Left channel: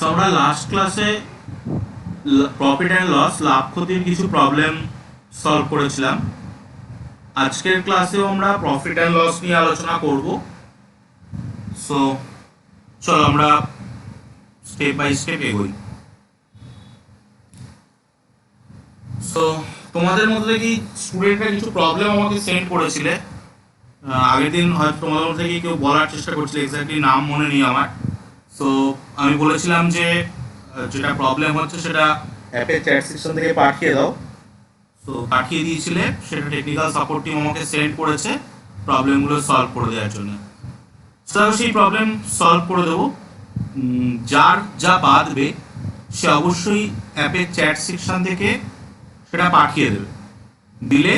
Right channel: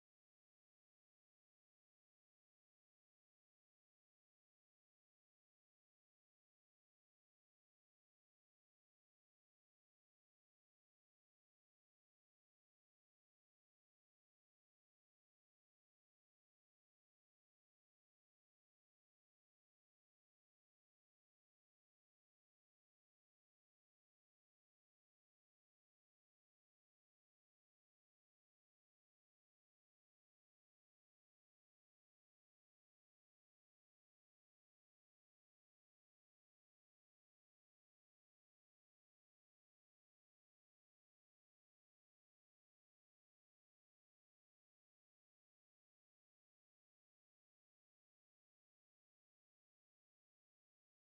So আমরা last ক্লাসে profit and loss লাভ ক্ষতির কিছু প্রবলেম সলভ করেছিলাম। আজকের ক্লাসেও আমরা প্রফিট অ্যান্ড লস নিয়ে আলোচনা করব। সো চলো আমরা স্টেপ বাই স্টেপ এগোই। সো তোমাদের মধ্যে কি স্টুডেন্টরা কিছু প্রবলেম আমাকে সেন্ড করেছিলে, আগের দিন হয়তো তোমাদের মধ্যে কি কেউ বলার চেষ্টা করছিল, এক্স্যাক্টলি নাম মনে নেই আমার। সো আমি বলেছিলাম যে যেটা প্রবলেম হচ্ছে সেটা অ্যাপের চ্যাট সেকশন থেকে পাঠিয়ে দাও। সো পাঠিয়ে দিয়েছিলে, সেটা টেকনিক্যাল সাপোর্ট টিম আমাকে সেন্ড করেছে প্রবলেমগুলো সলভ করে দেওয়ার জন্য। সো সেই প্রবলেম সলভ করে দেবো। যার যা বাদবে সে অবশ্যই অ্যাপের চ্যাট সেকশন থেকে সেটা পাঠিয়ে দেবে, দিলে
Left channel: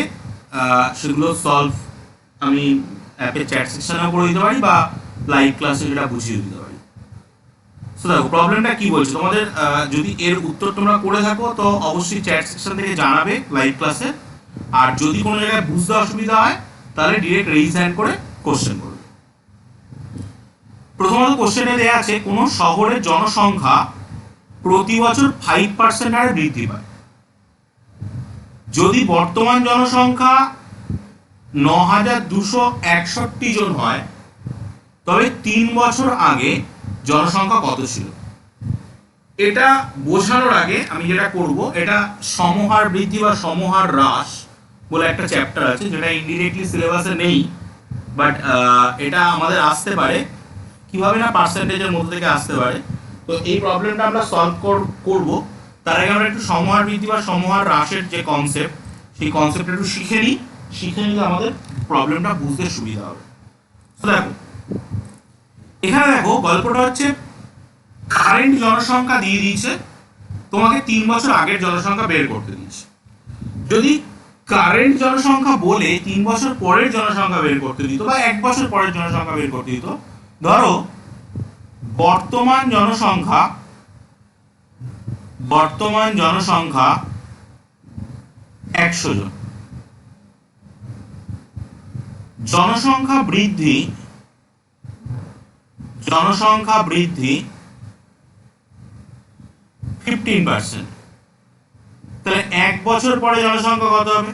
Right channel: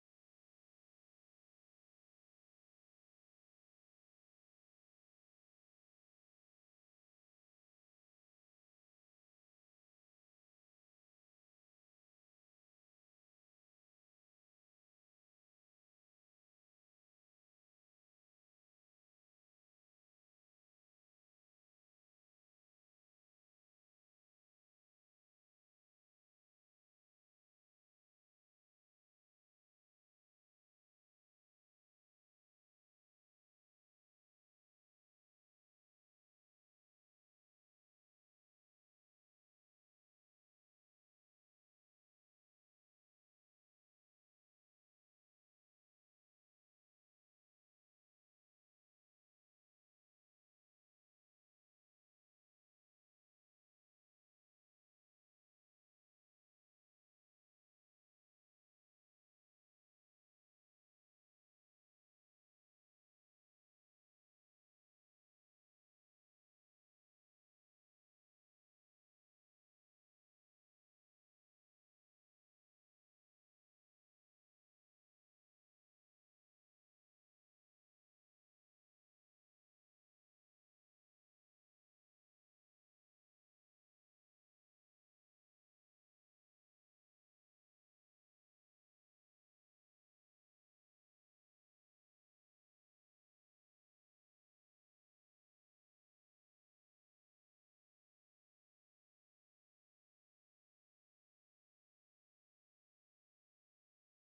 সেগুলো সলভ আমি অ্যাপের চ্যাট সেকশনেও করে দিতে পারি বা লাইভ ক্লাসে সেটা বুঝিয়ে দিতে পারি। সো দেখো প্রবলেমটা কি বলছে তোমাদের, যদি এর উত্তর তোমরা করে থাকো তো অবশ্যই চ্যাট সেকশন থেকে জানাবে লাইভ ক্লাসে। আর যদি কোনো জায়গায় বুঝতে অসুবিধা হয় তাহলে ডিরেক্ট রেইজ হ্যান্ড করে কোশ্চেন করবে। প্রথমত কোশ্চেনে দেওয়া আছে কোনো শহরের জনসংখ্যা প্রতি বছর 5% হারে বৃদ্ধি পায়। যদি বর্তমান জনসংখ্যা 9261 জন হয় তবে 3 বছর আগে জনসংখ্যা কত ছিল। এটা বোঝানোর আগে আমি যেটা করব, এটা সমহার বৃদ্ধি বা সমহার হ্রাস বলে একটা চ্যাপ্টার আছে যেটা ইনডিরেক্টলি সিলেবাসে নেই, বাট এটা আমাদের আসতে পারে কিভাবে না পার্সেন্টেজের মধ্যে থেকে আসতে পারে। তো এই প্রবলেমটা আমরা সলভ করব। তার আগে আমরা একটু সমহার বৃদ্ধি বা সমহার হ্রাসের যে কনসেপ্ট, সেই কনসেপ্টটা একটু শিখে নিলে আমাদের প্রবলেমটা বুঝতে সুবিধা হবে। তো দেখো এখানে দেখো গল্পটা হচ্ছে কারেন্ট জনসংখ্যা দিয়ে দিয়েছে, তোমাকে 3 বছর আগের জনসংখ্যা বের করতে দিয়েছে। যদি কারেন্ট জনসংখ্যা বলে 3 বছর পরের জনসংখ্যা বের করতে দিত বা 1 বছর পরের জনসংখ্যা বের করতে দিত, ধরো বর্তমান জনসংখ্যা 100 জন, জনসংখ্যা বৃদ্ধি 15%। তাহলে 1 বছর পরে জনসংখ্যা কত হবে?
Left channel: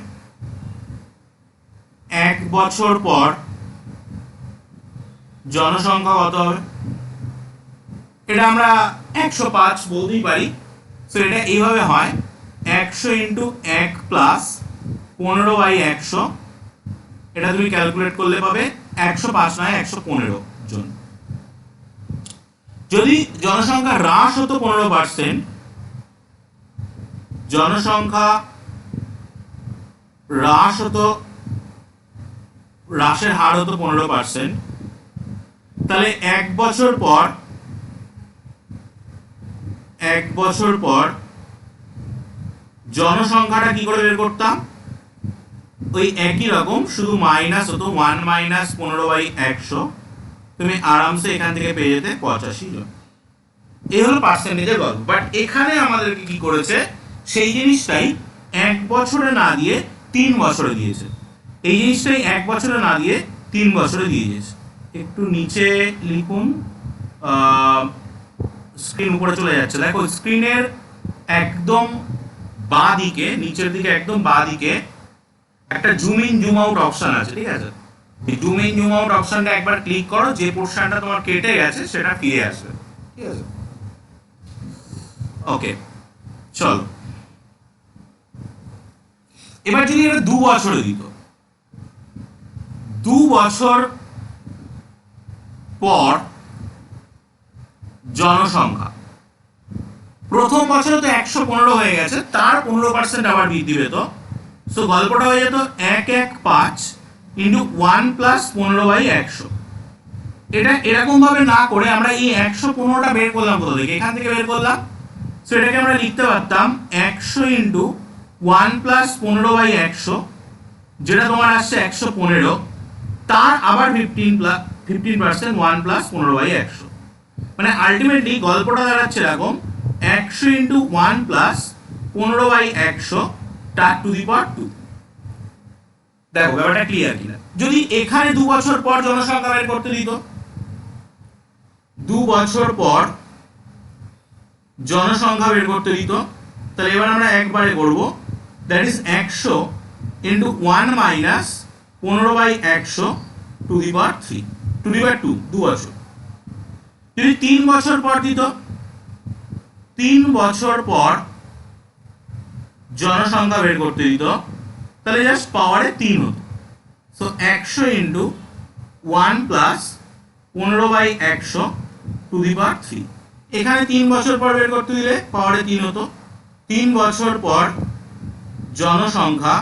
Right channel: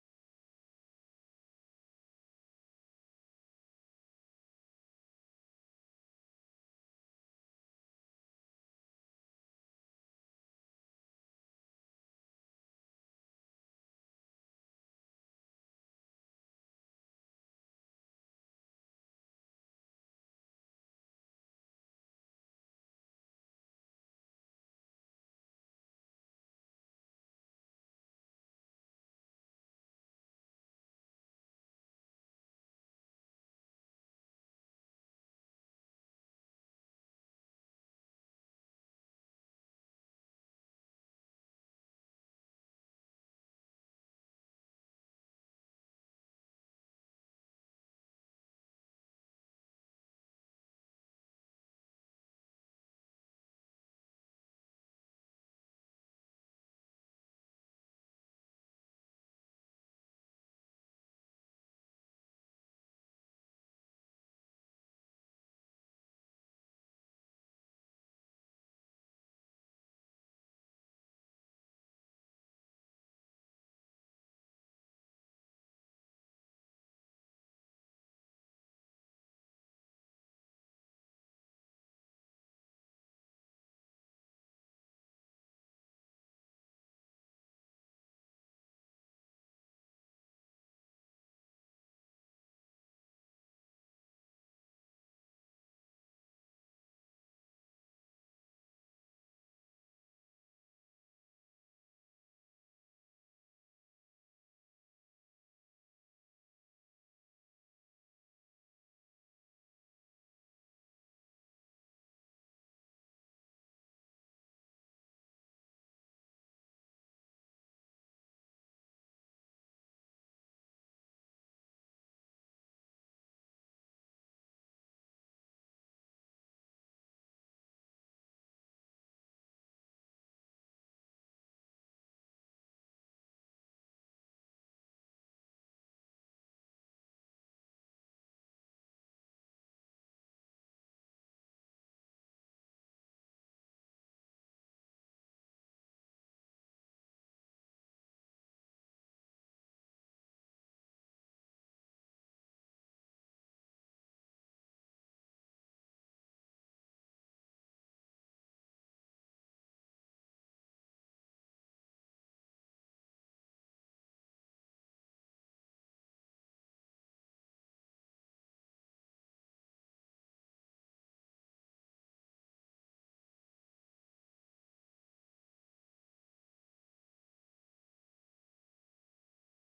1 বছর পর জনসংখ্যা কত হবে? এটা আমরা 105 বলতেই পারি। সো এটা এইভাবে হয় 100 ইন্টু 1 প্লাস 15/100। এটা তুমি ক্যালকুলেট করলে পাবে 105 নয় 115 জন। যদি জনসংখ্যা হ্রাস হতো 15%, জনসংখ্যা হ্রাসের হার হতো 15%, তাহলে 1 বছর পর জনসংখ্যাটা কি করে বের করতাম? ওই একই রকম, শুধু মাইনাস হতো 1 মাইনাস 15/100। তুমি আরামসে এখান থেকে পেয়ে যেতে 85 জন। এই হলো পার্সেন্টেজের গল্প। বাট এখানে আমাদেরকে কি করেছে, সেই জিনিসটাই 1 বছরে না দিয়ে 3 বছরে দিয়েছে। এই জিনিসটাই 1 বছরে না দিয়ে 3 বছরে দিয়ে দিয়েছে। একটু নিচে লিখুন, স্ক্রিন উপরে চলে যাচ্ছে। দেখো স্ক্রিনের একদম বাঁ দিকে, নিচের দিকে একদম বাঁ দিকে একটা zoom in zoom out option আছে, ঠিক আছে? এই জুম ইন জুম আউট অপশনটা একবার ক্লিক করো, যে পোর্শনটা তোমার কেটে গেছে সেটা ফিরে আসবে, ঠিক আছে? ওকে, চলো এবার যদি এটা 2 বছরে দিত, 2 বছর পর জনসংখ্যা প্রথম বছরে তো 115 হয়ে গেছে, তার 15% আবার বৃদ্ধি পেত। সো গল্পটা হয়ে যেত 115 ইন্টু 1 প্লাস 15/100। এটা এরকম ভাবে না করে আমরা এই 115টা বের করলাম কোথা থেকে? এখান থেকে বের করলাম। সো এটাকে আমরা লিখতে পারতাম 100 ইন্টু 1 প্লাস 15/100, যেটা তোমার আসছে 115, তার আবার 15% 1 প্লাস 15/100। মানে আলটিমেটলি গল্পটা দাঁড়াচ্ছে এরকম 100 ইন্টু 1 প্লাস 15/100 তার টু দি পাওয়ার 2। দেখো ব্যাপারটা ক্লিয়ার কিনা? যদি এখানে 2 বছর পর জনসংখ্যা বের করতে দিত, 2 বছর পর জনসংখ্যা বের করতে দিত, তাহলে এবার আমরা একবারে করব, that is 100 into 1 minus 15/100 to the power 3 to the power 2 2 বছর। যদি 3 বছর পর দিত, 3 বছর পর জনসংখ্যা বের করতে দিত, তাহলে জাস্ট পাওয়ারে 3 হতো। So 100 into 1 plus 15/100 to the power 3। এখানে 3 বছর পর বের করতে দিলে পাওয়ারে 3 হতো। 3 বছর পর জনসংখ্যা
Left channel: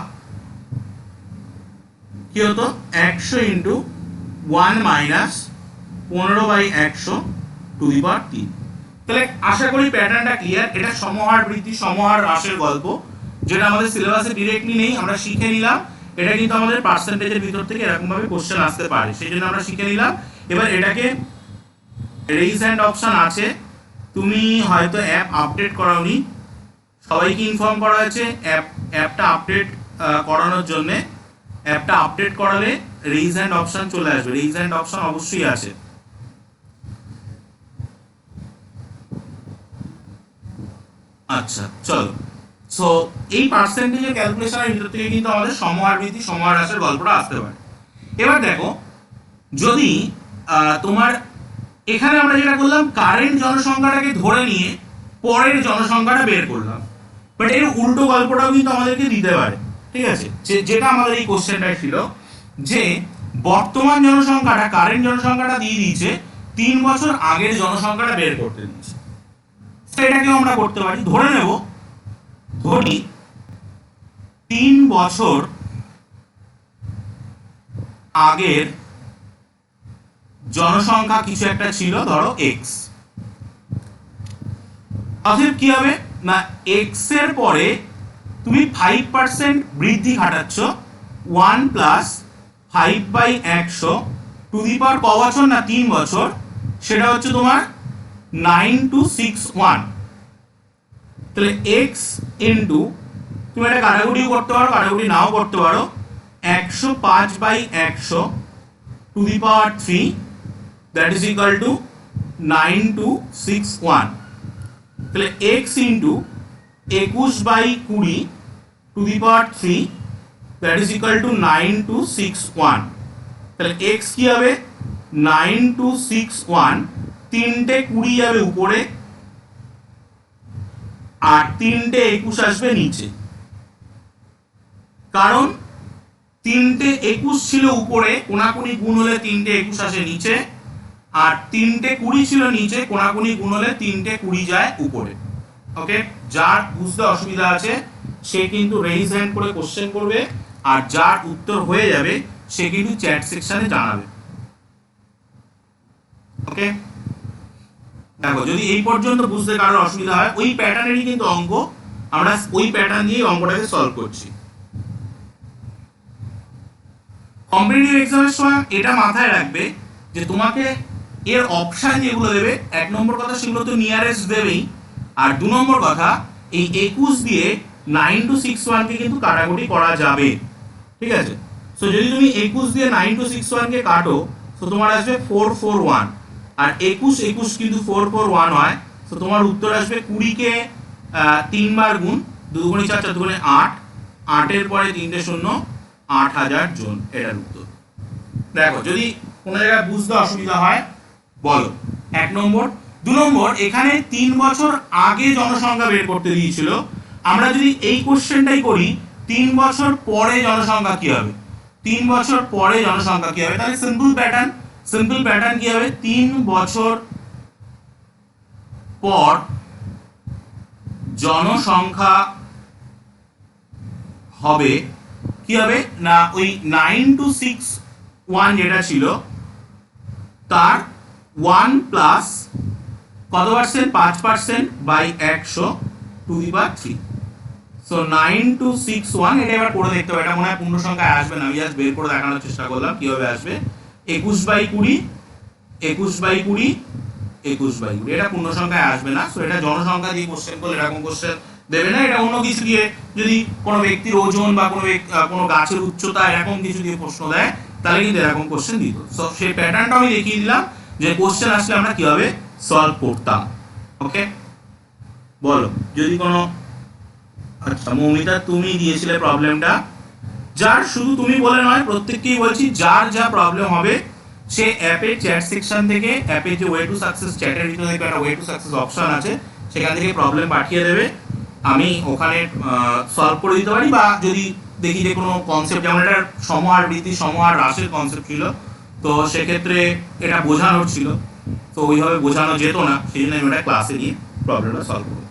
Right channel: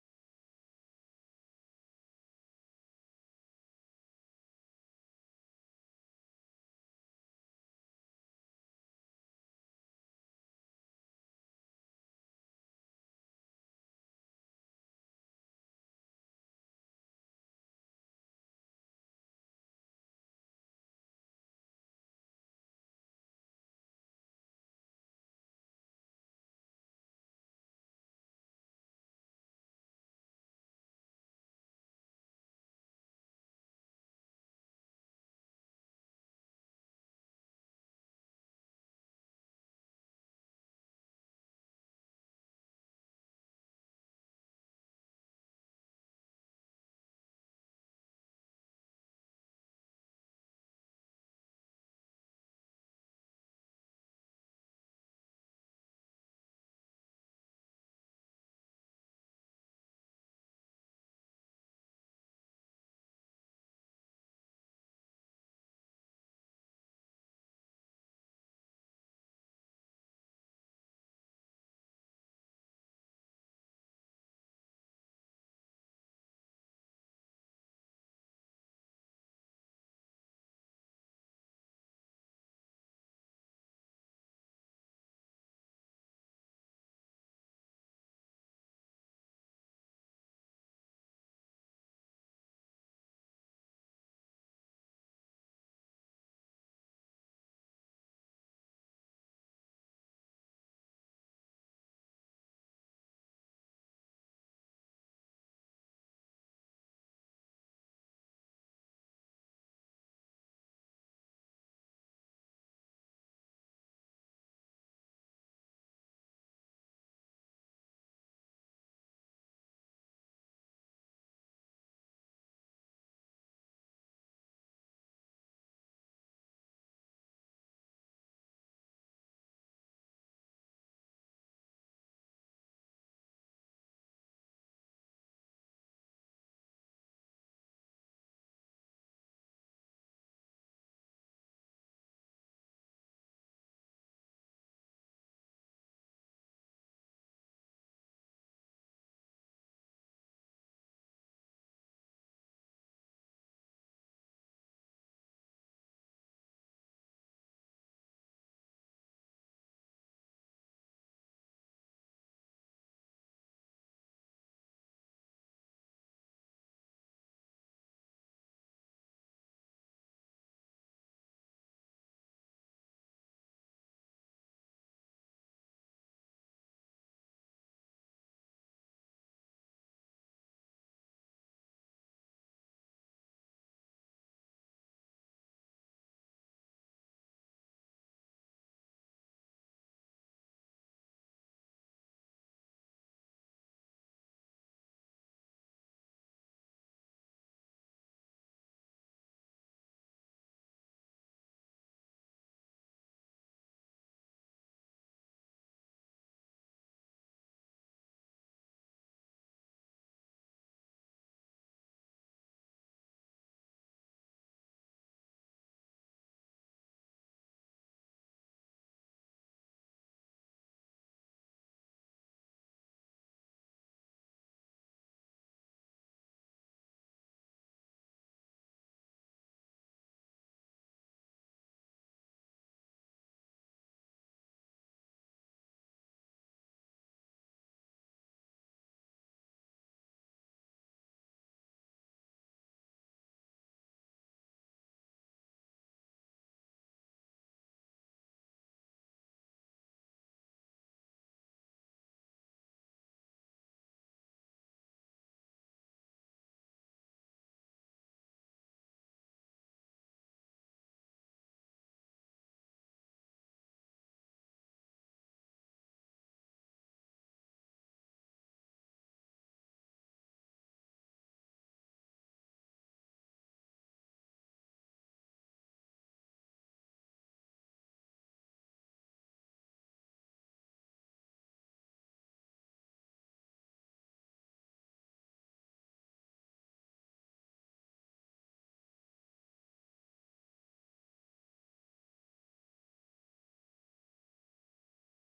কি হতো, 100 into 1 minus 15/100 to the power 3। তাহলে আশা করি প্যাটার্নটা ক্লিয়ার। এটা সমহার বৃদ্ধি সমহার হ্রাসের গল্প, যেটা আমাদের সিলেবাসে ডিরেক্টলি নেই, আমরা শিখে নিলাম। এটা কিন্তু আমাদের পার্সেন্টেজের ভিতর থেকে এরকম ভাবে কোশ্চেন আসতে পারে, সেই জন্য আমরা শিখে নিলাম। এবার এটাকে রেইজ হ্যান্ড অপশন আছে, তুমি হয়তো অ্যাপ আপডেট করাওনি, সবাইকে ইনফর্ম করা হয়েছে অ্যাপটা আপডেট করানোর জন্য। অ্যাপটা আপডেট করালে রেইজ হ্যান্ড অপশন চলে আসবে, রেইজ হ্যান্ড অপশন অবশ্যই আছে। আচ্ছা চলো, সো এই পার্সেন্টেজের ক্যালকুলেশনের ভিতর থেকে কিন্তু আমাদের সমহার বৃদ্ধি সমহার হ্রাসের গল্পটা আসতে পারে। এবার দেখো, যদি তোমার এখানে আমরা যেটা করলাম, কারেন্ট জনসংখ্যাটাকে ধরে নিয়ে পরের জনসংখ্যাটা বের করলাম, বাট এর উল্টো গল্পটাও কিন্তু আমাদেরকে দিতে পারে। ঠিক আছে, যেটা আমাদের এই কোশ্চেনটাই ছিল, যে বর্তমান জনসংখ্যাটা কারেন্ট জনসংখ্যাটা দিয়ে দিয়েছে, 3 বছর আগের জনসংখ্যাটা বের করতে দিয়েছে। এটাকেও আমরা করতে পারি, ধরে নেব, ধরি 3 বছর আগের জনসংখ্যা কিছু একটা ছিল, ধরো এক্স। অতএব কি হবে না, এক্স এর পরে তুমি 5% বৃদ্ধি ঘটাচ্ছ, 1 প্লাস 5/100 টু দি পাওয়ার ক বছর না 3 বছর, সেটা হচ্ছে তোমার 9261। তাহলে এক্স ইন্টু, তুমি এটা কাটাকুটিও করতে পারো, কাটাকুটি নাও করতে পারো, 105/100 two the power 3, that is equal to 9261। তাহলে x into 21/20 two the power 3, that is equal to 9261। তাহলে এক্স কি হবে, 9261, 3টে 20 যাবে উপরে আর 3টে 21 আসবে নিচে, কারণ 3টে 21 ছিল উপরে, কোনাকুনি গুণ হলে 3টে 21 আসে নিচে, আর 3টে 20 ছিল নিচে, কোনাকুনি গুণ হলে 3টে 20 যায় উপরে। ওকে, যার বুঝতে অসুবিধা আছে সে কিন্তু রেইজ হ্যান্ড করে কোশ্চেন করবে, আর যার উত্তর হয়ে যাবে সে কিন্তু চ্যাট সেকশনে জানাবে। ওকে, দেখো যদি এই পর্যন্ত বুঝতে কারোর অসুবিধা হয়, ওই প্যাটার্নেরই কিন্তু অঙ্ক, আমরা ওই প্যাটার্ন দিয়ে অঙ্কটাকে সলভ করছি। কম্পিটিটিভ এক্সামের সময় এটা মাথায় রাখবে যে তোমাকে এর অপশন যেগুলো দেবে, 1 নম্বর কথা সেগুলো তো নিয়ারেস্ট দেবেই, আর 2 নম্বর কথা এই 21 দিয়ে 9261 কে কিন্তু কাটাকুটি করা যাবে। ঠিক আছে, সো যদি তুমি 21 দিয়ে 9261 কে কাটো, তো তোমার আসবে 441, আর 21 কিন্তু 441 হয়, তো তোমার উত্তর আসবে 20 কে 3 বার গুণ, 2 গুণে 4 4 গুণে 8, 8 এর পরে 3টে শূন্য, 8000 জন, এটার উত্তর। দেখো যদি কোনো জায়গায় বুঝতে অসুবিধা হয় বলো। 1 নম্বর। 2 নম্বর, এখানে 3 বছর আগে জনসংখ্যা বের করতে দিয়েছিল, আমরা যদি এই কোশ্চেনটাই করি 3 বছর পরে জনসংখ্যা কি হবে, 3 বছর পরে জনসংখ্যা কি হবে, তাহলে সিম্পল প্যাটার্ন কি হবে, 3 বছর পর জনসংখ্যা হবে কি হবে না, ওই 9261 যেটা ছিল তার 1 প্লাস কত percent, 5%/100 two the power 3। So 9261, এটা এবার করে দেখতে হবে, এটা মনে হয় পূর্ণ সংখ্যায় আসবে না, আমি জাস্ট বের করে দেখানোর চেষ্টা করলাম কিভাবে আসবে। 21/20, 21/20, 21/20, এটা পূর্ণ সংখ্যায় আসবে না। সো এটা জনসংখ্যা দিয়ে কোশ্চেন করলে এরকম কোশ্চেন দেবে না, এটা অন্য কিছু দিয়ে, যদি কোনো ব্যক্তির ওজন বা কোনো গাছের উচ্চতা এরকম কিছু দিয়ে প্রশ্ন দেয়, তাহলে কিন্তু এরকম কোশ্চেন দিত। সো সেই প্যাটার্নটা আমি দেখিয়ে দিলাম যে কোশ্চেন আসলে আমরা কিভাবে সলভ করতাম। ওকে, বলো যদি কোনো, আচ্ছা মৌমিতা তুমি দিয়েছিলে প্রবলেমটা, যার শুধু তুমি বলে নয় প্রত্যেককেই বলছি, যার যা প্রবলেম হবে সে অ্যাপের চ্যাট সেকশন থেকে, অ্যাপে যে ওয়ে টু সাকসেস চ্যাটের ভিতরে একটা ওয়ে টু সাকসেস অপশন আছে, সেখান থেকে প্রবলেম পাঠিয়ে দেবে, আমি ওখানে সলভ করে দিতে পারি। বা যদি দেখি যে কোনো কনসেপ্ট, যেমন এটা সমহার বৃদ্ধি সমহার হ্রাসের কনসেপ্ট ছিল, তো সেক্ষেত্রে এটা বোঝানোর ছিল, তো ওইভাবে বোঝানো যেত না, সেই জন্য আমি ওটা ক্লাসে গিয়ে প্রবলেমটা সলভ করতাম।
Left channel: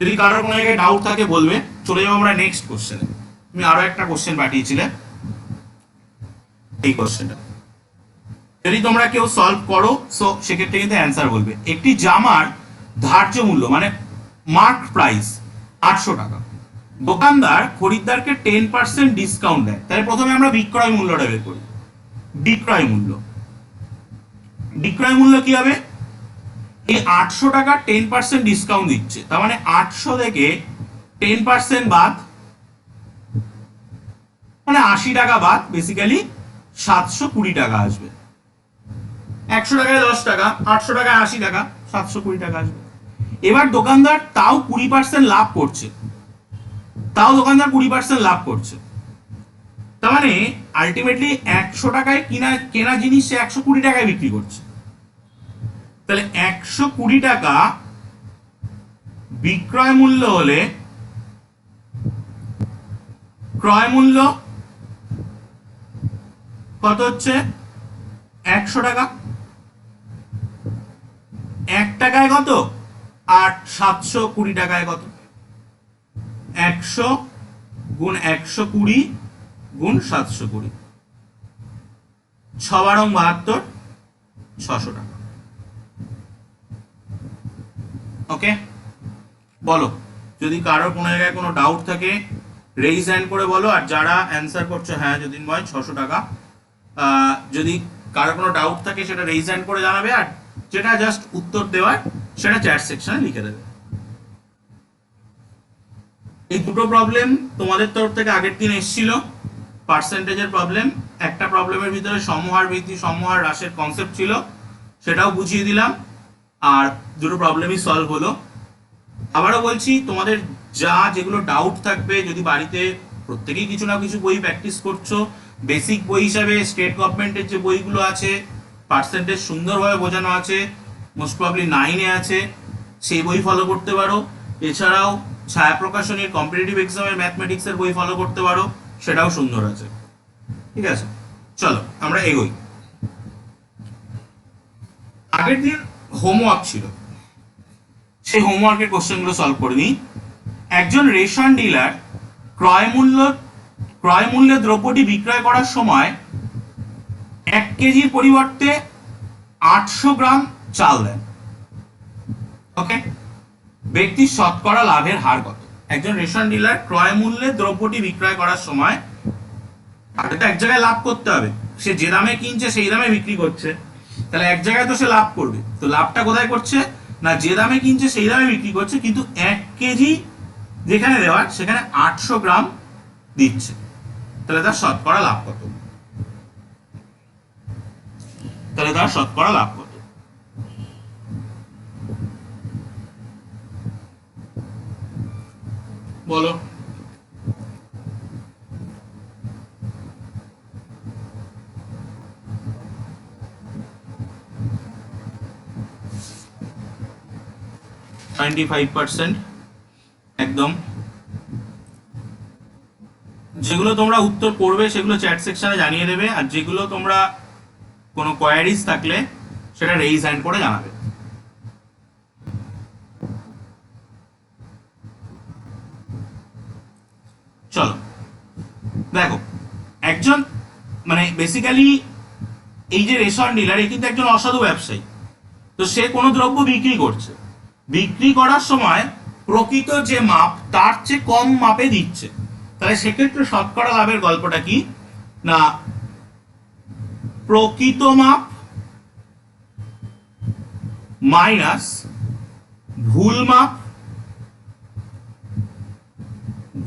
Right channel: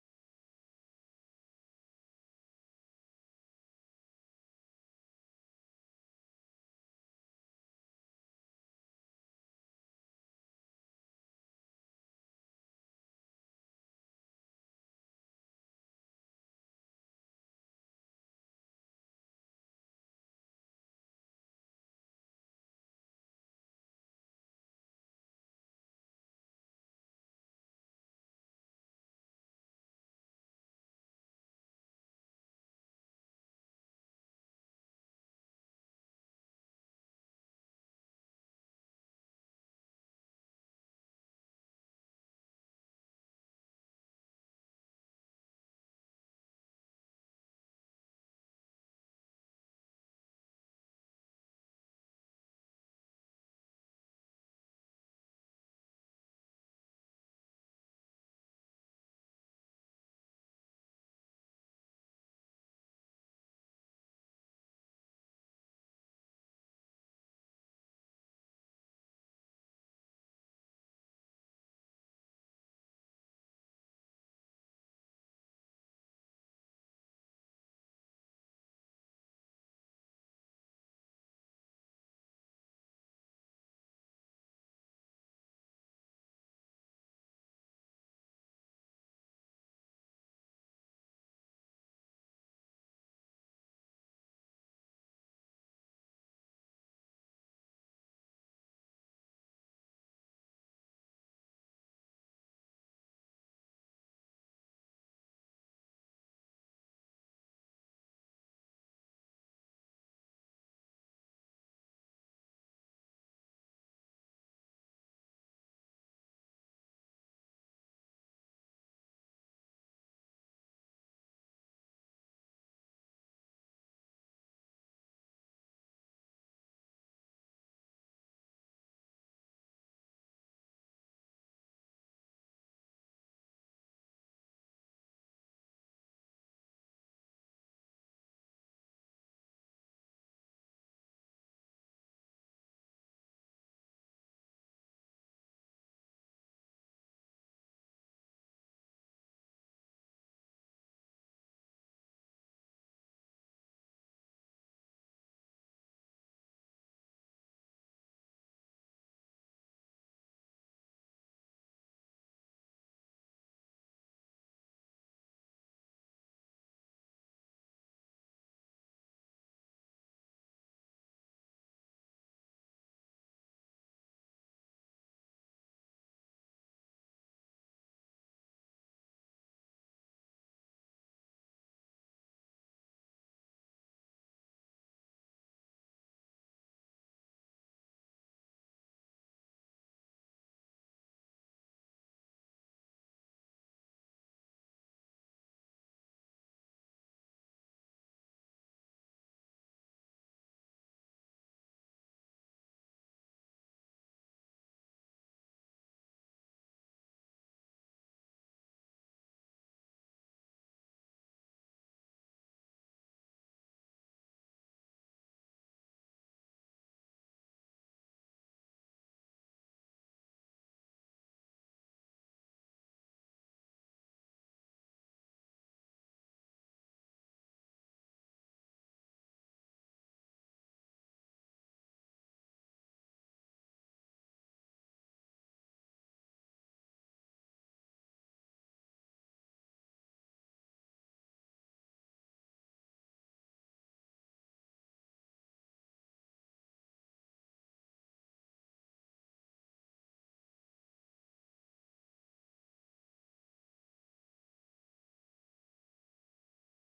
যদি কারোর কোনো জায়গায় ডাউট থাকে বলবে। চলে যাবো আমরা নেক্সট কোশ্চেনে। তুমি আরো একটা কোশ্চেন পাঠিয়েছিলে, এই কোশ্চেনটা যদি তোমরা কেউ সলভ করো, সো সেক্ষেত্রে কিন্তু অ্যান্সার বলবে। একটি জামার ধার্য মূল্য মানে মার্ক প্রাইস 800 টাকা, দোকানদার খরিদ্দারকে 10% ডিসকাউন্ট দেয়। তাহলে প্রথমে আমরা বিক্রয় মূল্যটা বের করি। বিক্রয় মূল্য, বিক্রয় মূল্য কি হবে? এই 800 টাকা 10% ডিসকাউন্ট দিচ্ছে, তার মানে 800 থেকে 10% বাদ, মানে 80 টাকা বাদ, বেসিক্যালি 720 টাকা আসবে। 100 টাকায় 10 টাকা, 800 টাকায় 80 টাকা, 720 টাকা আসবে। এবার দোকানদার তাও 20% লাভ করছে, তাও দোকানদার 20% লাভ করছে, তার মানে আলটিমেটলি 100 টাকায় কেনা জিনিস সে 120 টাকায় বিক্রি করছে। তাহলে 120 টাকা বিক্রয় মূল্য হলে ক্রয় মূল্য কত হচ্ছে? 100 টাকা। 1 টাকায় কত আর 720 টাকায় কত? 100 গুণ 120 গুণ 720, 6 বারং 72, 600 টাকা। ওকে, বলো যদি কারোর কোনো জায়গায় কোনো ডাউট থাকে রেইজ হ্যান্ড করে বলো। আর যারা অ্যান্সার করছো হ্যাঁ যতীনময় 600 টাকা, যদি কারোর কোনো ডাউট থাকে সেটা রেইজ হ্যান্ড করে জানাবে, আর যেটা জাস্ট উত্তর দেওয়ার সেটা চ্যাট সেকশনে লিখে দেবে। এই দুটো প্রবলেম তোমাদের তরফ থেকে আগের দিন এসেছিল, পার্সেন্টেজের প্রবলেম। একটা প্রবলেমের ভিতরে সমহার বৃদ্ধি সমহার হ্রাসের কনসেপ্ট ছিল, সেটাও বুঝিয়ে দিলাম, আর দুটো প্রবলেমই সলভ হলো। আবারও বলছি, তোমাদের যা যেগুলো ডাউট থাকবে, যদি বাড়িতে প্রত্যেকেই কিছু না কিছু বই প্র্যাকটিস করছো, বেসিক বই হিসাবে স্টেট গভর্নমেন্টের যে বইগুলো আছে, পার্সেন্টেজ সুন্দরভাবে বোঝানো আছে, মোস্ট প্রবলি 9-এ আছে, সেই বই ফলো করতে পারো। এছাড়াও ছায়া প্রকাশনীর কম্পিটিটিভ এক্সামের ম্যাথমেটিক্সের বই ফলো করতে পারো, সেটাও সুন্দর আছে। ঠিক আছে, চলো আমরা এগোই। আগের দিন হোমওয়ার্ক ছিল, সেই হোমওয়ার্কের কোশ্চেনগুলো সলভ করে নিই। একজন রেশন ডিলার ক্রয় মূল্যে দ্রব্যটি বিক্রয় করার সময় 1 কেজির পরিবর্তে 800 গ্রাম চাল দেন। ওকে, ব্যক্তির শতকরা লাভের হার কত? একজন রেশন ডিলার ক্রয় মূল্যে দ্রব্যটি বিক্রয় করার সময়, তাকে তো এক জায়গায় লাভ করতে হবে, সে যে দামে কিনছে সেই দামে বিক্রি করছে, তাহলে এক জায়গায় তো সে লাভ করবে। তো লাভটা কোথায় করছে? না, যে দামে কিনছে সেই দামে বিক্রি করছে, কিন্তু 1 কেজি যেখানে দেওয়ার সেখানে 800 গ্রাম দিচ্ছে, তাহলে তার শতকরা লাভ কত? তাহলে তার শতকরা লাভ কত? বলো। %95 একদম। যেগুলো তোমরা উত্তর করবে সেগুলো চ্যাট সেকশনে জানিয়ে দেবে, আর যেগুলো তোমরা কোনো কোয়ারিজ থাকলে সেটা রেইজ হ্যান্ড করে জানাবে। চলো দেখো, একজন মানে বেসিক্যালি এই যে রেশন ডিলার, এ কিন্তু একজন অসাধু ব্যবসায়ী। তো সে কোনো দ্রব্য বিক্রি করছে, বিক্রি করার সময় প্রকৃত যে মাপ তার চেয়ে কম মাপে দিচ্ছে, তাহলে সেক্ষেত্রে শতকরা লাভের গল্পটা কি? না, প্রকৃত মাপ মাইনাস ভুল মাপ,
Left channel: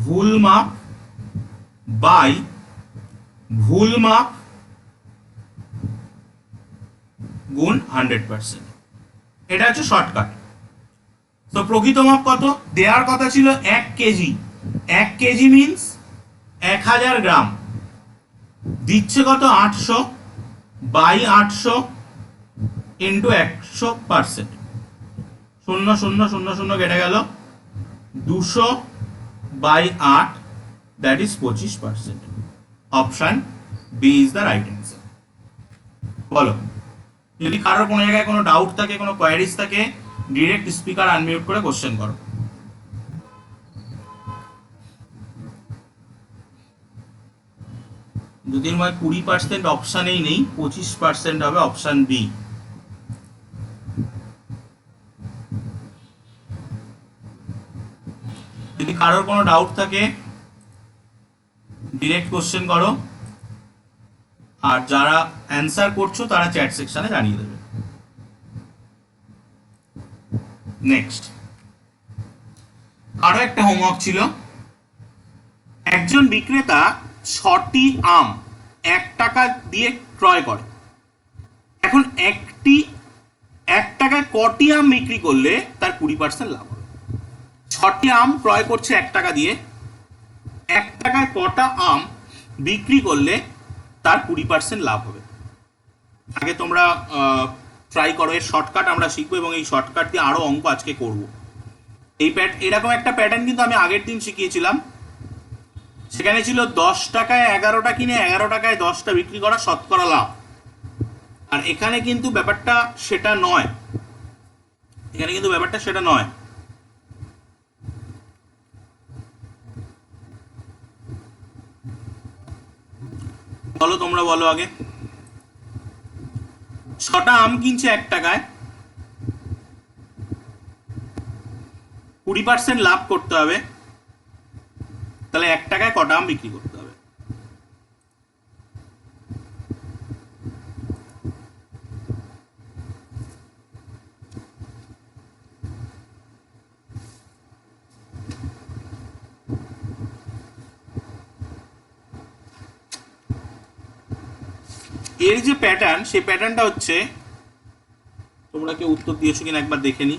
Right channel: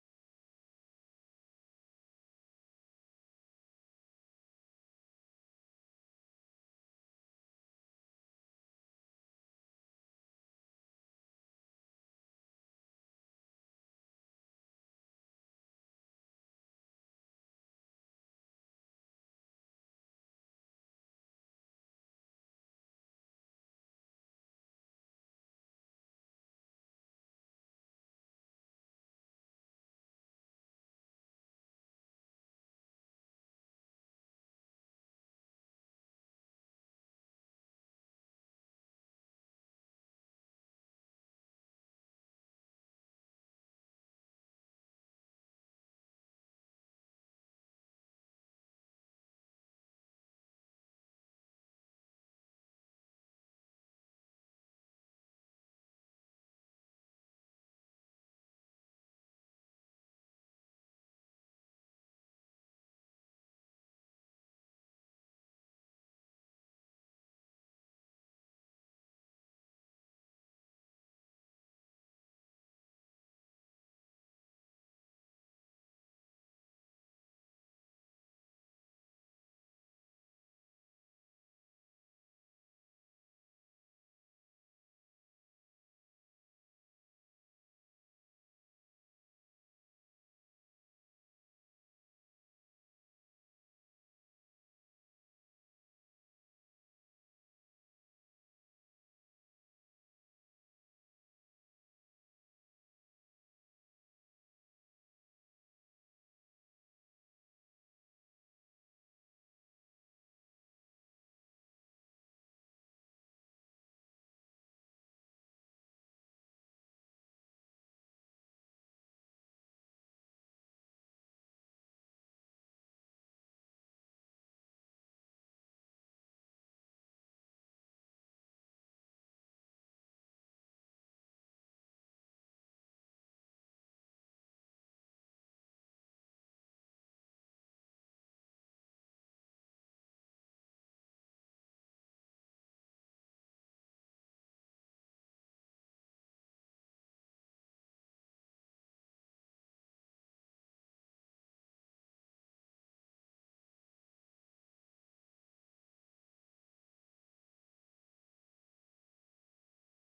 ভুল মাপ বাই ভুল মাপ গুণ 100%। এটা হচ্ছে শর্টকাট। তো প্রকৃত মাপ কত? দেওয়ার কথা ছিল 1 কেজি। 1 কেজি মিন্স 1000 গ্রাম। দিচ্ছে কত? 800 বাই 800 ইন্টু 100%। 0 0 0 0 কেটে গেল। 200 by 8, that is 25%। Option B is the right answer. বলো, যদি কারোর কোনো জায়গায় কোনো ডাউট থাকে, কোনো কোয়ারিজ থাকে, ডিরেক্ট স্পিকার আনমিউট করে কোশ্চেন করো। জ্যোতির্ময় 20% অপশানেই নেই, 25% হবে অপশান বি। যদি কারোর কোনো ডাউট থাকে ডিরেক্ট কোশ্চেন করো, আর যারা অ্যান্সার করছো তারা চ্যাট সেকশনে জানিয়ে দেবে। নেক্সট আরো একটা হোমওয়ার্ক ছিল। একজন বিক্রেতা 6টি আম 1 টাকা দিয়ে ক্রয় করে। এখন 1 টাকায় কটি আম বিক্রি করলে তার 20% লাভ হবে? 6টি আম ক্রয় করছে 1 টাকা দিয়ে, 1 টাকায় কটা আম বিক্রি করলে তার 20% লাভ হবে? আগে তোমরা ট্রাই করো, এর শর্টকাট আমরা শিখবো এবং এই শর্টকাট দিয়ে আরো অঙ্ক আজকে করব। এরকম একটা প্যাটার্ন কিন্তু আমি আগের দিন শিখিয়েছিলাম। সেখানে ছিল 10 টাকায় 11টা কিনে 11 টাকায় 10টা বিক্রি করা শতকরা লাভ। আর এখানে কিন্তু ব্যাপারটা সেটা নয়। বলো, তোমরা বলো আগে। 6টা আম কিনছে 1 টাকায়, 20% লাভ করতে হবে, তাহলে 1 টাকায় কটা আম বিক্রি করতে হবে? এর যে প্যাটার্ন, সেই প্যাটার্নটা হচ্ছে, তোমরা কেউ উত্তর দিয়েছো কিনা একবার দেখে নি।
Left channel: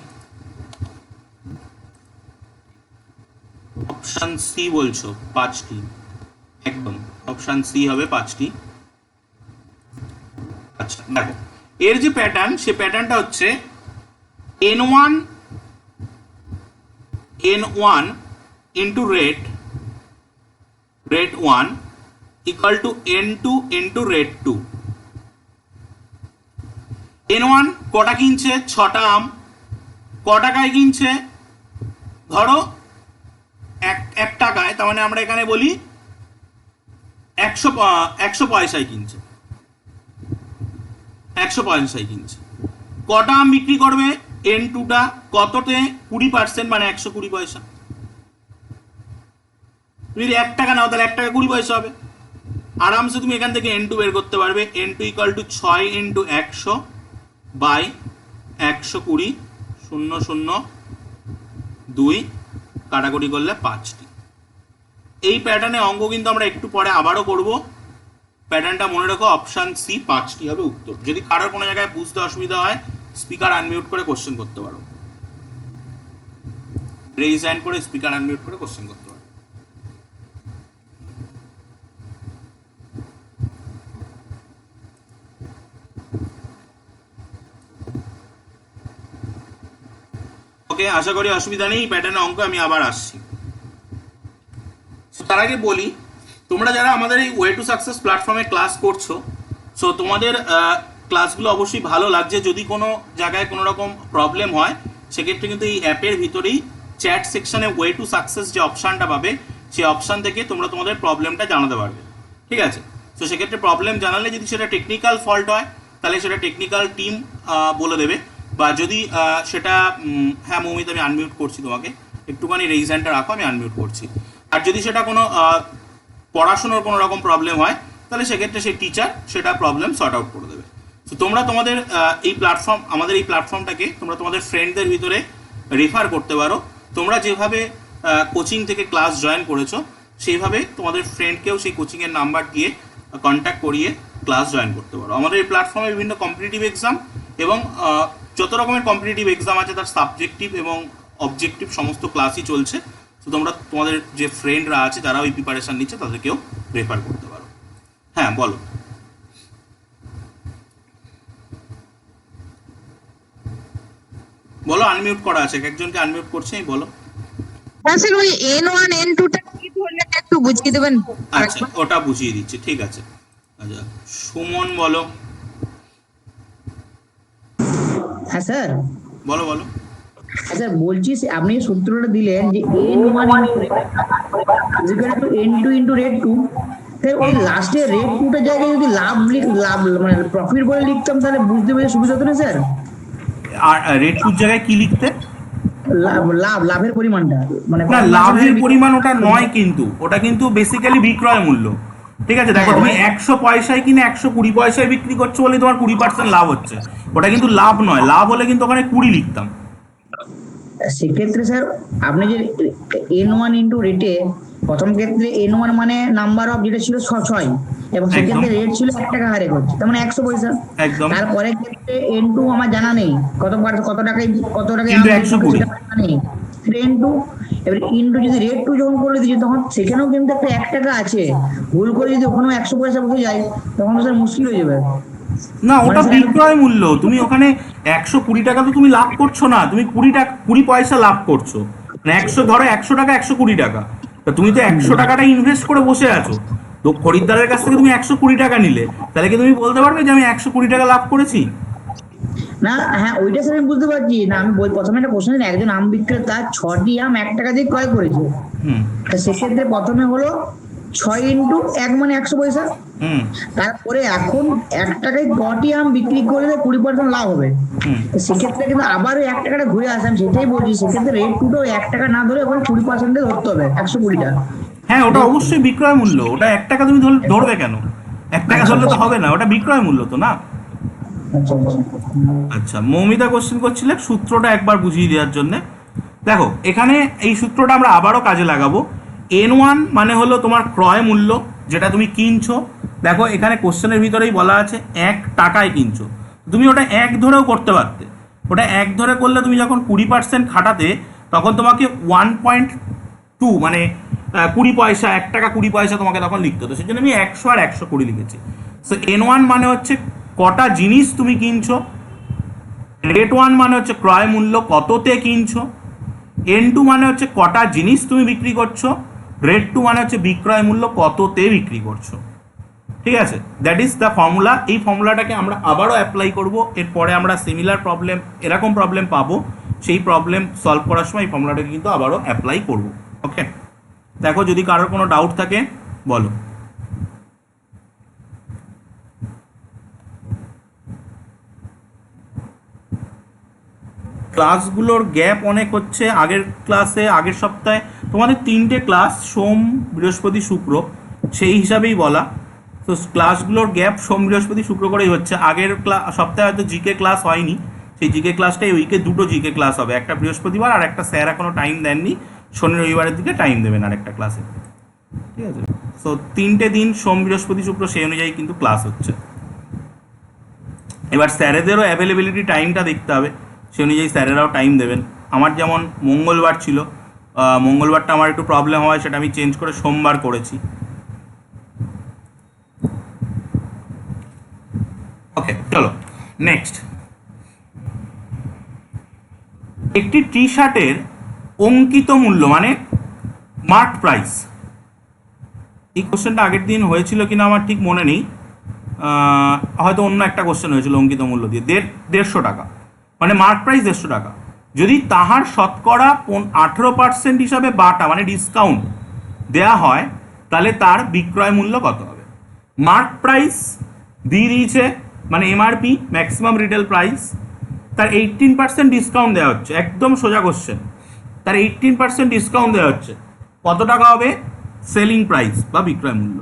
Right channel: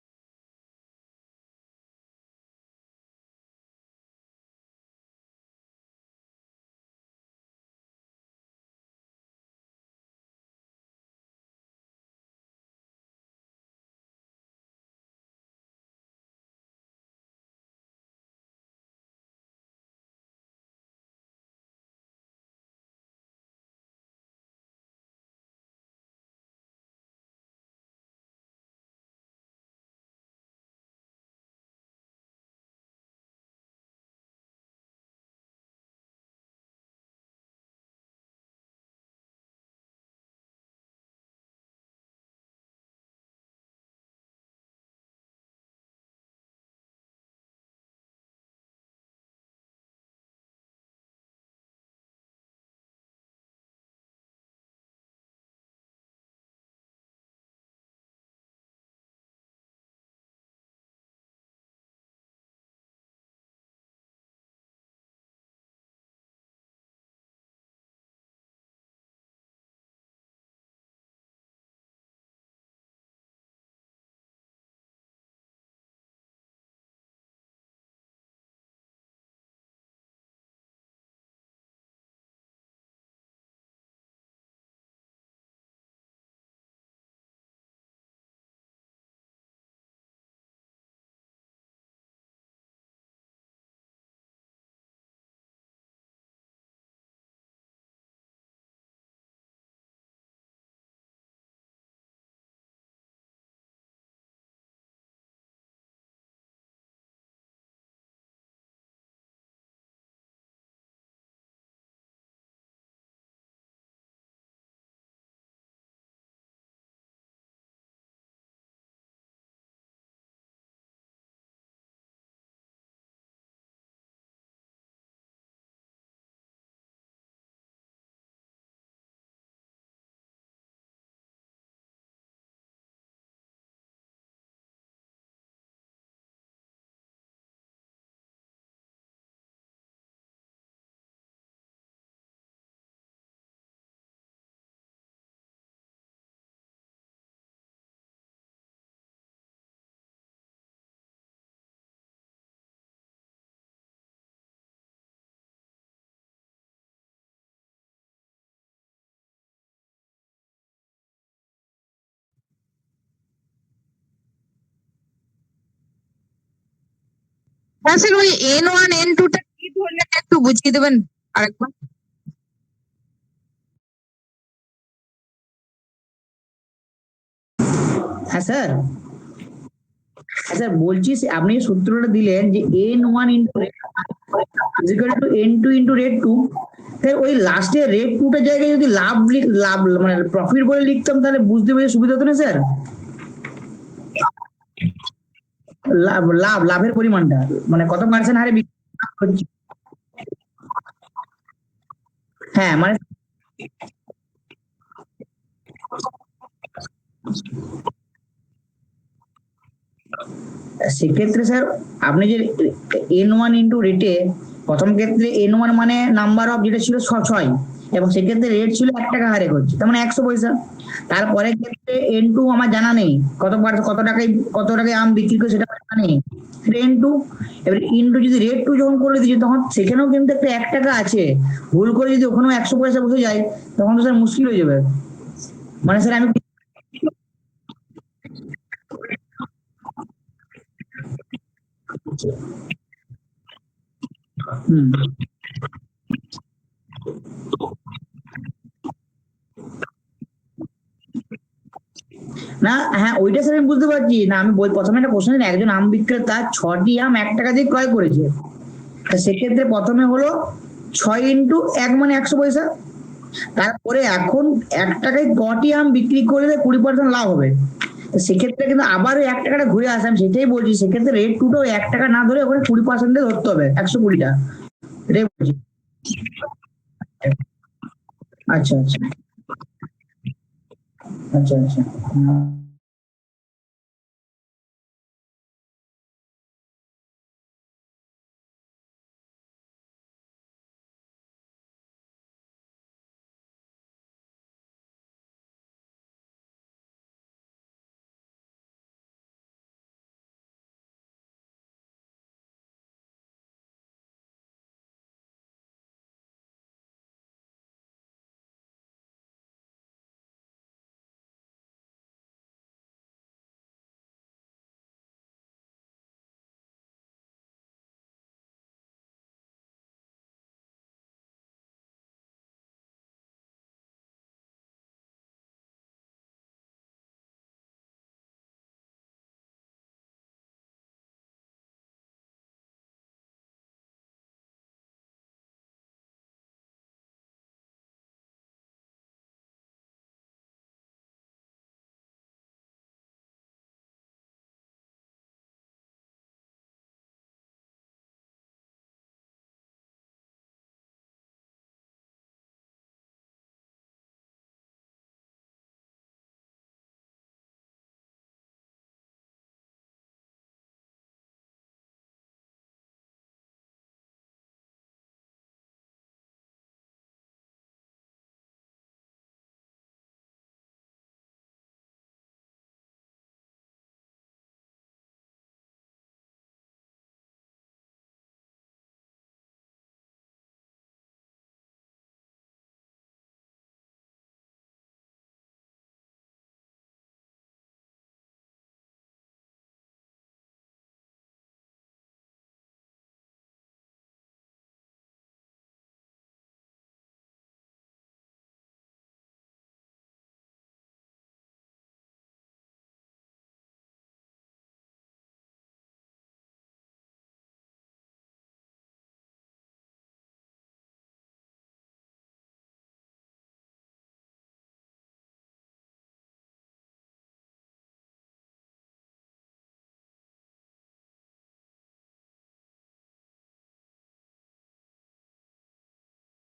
অপশন সি বলছো 5টি, একদম অপশন সি হবে 5টি। আচ্ছা দেখো, এর যে প্যাটার্ন, সেই প্যাটার্নটা হচ্ছে n1 into rate 1 equal to n2 into rate 2। n1 কটা কিনছে? 6টা আম। ক টাকায় কিনছে? ধরো 1 টাকায়, তার মানে আমরা এখানে বলি 100 পয়সায় কিনছে। 100 পয়সায় কিনছে। কটা আম বিক্রি করবে? n2টা। কততে? 20%, মানে 120 পয়সা। তুমি যদি 1 টাকা নাও তাহলে 1 টাকা 20 পয়সা হবে। আরামসে তুমি এখান থেকে n2 বের করতে পারবে। n2 equal to 6 into 100 by 120, 0 0 2, কাটাকুটি করলে 5টি। এই প্যাটার্নে অঙ্ক কিন্তু আমরা একটু পরে আবারও করব। প্যাটার্নটা মনে রাখো, অপশন সি 5টি হবে উত্তর। যদি কারোর কোনো জায়গায় বুঝতে অসুবিধা হয়, স্পিকার আনমিউট করে কোশ্চেন করতে পারো। রেইজ হ্যান্ড করে স্পিকার আনমিউট করে কোশ্চেন করতে পারো। ওকে, আশা করি অসুবিধা নেই। প্যাটার্নের অঙ্ক আমি আবার আসছি। তার আগে বলি, তোমরা যারা আমাদের এই ওয়ে টু সাকসেস প্ল্যাটফর্মে ক্লাস করছো, সো তোমাদের ক্লাসগুলো অবশ্যই ভালো লাগছে। যদি কোনো জায়গায় কোনো রকম প্রবলেম হয়, সেক্ষেত্রে কিন্তু এই অ্যাপের ভিতরেই চ্যাট সেকশনে ওয়ে টু সাকসেস যে অপশানটা পাবে, সেই অপশান থেকে তোমরা তোমাদের প্রবলেমটা জানাতে পারবে। ঠিক আছে? তো সেক্ষেত্রে প্রবলেম জানালে যদি সেটা টেকনিক্যাল ফল্ট হয়, তাহলে সেটা টেকনিক্যাল টিম বলে দেবে। বা যদি সেটা, হ্যাঁ মৌমিত, আমি আনমিউট করছি তোমাকে, একটুখানি রেইজ হ্যান্ডটা রাখো, আমি আনমিউট করছি। আর যদি সেটা কোনো পড়াশোনার কোনো রকম প্রবলেম হয়, তাহলে সেক্ষেত্রে সেই টিচার সেটা প্রবলেম সর্ট আউট করে দেবে। তো তোমরা তোমাদের এই প্ল্যাটফর্ম, আমাদের এই প্ল্যাটফর্মটাকে তোমরা তোমাদের ফ্রেন্ডদের ভিতরে রেফার করতে পারো। তোমরা যেভাবে কোচিং থেকে ক্লাস জয়েন করেছো, সেইভাবে তোমাদের ফ্রেন্ডকেও সেই কোচিংয়ের নাম্বার দিয়ে কন্ট্যাক্ট করিয়ে ক্লাস জয়েন করতে পারো। আমাদের এই প্ল্যাটফর্মে বিভিন্ন কম্পিটিটিভ এক্সাম এবং যত রকমের কম্পিটিটিভ এক্সাম আছে, তার সাবজেক্টিভ এবং অবজেক্টিভ সমস্ত ক্লাসই চলছে। তো তোমরা তোমাদের যে ফ্রেন্ডরা আছে যারা ওই প্রিপারেশান নিচ্ছে তাদেরকেও রেফার করতে পারো। হ্যাঁ বলো। বলো, আনমিউট করা আছে, একজনকে আনমিউট করছে, বলো। হ্যাঁ স্যার, ওই N1 N2টা কি ধরলে একটু বুঝিয়ে দেবেন আচ্ছা, আরেকবার? ওটা বুঝিয়ে দিচ্ছি, ঠিক আছে। আচ্ছা, সুমন বলো। হ্যাঁ স্যার। বলো বলো। হ্যাঁ স্যার, বলছি আপনি যে সূত্রটা দিলেন যে N1 N2 into rate two, sir ওই লাস্টে রেট টুটার জায়গায় যদি লাভ মানে প্রফিট বলে লিখতাম তাহলে বুঝতে পেরে সুবিধা হতো না স্যার? আর রেট টুর জায়গায় কি লিখতে? লাভের পরিমাণটা মানে না, কত পার্সেন্ট লাভের হারে পরিমাণ ওটা নয়, কিন্তু ওটা কিন্তু বেসিক্যালি বিক্রয় মূল্য। ঠিক আছে, দেখো হ্যাঁ, তুমি মানে 100 পয়সায় কিনে 120 পয়সায় বিক্রি করছো বলে তোমার 20% লাভ হচ্ছে, ওটা কিন্তু লাভ নয়। লাভ হলে কিন্তু ওখানে 20 লিখতাম। সেক্ষেত্রে স্যার আপনি যে N1 ইন্টু রেটে প্রথম ক্ষেত্রে N1 মানে নাম্বার অফ যেটা ছিল 6 এবং একদম সেক্ষেত্রে রেট ছিল 1 টাকা হারে করছে, তার মানে 100 পয়সা। একদম। তারপরে ক্ষেত্রে N2 আমার জানা নেই কত টাকায় কিন্তু আম বিক্রি করে 120। সেটা আমার জানা নেই, সেটা N2। এবার ইন্টু যদি রেট টু যখন করে দিচ্ছি তখন সেখানেও কিন্তু একটা 1 টাকা আছে, ভুল করে যদি ওখানেও 100 পয়সা বসে যায় তখন তো স্যার মুশকিল হয়ে যাবে। না, মানে ওটা স্যার আমি বিক্রয় মূল্য। তুমি ওখানে 120 টাকা তো তুমি লাভ করছো না, তুমি 20 পয়সা লাভ করছো। মানে 100, ধরো 100 টাকা, 120 টাকা, তা তুমি তো 100 টাকাটা ইনভেস্ট করে বসে আছো। তো খরিদ্দারের কাছ থেকে তুমি 120 টাকা নিলে, তাহলে কি তুমি বলতে পারবে যে আমি 120 টাকা লাভ করেছি? না, হ্যাঁ ওইটা স্যার আমি বুঝতে পারছি না। আমি প্রথমে একটা কোশ্চেন, একজন আম বিক্রেতা 6টি আম 1 টাকা দিয়ে ক্রয় করেছে, হুম তা সেক্ষেত্রে প্রথমে হলো 6 ইন্টু 1 মানে 100 পয়সা। হুম তারপরে এখন 1 টাকায় কটি আম বিক্রি করলে 20% লাভ হবে, হুম। তো সেক্ষেত্রে কিন্তু আবার ওই 1 টাকাটা ঘুরে আসে। আমি সেটাই বলছি, সেক্ষেত্রে রেট টুটো 1 টাকা না ধরে ওখানে 20% ধরতে হবে, 120টা। হ্যাঁ, ওটা অবশ্যই বিক্রয় মূল্য। ওটা 1 টাকা তুমি ধরবে কেন? 1 টাকা আচ্ছা ধরলে তো আচ্ছা হবে না, ওটা বিক্রয় মূল্য তো না। আচ্ছা আচ্ছা। আচ্ছা, মৌমিতা কোশ্চেন করছিলে সূত্রটা একবার বুঝিয়ে দেওয়ার জন্য। দেখো, এখানে এই সূত্রটা আমরা আবারও কাজে লাগাবো। N1 মানে হলো তোমার ক্রয় মূল্য, যেটা তুমি কিনছো। দেখো এখানে কোশ্চেনের ভিতরেই বলা আছে 1 টাকায় কিনছো, তুমি ওটা 1 ধরেও করতে পারতে। ওটা 1 ধরে করলে তুমি যখন 20% খাটাতে, তখন তোমাকে 1.2 মানে 20 পয়সা, 1 টাকা 20 পয়সা তোমাকে তখন লিখতে হতো। সেই জন্য আমি 100 আর 120 লিখেছি। সো N1 মানে হচ্ছে কটা জিনিস তুমি কিনছো, রেট 1 মানে হচ্ছে ক্রয় মূল্য, কততে কিনছো, N2 মানে হচ্ছে কটা জিনিস তুমি বিক্রি করছো, রেট 2 মানে হচ্ছে বিক্রয় মূল্য, কততে বিক্রি করছো। ঠিক আছে, দ্যাট ইজ দ্য ফর্মুলা। এই ফর্মুলাটাকে আমরা আবারও অ্যাপ্লাই করব। এরপরে আমরা সিমিলার প্রবলেম, এরকম প্রবলেম পাবো, সেই প্রবলেম সলভ করার সময় এই ফর্মুলাটাকে কিন্তু আবারও অ্যাপ্লাই করব। ওকে, দেখো যদি কারোর কোনো ডাউট থাকে বলো। ক্লাসগুলোর গ্যাপ অনেক হচ্ছে। আগের সপ্তাহে তোমাদের 3টে ক্লাস, সোম বৃহস্পতি শুক্র, সেই হিসাবেই বলা। তো ক্লাসগুলোর গ্যাপ সোম বৃহস্পতি শুক্র করেই হচ্ছে। আগের সপ্তাহে হয়তো জিকে ক্লাস হয়নি, সেই জিকে ক্লাসটাই উইকে 2টো জিকে ক্লাস হবে, একটা বৃহস্পতিবার আর একটা স্যার এখনও টাইম দেননি, শনি রবিবারের দিকে টাইম দেবেন আরেকটা ক্লাসে। ঠিক আছে, তো 3টে দিন সোম বৃহস্পতি শুক্র সেই অনুযায়ী কিন্তু ক্লাস হচ্ছে। এবার স্যারেদেরও অ্যাভেলেবিলিটি টাইমটা দেখতে হবে, সে অনুযায়ী স্যারেরাও টাইম দেবেন। আমার যেমন মঙ্গলবার ছিল, মঙ্গলবারটা আমার একটু প্রবলেম হয়, সেটা আমি চেঞ্জ করে সোমবার করেছি। ওকে, চলো নেক্সট। একটি টি শার্টের অঙ্কিত মূল্য মানে মার্ক প্রাইস। এই কোশ্চেনটা আগের দিন হয়েছিল কিনা আমার ঠিক মনে নেই, হয়তো অন্য একটা কোশ্চেন হয়েছিল অঙ্কিত মূল্য দিয়ে। 150 টাকা মানে মার্ক প্রাইস 150 টাকা। যদি তাহার শতকরা 18% হিসাবে বাটা মানে ডিসকাউন্ট দেয়া হয়, তাহলে তার বিক্রয় মূল্য কত হবে? মার্ক প্রাইস দিয়ে দিয়েছে, মানে এমআরপি ম্যাক্সিমাম রিটেল প্রাইস, তার 18% ডিসকাউন্ট দেওয়া হচ্ছে। একদম সোজা কোশ্চেন, তার 18% ডিসকাউন্ট দেওয়া হচ্ছে, কত টাকা হবে সেলিং প্রাইস বা বিক্রয় মূল্য?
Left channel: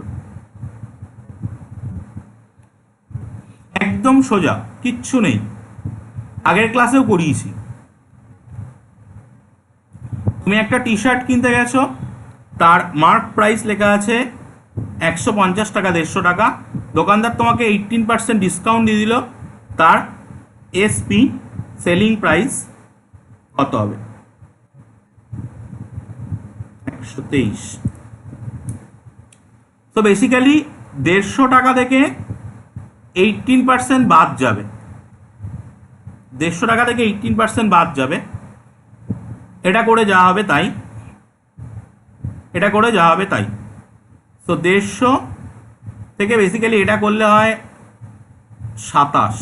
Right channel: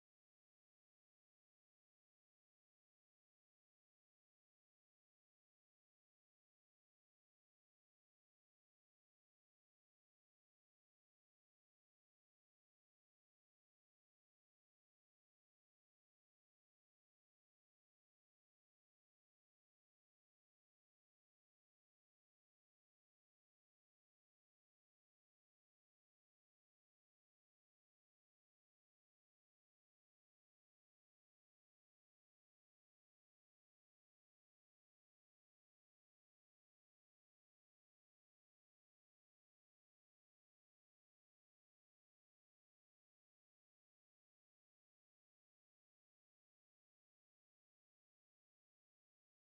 একদম সোজা, কিচ্ছু নেই, আগের ক্লাসেও করিয়েছি। তুমি একটা টি শার্ট কিনতে গেছো, তার মার্ক প্রাইস লেখা আছে 150 টাকা, 150 টাকা। দোকানদার তোমাকে 18% ডিসকাউন্ট দিয়ে দিল, তার এসপি সেলিং প্রাইস কত হবে? 123। তো বেসিক্যালি 150 টাকা থেকে 18% বাদ যাবে, 150 টাকা থেকে 18% বাদ যাবে। এটা করে যা হবে তাই, এটা করে যা হবে তাই। তো 150 থেকে বেসিক্যালি এটা করলে হয় 27,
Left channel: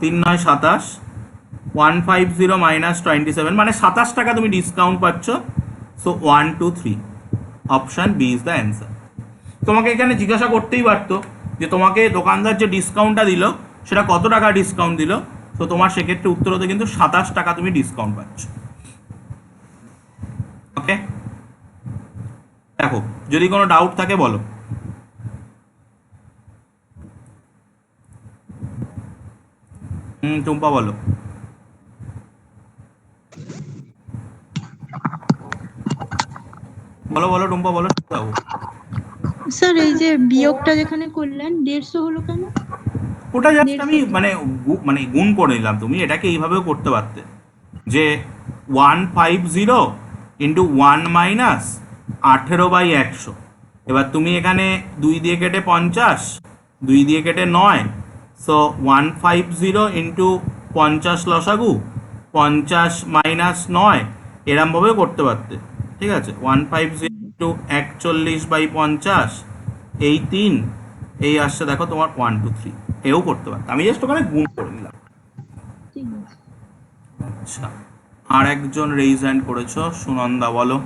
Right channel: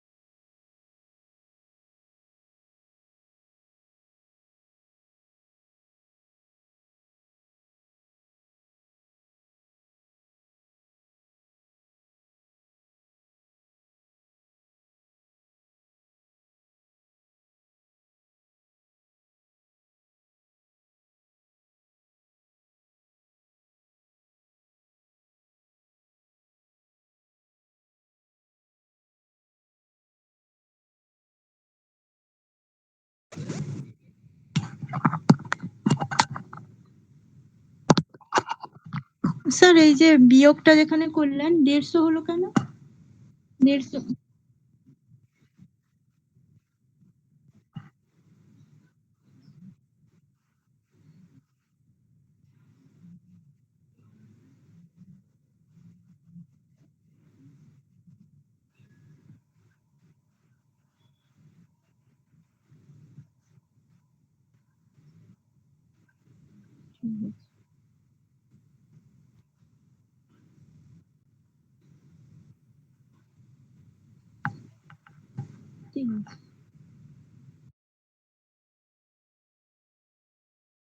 তিন নয় 27, 150 মাইনাস 27, মানে 27 টাকা তুমি ডিসকাউন্ট পাচ্ছ। So 1 2 3 option B is the answer. তোমাকে এখানে জিজ্ঞাসা করতেই পারতো যে তোমাকে দোকানদার যে ডিসকাউন্টটা দিল সেটা কত টাকা ডিসকাউন্ট দিল। তো তোমার সেক্ষেত্রে উত্তর হতে কিন্তু 27 টাকা তুমি ডিসকাউন্ট পাচ্ছ। ওকে, দেখো যদি কোনো ডাউট থাকে বলো। টুম্পা বলো। বলো বলো টুম্পা বলো। স্যার এই যে বিয়োগটা যেখানে করলেন 150 হলো কেন? ওটা জাস্ট আমি মানে গুণ করে নিলাম। তুমি এটাকে এইভাবেও করতে পারতে যে 150 ইন্টু 1 মাইনাস 18/100। এবার তুমি এখানে 2 দিয়ে কেটে 50, 2 দিয়ে কেটে 9, সো 150 ইন্টু 50 লসাগু, 50 মাইনাস 9, এরমভাবেও করতে পারতে। ঠিক আছে, 150 ইন্টু 41/50, এই 3, এই আসছে দেখো তোমার 1 2 3, এও করতে পারতে। আমি জাস্ট ওখানে গুণ করে নিলাম। ঠিক আছে। আচ্ছা, আর একজন রেইজ হ্যান্ড করেছো, সুনন্দা বলো।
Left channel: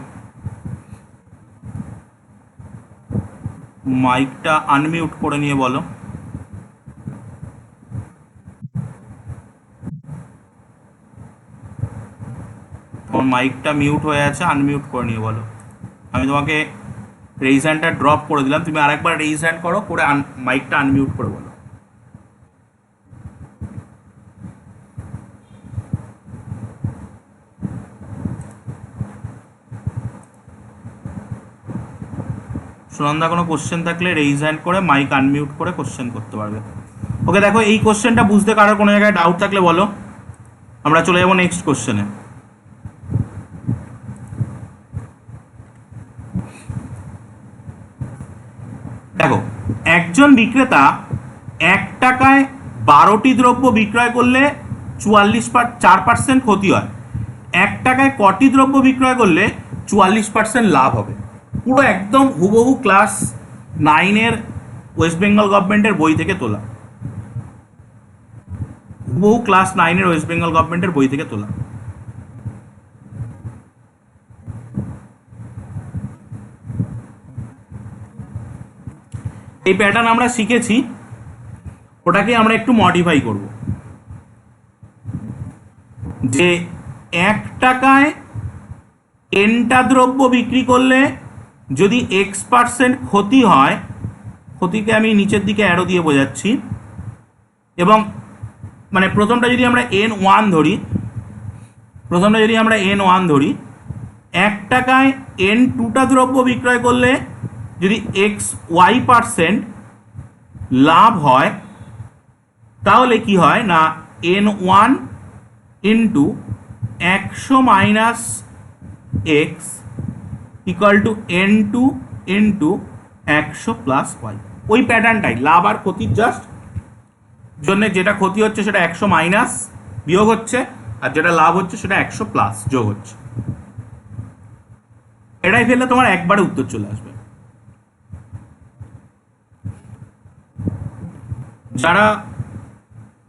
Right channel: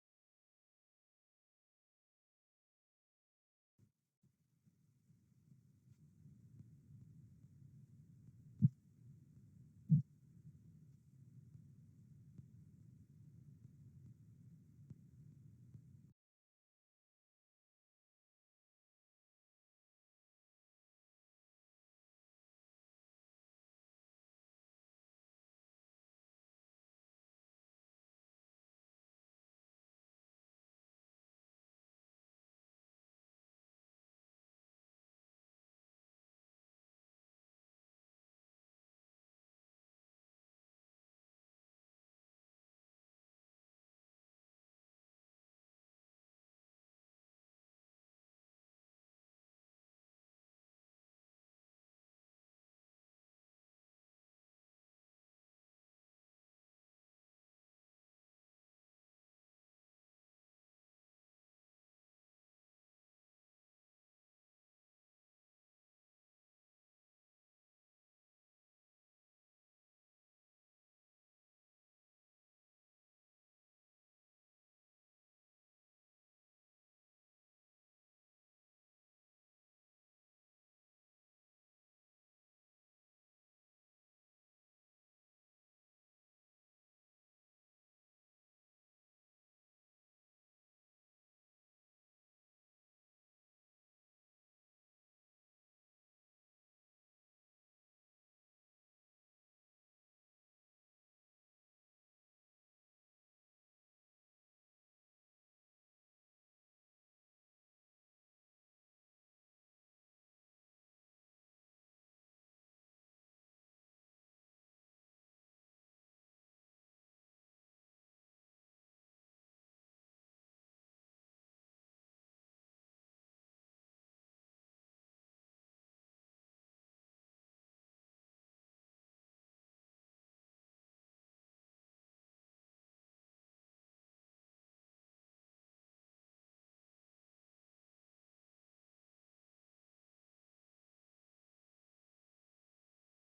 মাইকটা আনমিউট করে নিয়ে বলো। তোমার মাইকটা মিউট হয়ে আছে, আনমিউট করে নিয়ে বলো। আমি তোমাকে রেইজ হ্যান্ডটা ড্রপ করে দিলাম, তুমি আরেকবার রেইজ হ্যান্ড করো, করে মাইকটা আনমিউট করে বলো। সুনন্দা কোনো কোশ্চেন থাকলে রেইজ হ্যান্ড করে মাইক আনমিউট করে কোশ্চেন করতে পারবে। ওকে, দেখো এই কোশ্চেনটা বুঝতে কারোর কোনো জায়গায় ডাউট থাকলে বলো, আমরা চলে যাবো নেক্সট কোশ্চেনে। দেখো, একজন বিক্রেতা 1 টাকায় 12টি দ্রব্য বিক্রয় করলে 4% ক্ষতি হয়। 1 টাকায় কটি দ্রব্য বিক্রয় করলে 44% লাভ হবে? পুরো একদম হুবহু ক্লাস 9-এর ওয়েস্ট বেঙ্গল গভর্নমেন্টের বই থেকে তোলা, হুবহু ক্লাস 9-এর ওয়েস্ট বেঙ্গল গভর্নমেন্টের বই থেকে তোলা। এই প্যাটার্ন আমরা শিখেছি, ওটাকে আমরা একটু মডিফাই করব। যে 1 টাকায় 10টা দ্রব্য বিক্রি করলে যদি X% ক্ষতি হয়, ক্ষতিকে আমি নিচের দিকে অ্যারো দিয়ে বোঝাচ্ছি, এবং মানে প্রথমটা যদি আমরা N1 ধরি, 1 টাকায় N2টা দ্রব্য বিক্রয় করলে যদি XY% লাভ হয়, তাহলে কি হয় না N1 into 100 minus X equal to N2 into 100 plus Y। ওই প্যাটার্নটাই, লাভ আর ক্ষতির জাস্ট জন্য যেটা ক্ষতি হচ্ছে সেটা 100 মাইনাস বিয়োগ হচ্ছে, আর যেটা লাভ হচ্ছে সেটা 100 প্লাস যোগ হচ্ছে। এটাই ফেললে তোমার একবারে উত্তর চলে আসবে। যারা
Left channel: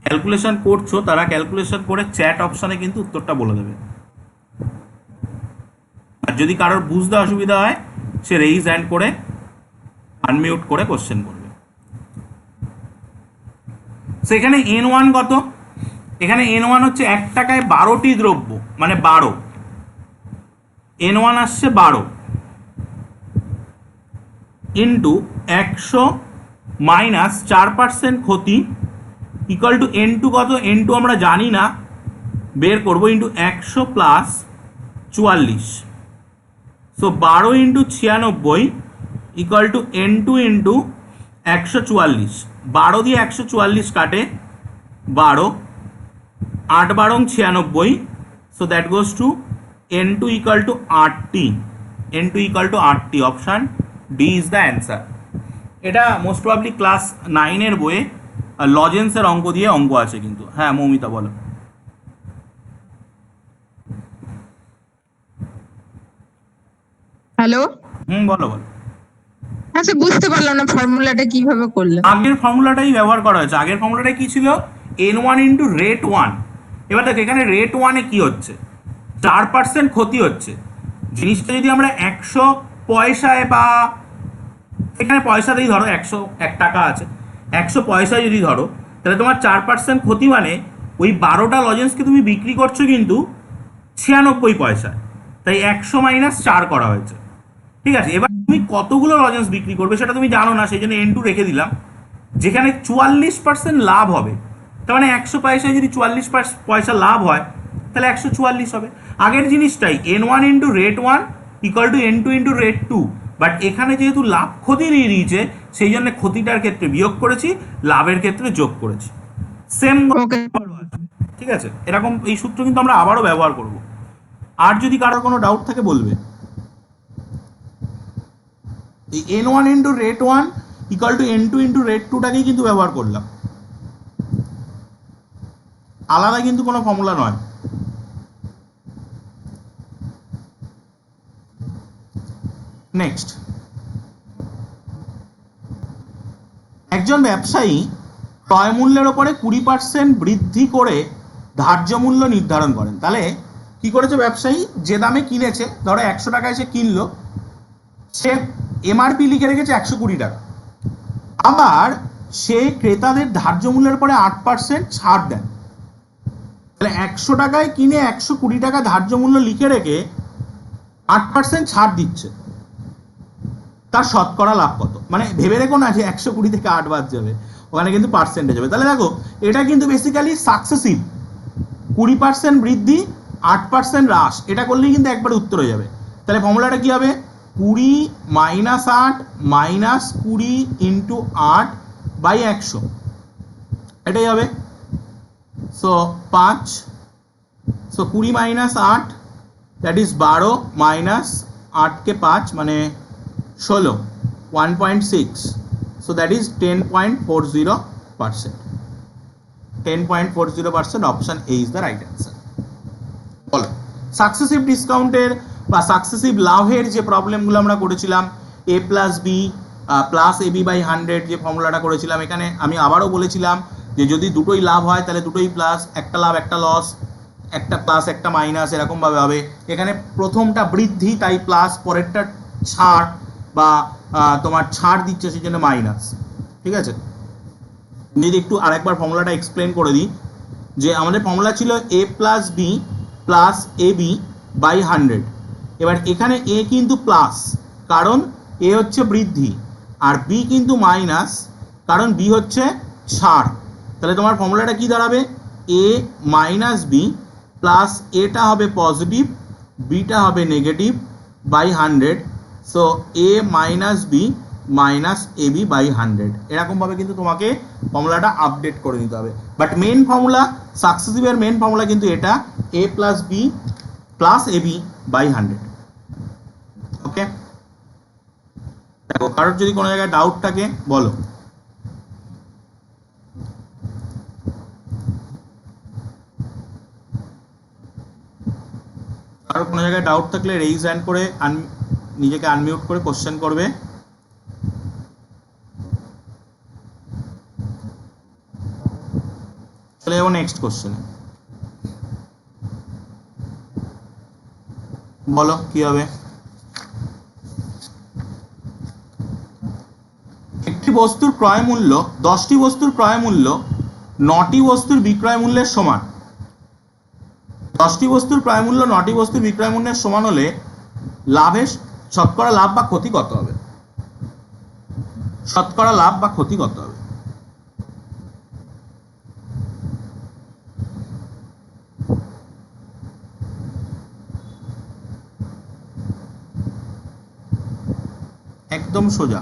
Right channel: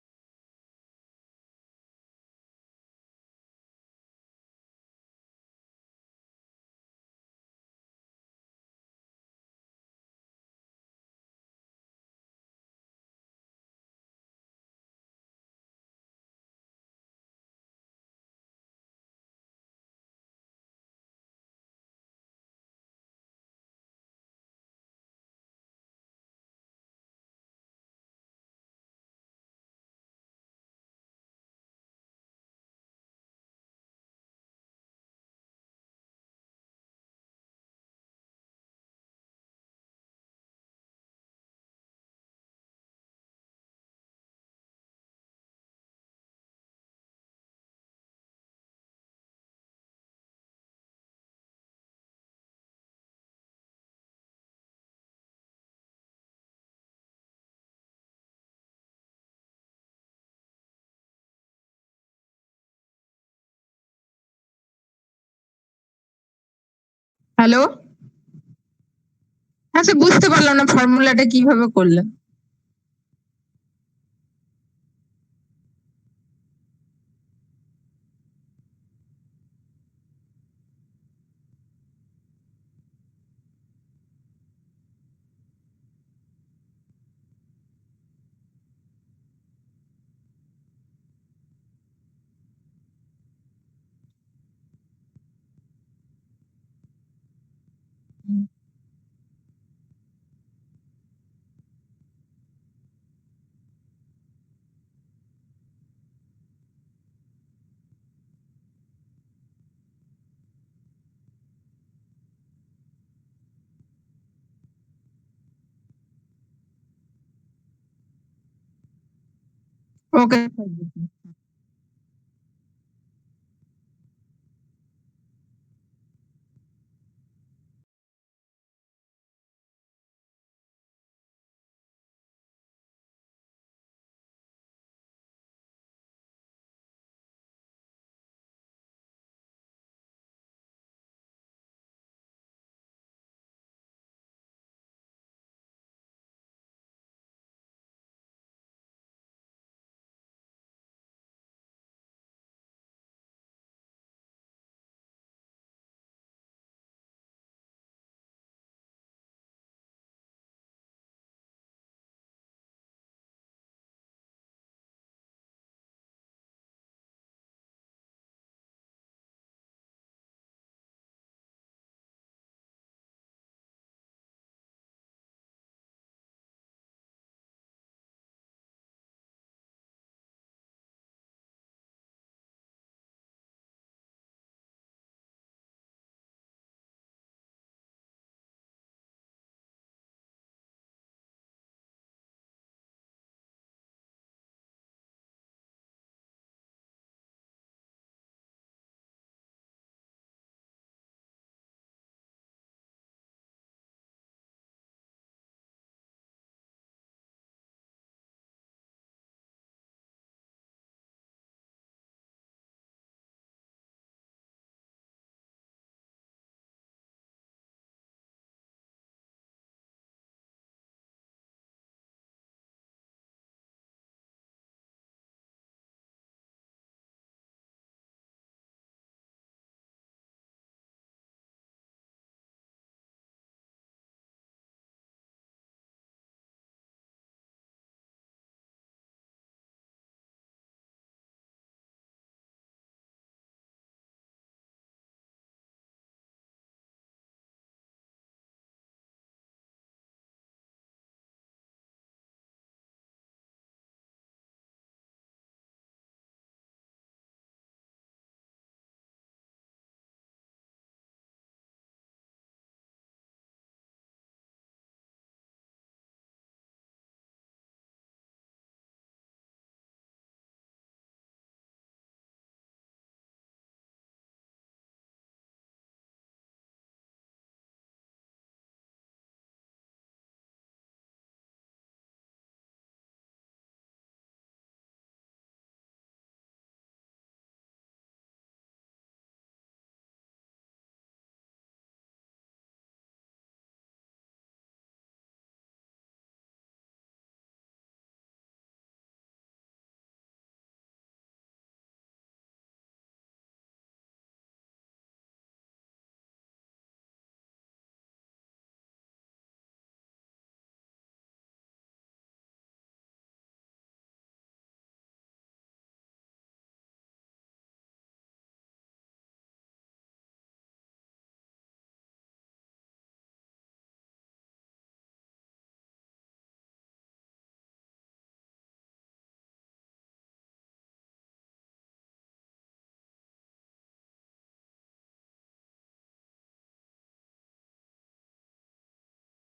ক্যালকুলেশন করছো তারা ক্যালকুলেশন করে চ্যাট অপশানে কিন্তু উত্তরটা বলে দেবে। আর যদি কারোর বুঝতে অসুবিধা হয় সে রেইজ হ্যান্ড করে আনমিউট করে কোশ্চেন করবে। সেখানে N1 কত? এখানে N1 হচ্ছে 1 টাকায় 12টি দ্রব্য, মানে 12, N1 আসছে 12 ইন্টু 100 মাইনাস 4% ক্ষতি ইকুয়াল টু N2 কত? N2 আমরা জানি না, বের করবো, into 100 plus 44। So 12 into 96 equal to N2 into 144, 12 দিয়ে 144 কাটে 12, 8 বারং 96, so that goes to n2 equal to 8t, n2 equal to 8t, option D is the answer. এটা মোস্ট প্রবাবলি ক্লাস 9 এর বইয়ে লজেন্সের অঙ্ক দিয়ে অঙ্ক আছে কিন্তু। হ্যাঁ মৌমিতা বলো। হ্যালো, বলো বলো। আচ্ছা বুঝতে পারলাম না ফর্মুলাটা কিভাবে করলেন। আগের ফর্মুলাটাই ব্যবহার করা হয়েছে। আগের ফর্মুলাটা কি ছিল? n1 into rate 1। এবার দেখো এখানে রেট 1-এ কি হচ্ছে, 4% ক্ষতি হচ্ছে। জিনিসটা যদি আমরা 100 পয়সায় বা এখানে পয়সাতেই ধরো, 101 টাকা আছে, 100 পয়সায় যদি ধরো, তাহলে তোমার 4% ক্ষতি মানে ওই 12টা লজেন্সকে তুমি বিক্রি করছো কিন্তু 96 পয়সায়। তাই 100 মাইনাস 4 করা হয়েছে। ঠিক আছে, এবার তুমি কতগুলো লজেন্স বিক্রি করবে সেটা তুমি জানো না, সেই জন্য n2 রেখে দিলাম। যেখানে 44% লাভ হবে, তার মানে 100 পয়সায় যদি 44 পয়সা লাভ হয় তাহলে 144 হবে। আগের জিনিসটাই n1 into rate 1 equal to n2 into rate 2, but এখানে যেহেতু লাভ ক্ষতি দিয়ে দিয়েছে সেই জন্য ক্ষতিটার ক্ষেত্রে বিয়োগ করেছি, লাভের ক্ষেত্রে যোগ করেছি। সেম। ওকে, ঠিক আছে, এরকম এই সূত্র কিন্তু আমরা আবারও ব্যবহার করব। আর যদি কারোর কোনো ডাউট থাকে বলবে। এই n1 into rate 1 equal to n2 into rate 2টাকেই কিন্তু ব্যবহার করলাম, আলাদা কিন্তু কোনো ফর্মুলা নয়। নেক্সট, একজন ব্যবসায়ী ক্রয় মূল্যের ওপরে 20% বৃদ্ধি করে ধার্য মূল্য নির্ধারণ করেন। তাহলে কি করেছে ব্যবসায়ী? যে দামে কিনেছে, ধরো 100 টাকায় সে কিনলো, সে এমআরপি লিখে রেখেছে 120 টাকা। আবার সে ক্রেতাদের ধার্য মূল্যের পরে 8% ছাড় দেন। তাহলে 100 টাকায় কিনে 120 টাকা ধার্য মূল্য লিখে রেখে 8% ছাড় দিচ্ছে, তার শতকরা লাভ কত? মানে ভেবে রেখো না যে 120 থেকে 8 বাদ যাবে, ওখানে কিন্তু পার্সেন্টেজ হবে। তাহলে দেখো এটা কিন্তু বেসিক্যালি সাকসেসিভ, 20% বৃদ্ধি 8% হ্রাস, এটা করলেই কিন্তু একবার উত্তর হয়ে যাবে। তাহলে ফর্মুলাটা কি হবে? 20 মাইনাস 8 মাইনাস 20 ইন্টু 8 বাই 100, এটাই হবে। So 5, so 20 minus 8 that is 12 minus 8 কে 5 মানে 16, 1.6, so that is 10.40%. 10.40%, option A is the right answer. বলো, সাকসেসিভ ডিসকাউন্টের বা সাকসেসিভ লাভের যে প্রবলেমগুলো আমরা করেছিলাম, a plus B plus AB by 100 যে ফর্মুলাটা করেছিলাম, এখানে আমি আবারও বলেছিলাম যে যদি দুটোই লাভ হয় তাহলে দুটোই প্লাস, একটা লাভ একটা লস, একটা প্লাস একটা মাইনাস, এরকমভাবে হবে। এখানে প্রথমটা বৃদ্ধি তাই প্লাস, পরেরটা ছাড় বা তোমার ছাড় দিচ্ছে সেই জন্য মাইনাস। ঠিক আছে, যদি একটু আরেকবার ফর্মুলাটা এক্সপ্লেন করে দিই, যে আমাদের ফর্মুলা ছিল A plus B plus A B by 100। এবার এখানে এ কিন্তু প্লাস কারণ এ হচ্ছে বৃদ্ধি, আর বি কিন্তু মাইনাস কারণ বি হচ্ছে ছাড়। তাহলে তোমার ফর্মুলাটা কি দাঁড়াবে? এ মাইনাস বি প্লাস এটা হবে পজিটিভ, বিটা হবে negative by 100, so A minus B minus A B by 100। এরকমভাবে কিন্তু তোমাকে ফর্মুলাটা আপডেট করে নিতে হবে। বাট মেন ফর্মুলা, সাকসেসিভের মেন ফর্মুলা কিন্তু এটা, A plus B plus A B by 100। Okay, দেখো কারোর যদি কোনো জায়গায় ডাউট থাকে বলো। কারোর কোনো জায়গায় ডাউট থাকলে রেইজ হ্যান্ড করে নিজেকে আনমিউট করে কোশ্চেন করবে। চলে যাবো নেক্সট কোশ্চেনে। বলো কি হবে? একটি বস্তুর ক্রয় মূল্য 10টি বস্তুর ক্রয় মূল্য 9টি বস্তুর বিক্রয় মূল্যের সমান। 10টি বস্তুর ক্রয় মূল্য 9টি বস্তুর বিক্রয় মূল্যের সমান হলে লাভের শতকরা লাভ বা ক্ষতি কত হবে? শতকরা লাভ বা ক্ষতি কত হবে? একদম সোজা।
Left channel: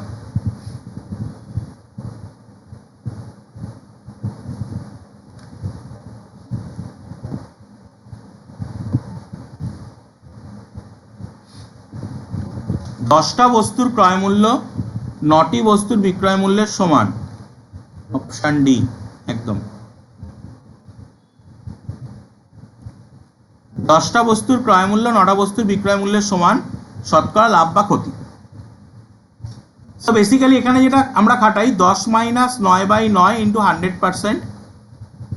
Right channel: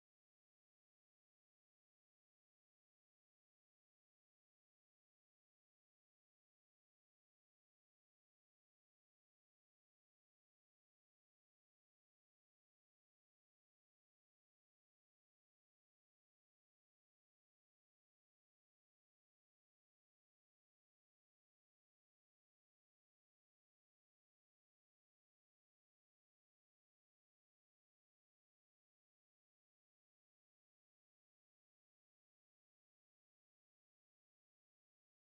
10টা বস্তুর ক্রয় মূল্য 9টি বস্তুর বিক্রয় মূল্যের সমান। অপশন ডি একদম। 10টা বস্তুর ক্রয় মূল্য 9টা বস্তুর বিক্রয় মূল্যের সমান, শতকরা লাভ বা ক্ষতি। তো বেসিক্যালি এখানে যেটা আমরা খাটাই 10 মাইনাস 9/9 ইন্টু 100%,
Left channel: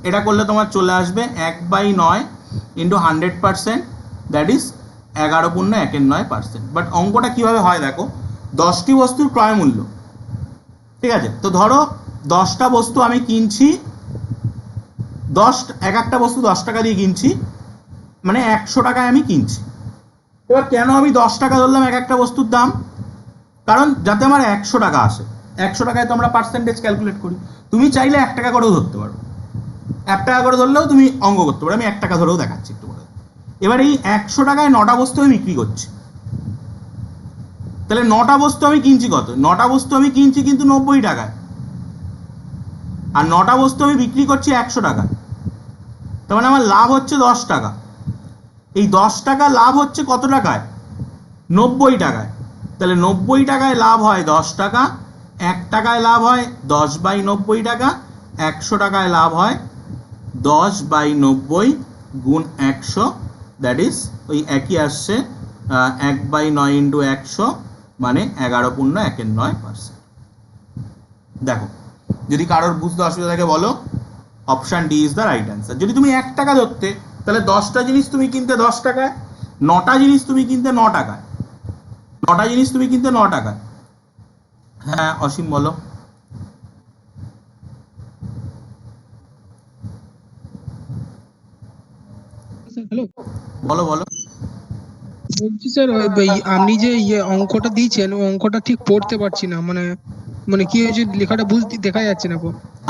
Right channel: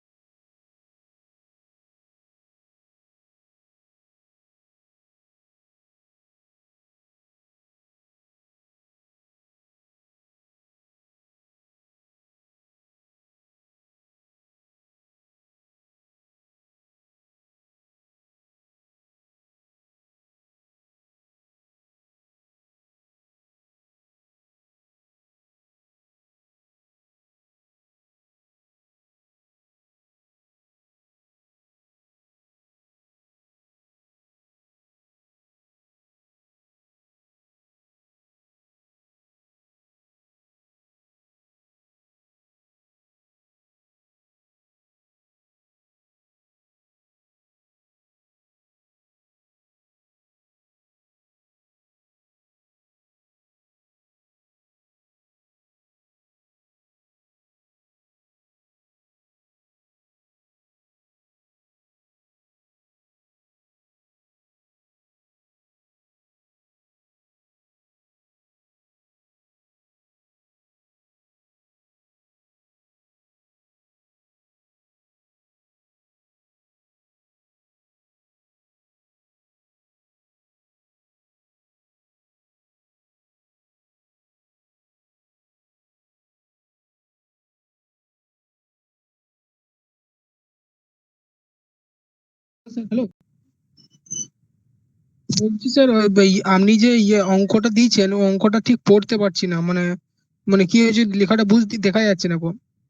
এটা করলে তোমার চলে আসবে 1/9 ইন্টু 100%, দ্যাট ইজ 11.9%। বাট অঙ্কটা কিভাবে হয় দেখো, 10টি বস্তুর ক্রয় মূল্য, ঠিক আছে? তো ধরো 10টা বস্তু আমি কিনছি, এক একটা বস্তু 10 টাকা দিয়ে কিনছি, মানে 100 টাকায় আমি কিনছি। এবার কেন আমি 10 টাকা ধরলাম এক একটা বস্তুর দাম? কারণ যাতে আমার 100 টাকা আসে। 100 টাকায় তো আমরা পার্সেন্টেজ ক্যালকুলেট করি। তুমি চাইলে 1 টাকা করেও ধরতে পারো, 1 টাকা করে ধরলেও তুমি অঙ্ক করতে পারো। আমি 1 টাকা ধরেও দেখাচ্ছি একটু করে। এবার এই 100 টাকায় 9টা বস্তু আমি বিক্রি করছি, তাহলে 9টা বস্তু আমি কিনছি কত? 9টা বস্তু আমি কিনছি কিন্তু 90 টাকায়, আর 9টা বস্তু আমি বিক্রি করছি 100 টাকায়। তার মানে আমার লাভ হচ্ছে 10 টাকা। এই 10 টাকা লাভ হচ্ছে কত টাকায়? 90 টাকায়। তাহলে 90 টাকায় লাভ হয় 10 টাকা, 1 টাকায় লাভ হয় 10/90 টাকা, 100 টাকায় লাভ হয় 10/90 গুণ 100, দ্যাট ইজ ওই একই আসছে 1/9 ইন্টু 100, মানে 11.19%। দেখো, যদি কারোর বুঝতে অসুবিধা থাকে বলো, option D is the right answer. যদি তুমি 1 টাকা ধরতে, তাহলে 10টা জিনিস তুমি কিনতে 10 টাকায়, 9টা জিনিস তুমি কিনতে 9 টাকায়, 9টা জিনিস তুমি কিনতে 9 টাকায়। হ্যাঁ অসীম বলো। হ্যালো, বলো বলো। বলছি স্যার আপনি যে অঙ্কটা দিয়েছেন ওই অঙ্কটা ঠিক পড়তে পারছি না, মানে মানে কি হয়েছে লেখাটা বুঝতে দেখা যাচ্ছে না।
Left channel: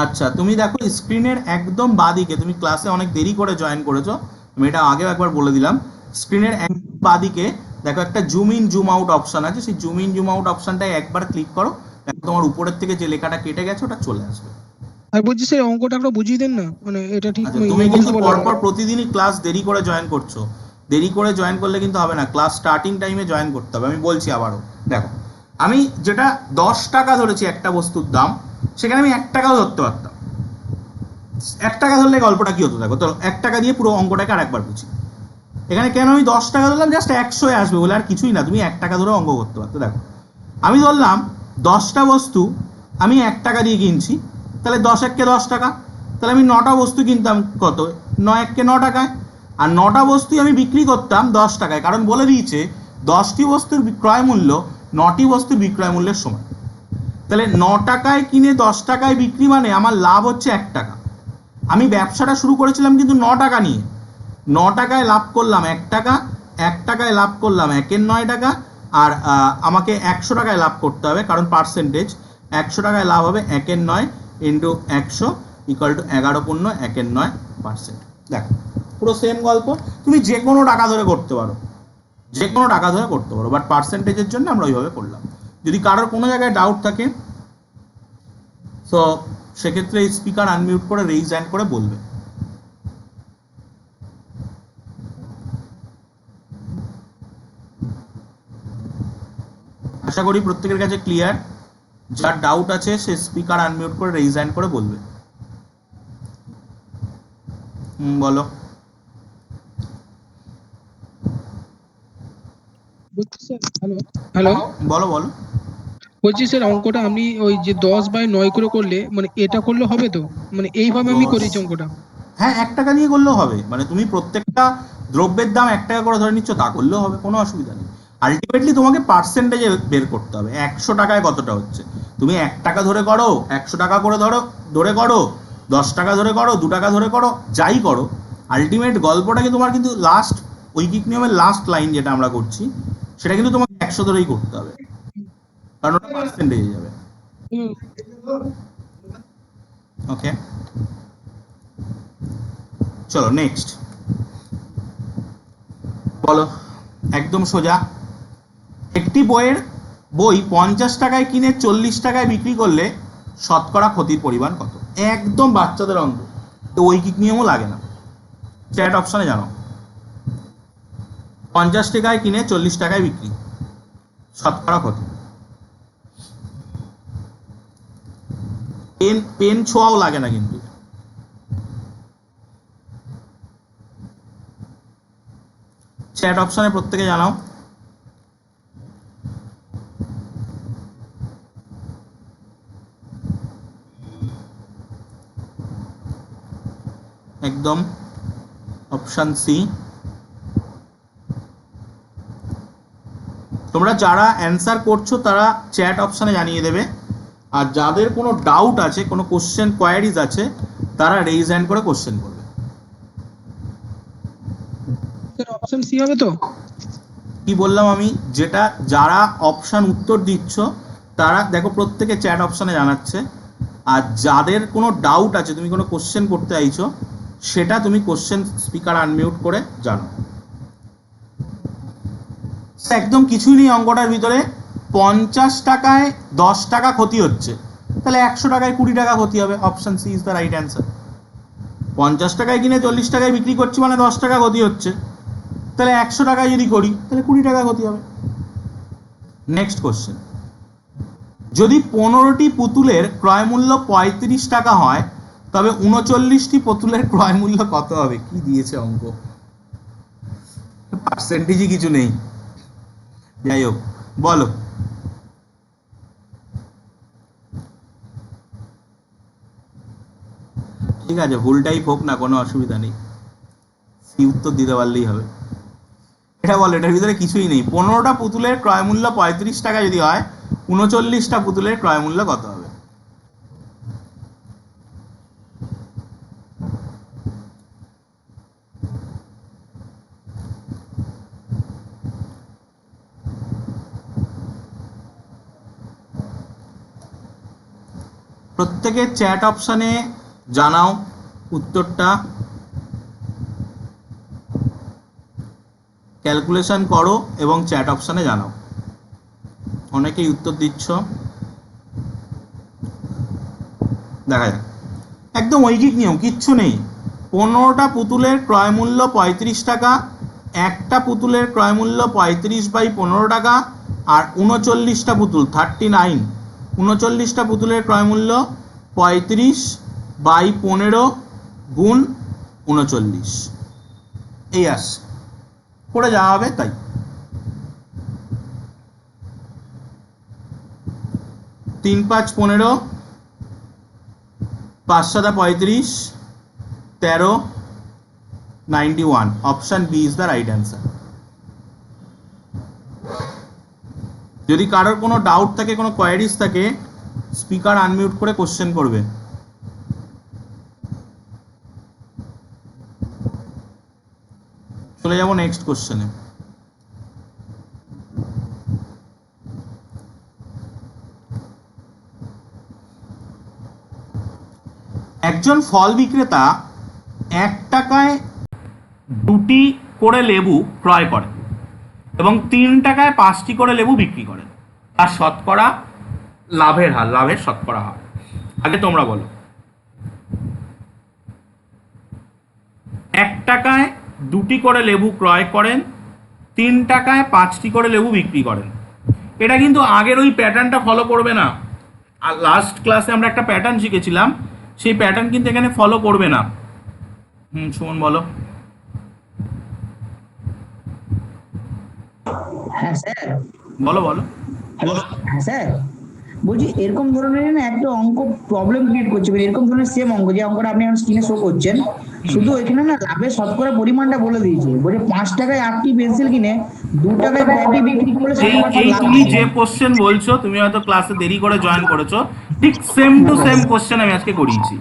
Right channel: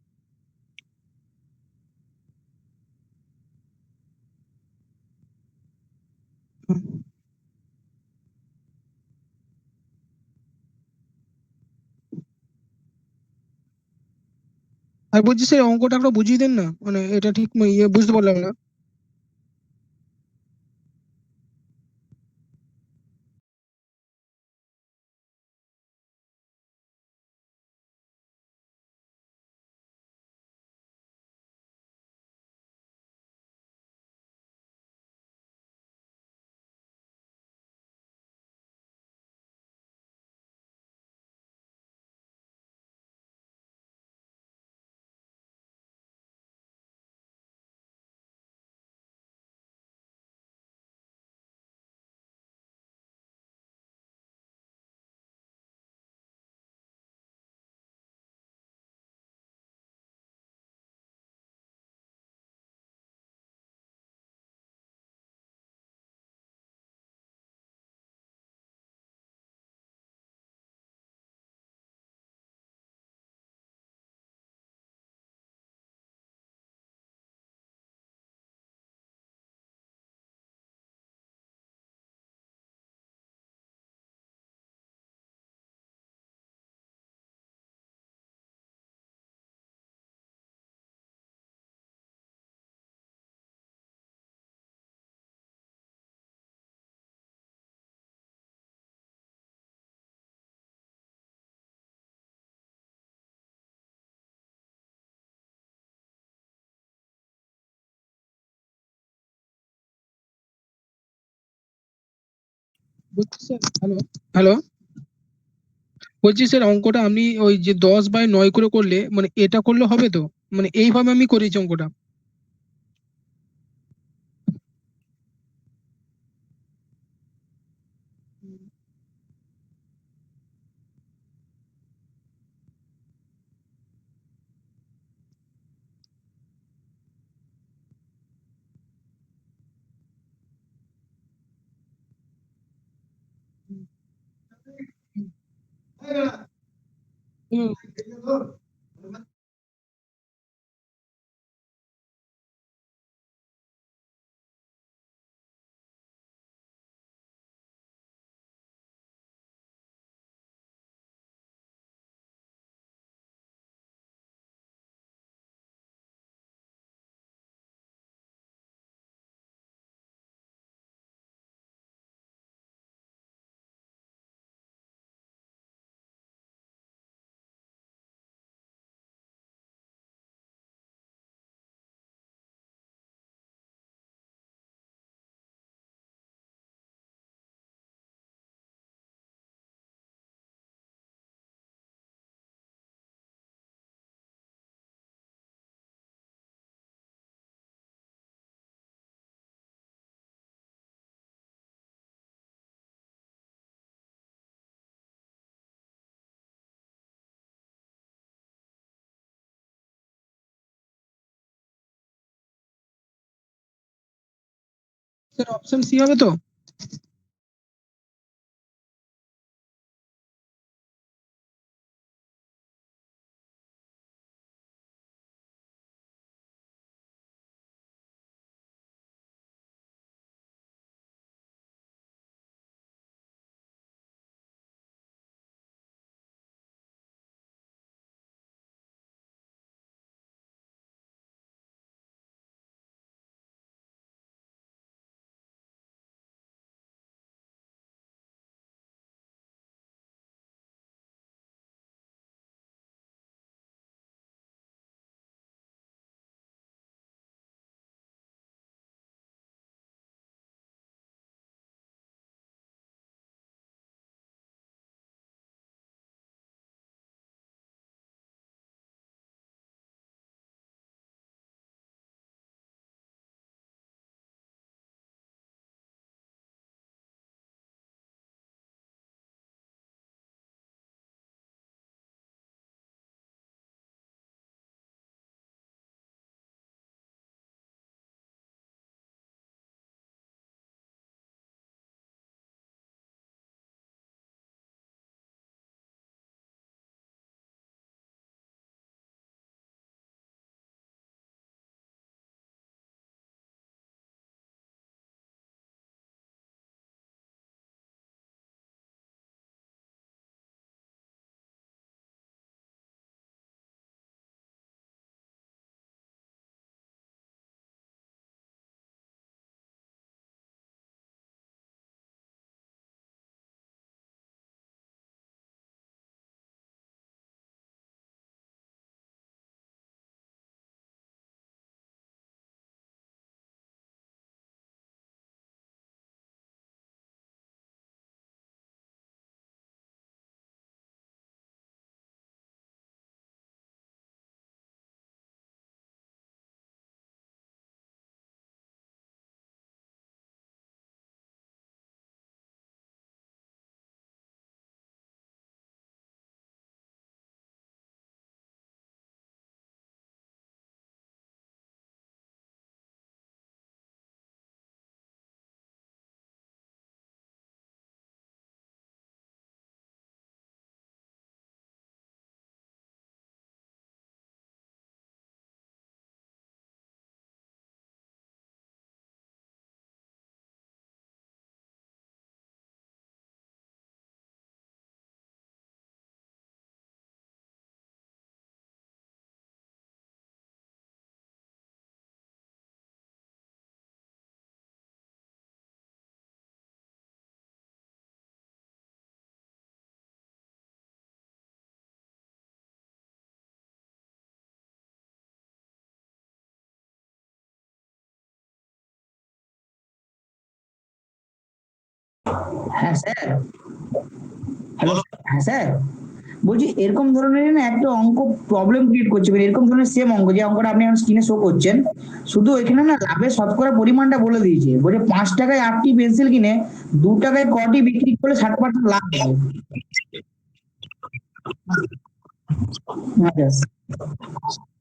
আচ্ছা, তুমি দেখো স্ক্রিনের একদম বাঁদিকে, তুমি ক্লাসে অনেক দেরি করে জয়েন করেছো, আমি এটা আগেও একবার বলে দিলাম। স্ক্রিনের একদম বাঁদিকে দেখো একটা zoom in zoom out option আছে, সেই জুম ইন জুম আউট অপশনটায় একবার ক্লিক করো, দেখো তোমার উপরের থেকে যে লেখাটা কেটে গেছে ওটা চলে আসবে। আর বলছি স্যার অঙ্কটা একটা বুঝিয়ে দেন না, মানে এটা ঠিক আচ্ছা, তুমি কিন্তু বুঝতে পারলাম না। পরপর প্রতিদিনই ক্লাস দেরি করে জয়েন করছো, দেরি করে জয়েন করলে কিন্তু হবে না, ক্লাস স্টার্টিং টাইমে জয়েন করতে হবে। আমি বলছি আবারও, দেখো আমি যেটা 10 টাকা ধরেছি একটা বস্তুর দাম, সেখানে আমি 1 টাকাও ধরতে পারতাম। 1 টাকা ধরলে গল্পটা কি হতো দেখো, তো 1 টাকা দিয়ে পুরো অঙ্কটাকে আরেকবার বুঝি। এখানে কেন আমি 10 টাকা ধরলাম? জাস্ট 100 আসবে বলে, আর কিছুই না। তুমি 1 টাকা ধরে অঙ্ক করতে পারতো। দেখো আমি ধরলাম 10টা বস্তু আমি 1 টাকা দিয়ে কিনছি, তাহলে 10 1 কে 10 টাকা, তাহলে আমি 9টা বস্তু কিনতাম কত? 9 1 কে 9 টাকায়, আর 9টা বস্তুই আমি বিক্রি করতাম 10 টাকায়, কারণ বলে দিয়েছে 10টি বস্তুর বিক্রয় মূল্য 9টি বস্তুর বিক্রয় মূল্যের সমান। তাহলে 9 টাকায় কিনে 10 টাকায় বিক্রি, মানে আমার লাভ হচ্ছে 1 টাকা। আমি ব্যবসাটা শুরু করেছিলাম কিন্তু 9 টাকা নিয়ে, 9 টাকায় লাভ করলাম 1 টাকা, 1 টাকায় লাভ করলাম 1 এর 9 টাকা, আর আমাকে 100 টাকায় লাভ করতে হবে, কারণ পার্সেন্টেজ 100 টাকায় লাভ হবে 1 এর 9 ইন্টু 100 ইকুয়াল টু 11.9%। দেখো পুরো সেম গল্প, তুমি যে কোনো টাকা ধরে করতে পারো, যে কোনো টাকা ধরে করতে পারো, বাট পার্সেন্টেজের জন্য আমরা ওইভাবে করলাম। যদি কারোর কোনো জায়গায় ডাউট থাকে তো সেক্ষেত্রে স্পিকার আনমিউট করে রেইজ হ্যান্ড করে বলবে। আশা করি প্রত্যেকের কাছে ক্লিয়ার। যার ডাউট আছে সে স্পিকার আনমিউট করে রেইজ হ্যান্ড করে বলবে। বলো। বলছি স্যার, হ্যালো হ্যালো, বলো বলো। বলছি স্যার অঙ্কটা আপনি ওই যে 10/9 করে করলে, মানে এটা করলে হবে তো, মানে এইভাবে আমি 10, করেছি অঙ্কটা। হ্যাঁ 1 টাকা দিয়ে করলেও হবে, মানে তুমি প্রত্যেকটা দ্রব্যের দাম 1 টাকা করে ধরে নিচ্ছ, তা করলেও হবে, কোনো অসুবিধা নেই। আলটিমেটলি তোমাকে পার্সেন্টেজে বের করতে হবে 100 টাকায় কতটা হচ্ছে। তুমি 1 টাকা ধরে করো, 100 টাকা করে ধরে করো, 10 টাকা ধরে করো, 2 টাকা ধরে করো, যাই করো, আলটিমেট গল্পটাকে তোমার কিন্তু লাস্ট ঐকিক নিয়মের লাস্ট লাইন যেটা আমরা করছি, সেটা কিন্তু তোমাকে 100 ধরেই করতে হবে, কারণ ওটা পার্সেন্টেজে যাবে। ওকে, চলো নেক্সট বলো। একদম সোজা, একটি বই 50 টাকায় কিনে 40 টাকায় বিক্রি করলে শতকরা ক্ষতির পরিমাণ কত? একদম বাচ্চাদের অঙ্ক, তো ঐকিক নিয়মও লাগে না। চ্যাট অপশনে জানো, 50 টাকায় কিনে 40 টাকায় বিক্রি, শতকরা ক্ষতি। পেন পেন ছোঁয়াও লাগে না কিন্তু। চ্যাট অপশনে প্রত্যেকে জানাও। একদম অপশন সি। তোমরা যারা অ্যান্সার করছো তারা চ্যাট অপশনে জানিয়ে দেবে, আর যাদের কোনো ডাউট আছে, কোনো কোশ্চেন কোয়ারিজ আছে, তারা রেইজ হ্যান্ড করে কোশ্চেন করবে। স্যার অপশন সি হবে তো? কি বললাম আমি, যেটা যারা অপশন উত্তর দিচ্ছ তারা দেখো প্রত্যেকে চ্যাট অপশনে জানাচ্ছে, আর যাদের কোনো ডাউট আছে, তুমি কোনো কোশ্চেন করতে চাইছো, সেটা তুমি কোশ্চেন স্পিকার আনমিউট করে জানো। একদম কিছুই নেই অঙ্কটার ভিতরে। 50 টাকায় 10 টাকা ক্ষতি হচ্ছে, তাহলে 100 টাকায় 20 টাকা ক্ষতি হবে। Option C is the right answer. 50 টাকায় কিনে 40 টাকায় বিক্রি করছি মানে 10 টাকা ক্ষতি হচ্ছে, তাহলে 100 টাকায় যদি করি তাহলে 20 টাকা ক্ষতি হবে। নেক্সট কোশ্চেন, যদি 15টি পুতুলের ক্রয় মূল্য 35 টাকা হয় তবে 39টি পুতুলের ক্রয় মূল্য কত হবে? কি দিয়েছে অঙ্ক, পার্সেন্টেজই কিছু নেই। যাই হোক বলো। ঠিক আছে, ভুল টাইপ হোক না, কোনো অসুবিধা নেই, সি উত্তর দিতে পারলেই হবে। এটা বলো, এটার ভিতরে কিছুই নেই। 15টা পুতুলের ক্রয় মূল্য 35 টাকা যদি হয়, 39টা পুতুলের ক্রয় মূল্য কত হবে? প্রত্যেকে চ্যাট অপশনে জানাও উত্তরটা, ক্যালকুলেশন করো এবং চ্যাট অপশনে জানাও। অনেকেই উত্তর দিচ্ছ, দেখা যাক। একদম ঐকিক নিয়ম, কিচ্ছু নেই। 15টা পুতুলের ক্রয় মূল্য 35 টাকা, একটা পুতুলের ক্রয় মূল্য 35/15 টাকা, আর 39টা পুতুল 39, 39টা পুতুলের ক্রয় মূল্য 35/15 গুণ 39, এই আসছে, করে যাওয়া হবে। তাই 3 5 15, 5 7 35, 13, 91। Option B is the right answer. যদি কারোর কোনো ডাউট থাকে, কোনো কোয়ারিজ থাকে, স্পিকার আনমিউট করে কোশ্চেন করবে। চলে যাব নেক্সট কোশ্চেনে। একজন ফল বিক্রেতা 1 টাকায় 2টি করে লেবু ক্রয় করেন এবং 3 টাকায় 5টি করে লেবু বিক্রি করেন, আর শতকরা লাভের হার, লাভের শতকরা হার। আগে তোমরা বলো। 1 টাকায় 2টি করে লেবু ক্রয় করেন, 3 টাকায় 5টি করে লেবু বিক্রি করেন। এটা কিন্তু আগের ওই প্যাটার্নটা ফলো করবে না। আর লাস্ট ক্লাসে আমরা একটা প্যাটার্ন শিখেছিলাম, সেই প্যাটার্ন কিন্তু এখানে ফলো করবে না। সুমন বলো। হ্যাঁ স্যার। বলো বলো। হ্যালো হ্যাঁ স্যার, বলছি এরকম ধরনের না একটা অঙ্ক প্রবলেম ক্রিয়েট করছে, মানে এরকম ধরনের সেম অঙ্ক, যে অঙ্কটা আপনি এখন স্ক্রিনে শো করছেন, শুধু এখানে না লাভের শতকরা পরিমাণটা বলে দিয়েছে। বলছে 5 টাকায় 8টি পেন্সিল কিনে 2 টাকায় কটি বিক্রি করলে শতকরা লাভ তুমি হবে। যে কোশ্চেন বলছো, তুমি হয়তো ক্লাসে দেরি করে জয়েন করেছো, ঠিক সেম টু সেম কোশ্চেন আমি আজকে করিয়েছি।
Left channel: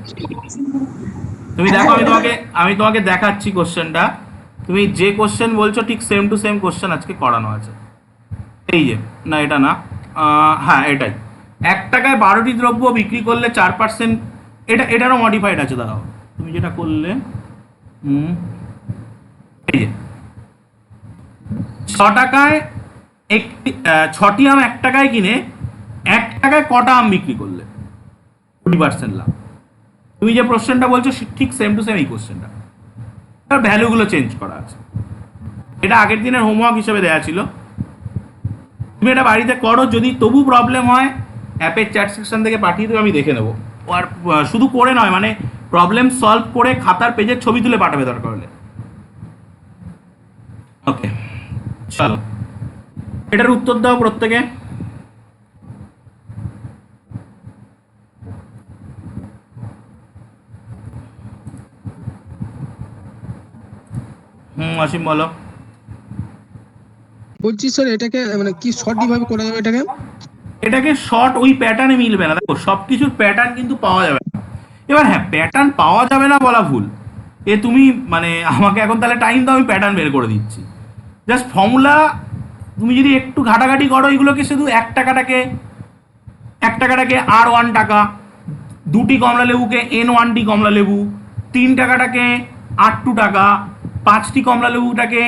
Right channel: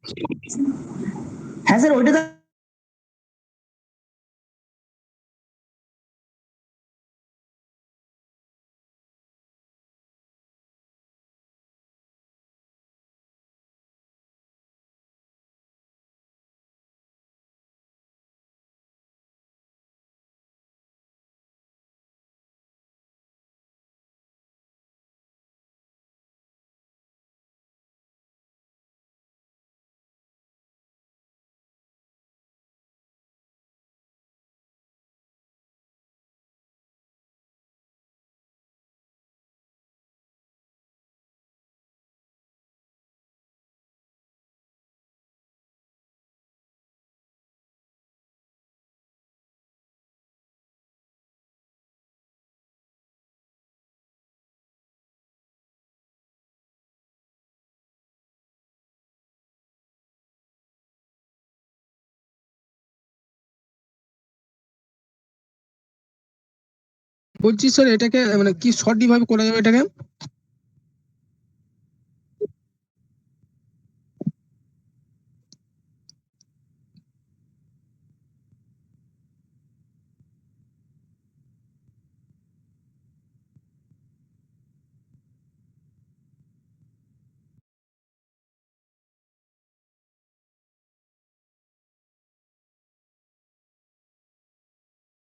তুমি দেখো, আমি তোমাকে দেখাচ্ছি কোশ্চেনটা। তুমি যে কোশ্চেন বলছো ঠিক সেম টু সেম কোশ্চেন আজকে করানো আছে। এই যে, না এটা না, হ্যাঁ এটাই। 1 টাকায় 12টি দ্রব্য বিক্রি করলে 4%, এটারও মডিফাইড আছে। দাঁড়াও, তুমি যেটা করলে, এই যে 6 টাকায় 6টি আম 1 টাকায় কিনে 1 টাকায় কটা আম বিক্রি করলে 20% লাভ। তুমি যে কোশ্চেনটা বলছো ঠিক সেম টু সেম এই কোশ্চেনটা, তার ভ্যালুগুলো চেঞ্জ করা আছে। এটা আগের দিনের হোমওয়ার্ক হিসেবে দেওয়া ছিল, তুমি এটা বাড়িতে করো, যদি তবু প্রবলেম হয় অ্যাপের চ্যাট সেকশন থেকে পাঠিয়ে দেবে, আমি দেখে নেবো। আর শুধু করে নয়, মানে প্রবলেম সলভ করে খাতার পেজের ছবি তুলে পাঠাবে দরকার হলে। ওকে, চলো এটার উত্তর দাও প্রত্যেকে। অসীম বলো। বলছি স্যার এটাকে মানে কি সঠিক ভাবে করা যাবে এটাকে? এটাকে শর্ট ওই প্যাটার্নে মিলবে না, দেখো সব কিছুর প্যাটার্ন কিন্তু পাওয়া যাবে না। এবার হ্যাঁ, প্যাটার্ন পাওয়া যাবে না বলা ভুল, তুমি মানে আমাকে এখন তাহলে টাইম দাও, আমি প্যাটার্ন বের করে দিচ্ছি। জাস্ট ফর্মুলা তুমি যদি একটু ঘাটাঘাটি করো, এগুলোকে শুধু 1 টাকাটাকে R1 টাকা, 2টি কমলা লেবুকে N1টি কমলা লেবু, 3 টাকাটাকে R2 টাকা, 5টি কমলা লেবুটাকে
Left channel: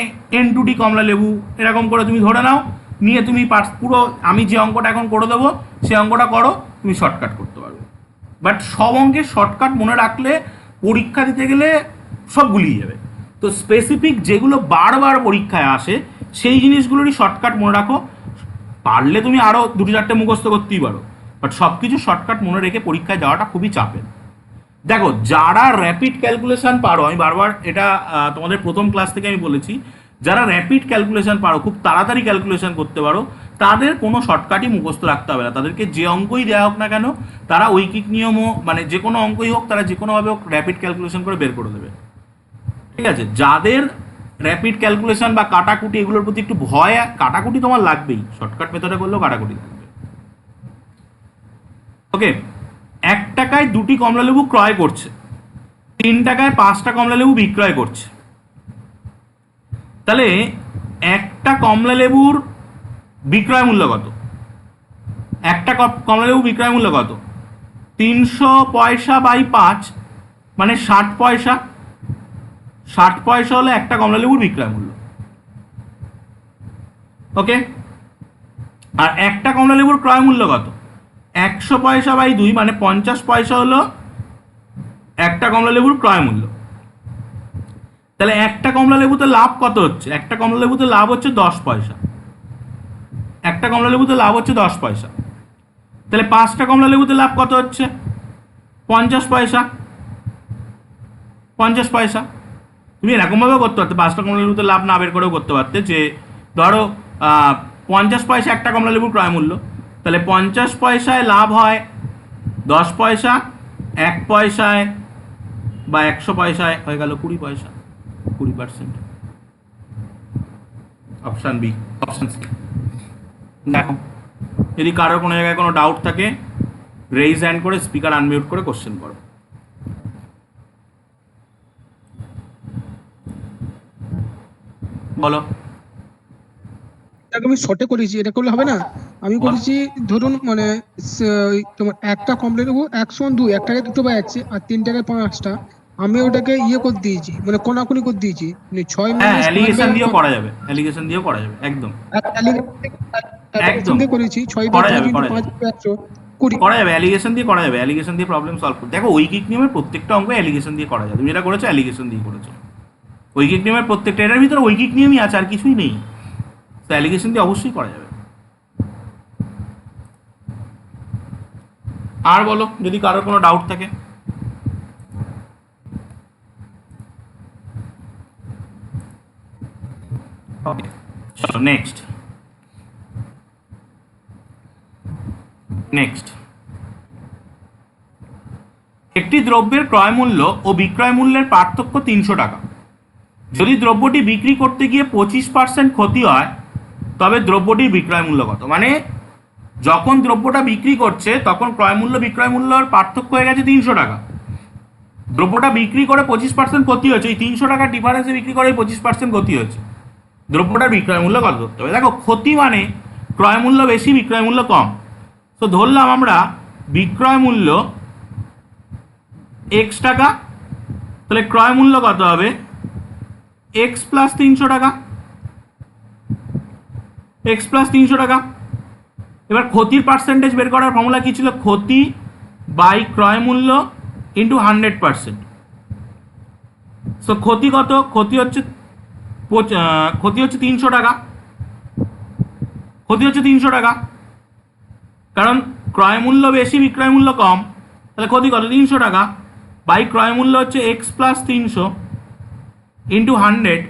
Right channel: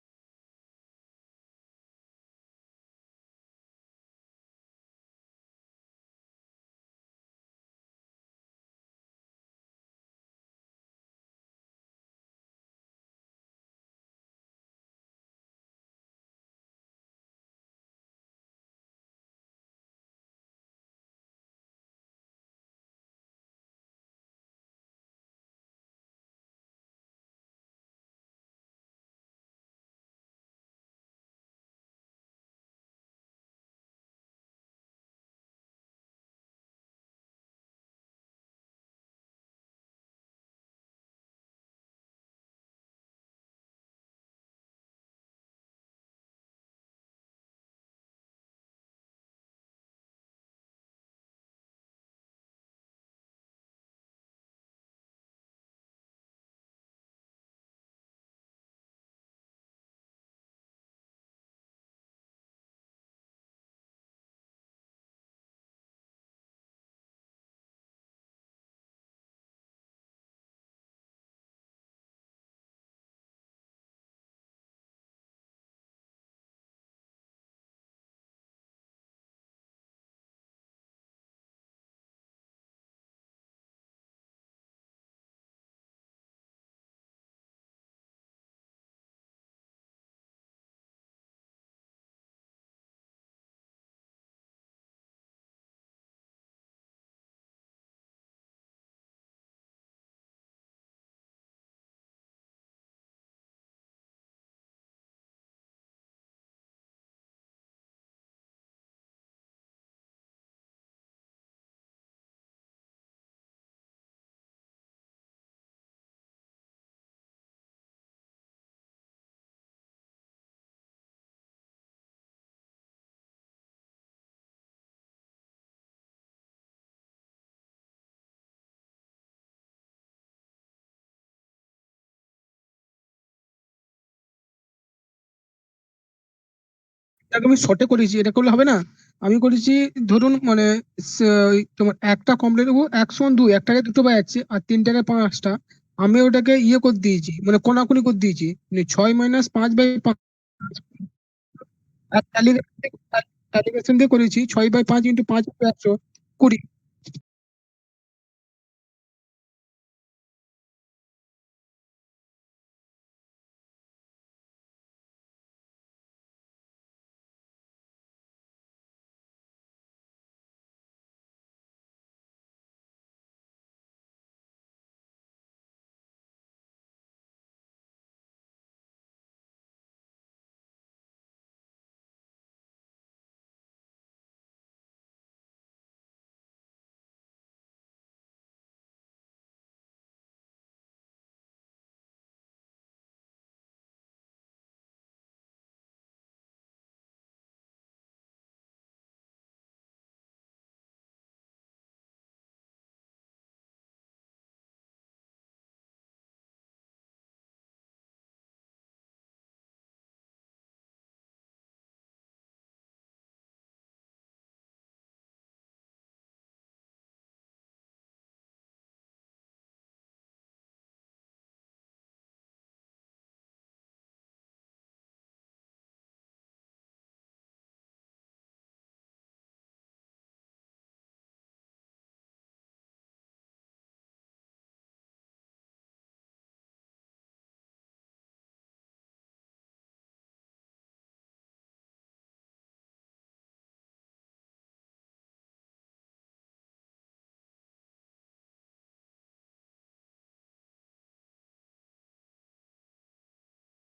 N2টি কমলা লেবু, এরকম করে তুমি ধরে নাও। নিয়ে তুমি পুরো আমি যে অঙ্কটা এখন করে দেবো সেই অঙ্কটা করো, তুমি শর্টকাট করতে পারবে। বাট সব অঙ্কের শর্টকাট মনে রাখলে পরীক্ষা দিতে গেলে সব গুলিয়ে যাবে। তো স্পেসিফিক যেগুলো বারবার পরীক্ষায় আসে সেই জিনিসগুলোরই শর্টকাট মনে রাখো। পারলে তুমি আরও 2-4টে মুখস্থ করতেই পারো, বাট সব কিছু শর্টকাট মনে রেখে পরীক্ষায় যাওয়াটা খুবই চাপের। দেখো যারা র্যাপিড ক্যালকুলেশন পারো, আমি বারবার এটা তোমাদের প্রথম ক্লাস থেকে আমি বলেছি, যারা র্যাপিড ক্যালকুলেশন পারো, খুব তাড়াতাড়ি ক্যালকুলেশন করতে পারো, তাদের কোনো শর্টকাটই মুখস্থ রাখতে হবে না। তাদেরকে যে অঙ্কই দেওয়া হোক না কেন, তারা ঐকিক নিয়মও মানে যে কোনো অঙ্কই হোক, তারা যে কোনোভাবে হোক র্যাপিড ক্যালকুলেশন করে বের করে দেবে। ঠিক আছে, যাদের র্যাপিড ক্যালকুলেশন বা কাটাকুটি এগুলোর প্রতি একটু ভয়, কাটাকুটি তোমার লাগবেই, শর্টকাট মেথডে করলেও কাটাকুটি লাগবে। ওকে, 1 টাকায় 2টি কমলালেবু ক্রয় করছে, 3 টাকায় 5টা কমলালেবু বিক্রয় করছে। তাহলে একটা কমলা লেবুর বিক্রয় মূল্য কত? একটা কমলা লেবু বিক্রয় মূল্য কত? 300 পয়সা বাই 5 মানে 60 পয়সা। 60 পয়সা হলো একটা কমলা লেবুর বিক্রয় মূল্য। ওকে, আর একটা কমলা লেবুর ক্রয় মূল্য কত? 100 পয়সা বাই 2 মানে 50 পয়সা হলো একটা কমলা লেবুর ক্রয় মূল্য। তাহলে একটা কমলা লেবুতে লাভ কত হচ্ছে? একটা কমলা লেবুতে লাভ হচ্ছে 10 পয়সা। একটা কমলা লেবুতে লাভ হচ্ছে 10 পয়সা। তাহলে 5টা কমলা লেবুতে লাভ কত হচ্ছে? 50 পয়সা। 50 পয়সা। তুমি এরকমভাবেও করতে পারতে, 5টা কমলা লেবুতে লাভ না বের করেও করতে পারতে, যে ধরো 50 পয়সা একটা কমলা লেবুর ক্রয় মূল্য, তাহলে 50 পয়সায় লাভ হয় 10 পয়সা, 1 পয়সায় বা 100 পয়সায় হয়ে গেল 20 পয়সা, 20%। Option B, option C. দেখো যদি কারোর কোনো জায়গায় কোনো ডাউট থাকে, রেইজ হ্যান্ড করে স্পিকার আনমিউট করে কোশ্চেন করো। বলো। এটাকে আমি শর্টে করেছি, এটা করলে হবে না? আমি করেছি ধরুন মানে তোমার একটা কমলা লেবু 102, 1 টাকায় 2টো পাচ্ছে আর 3 টাকায় 5টা। আমি ওটাকে ইয়ে করে দিয়েছি, মানে কোনাকুনি করে দিয়েছি, মানে 6 হ্যাঁ, - 5 অ্যালিগেশন দিয়েও 5 করা যাবে, অ্যালিগেশন দিয়েও করা যাবে, একদম অ্যালিগেশন দিয়ে করেছি 6/5 × 5 100 20। করা যাবে, অ্যালিগেশন দিয়ে করা যাবে, অ্যালিগেশন দিয়ে প্রবলেম সলভ করতে। দেখো ঐকিক নিয়মের প্রত্যেকটা অঙ্ক অ্যালিগেশন দিয়ে করা যায়। তুমি যেটা করেছো অ্যালিগেশন দিয়ে করেছো। ঐকিক নিয়মের প্রত্যেকটা, এটার ভিতরে ঐকিক নিয়মই আছে, আর কিছুই নেই। তো অ্যালিগেশন দিয়ে অবশ্যই করা যাবে। আর বলো যদি কারোর কোনো ডাউট থাকে। ওকে, চলো নেক্সট। একটি দ্রব্যের ক্রয় মূল্য ও বিক্রয় মূল্যের পার্থক্য 300 টাকা। যদি দ্রব্যটি বিক্রি করতে গিয়ে 25% ক্ষতি হয়, তবে দ্রব্যটির বিক্রয় মূল্য কত? মানে যখন দ্রব্যটা বিক্রি করছে তখন ক্রয় মূল্য বিক্রয় মূল্যর পার্থক্য হয়ে গেছে 300 টাকা। দ্রব্যটা বিক্রি করে 25% ক্ষতি হয়েছে, এই 300 টাকার ডিফারেন্সে বিক্রি করে 25% ক্ষতি হয়েছে, দ্রব্যটার বিক্রয় মূল্য কত ধরতে হবে? দেখো ক্ষতি মানে ক্রয় মূল্য বেশি বিক্রয় মূল্য কম। তো ধরলাম আমরা বিক্রয় মূল্য x টাকা, তাহলে ক্রয় মূল্য কত হবে? x প্লাস 300 টাকা। x প্লাস 300 টাকা। এবার ক্ষতির পার্সেন্টেজ বের করার ফর্মুলা কি ছিল? ক্ষতি বাই ক্রয় মূল্য ইন্টু 100%। সো ক্ষতি কত? ক্ষতি হচ্ছে 300 টাকা। ক্ষতি হচ্ছে 300 টাকা, কারণ ক্রয় মূল্য বেশি বিক্রয় মূল্য কম, তাহলে ক্ষতি কত? 300 টাকা বাই ক্রয় মূল্য হচ্ছে এক্স প্লাস 300 ইন্টু 100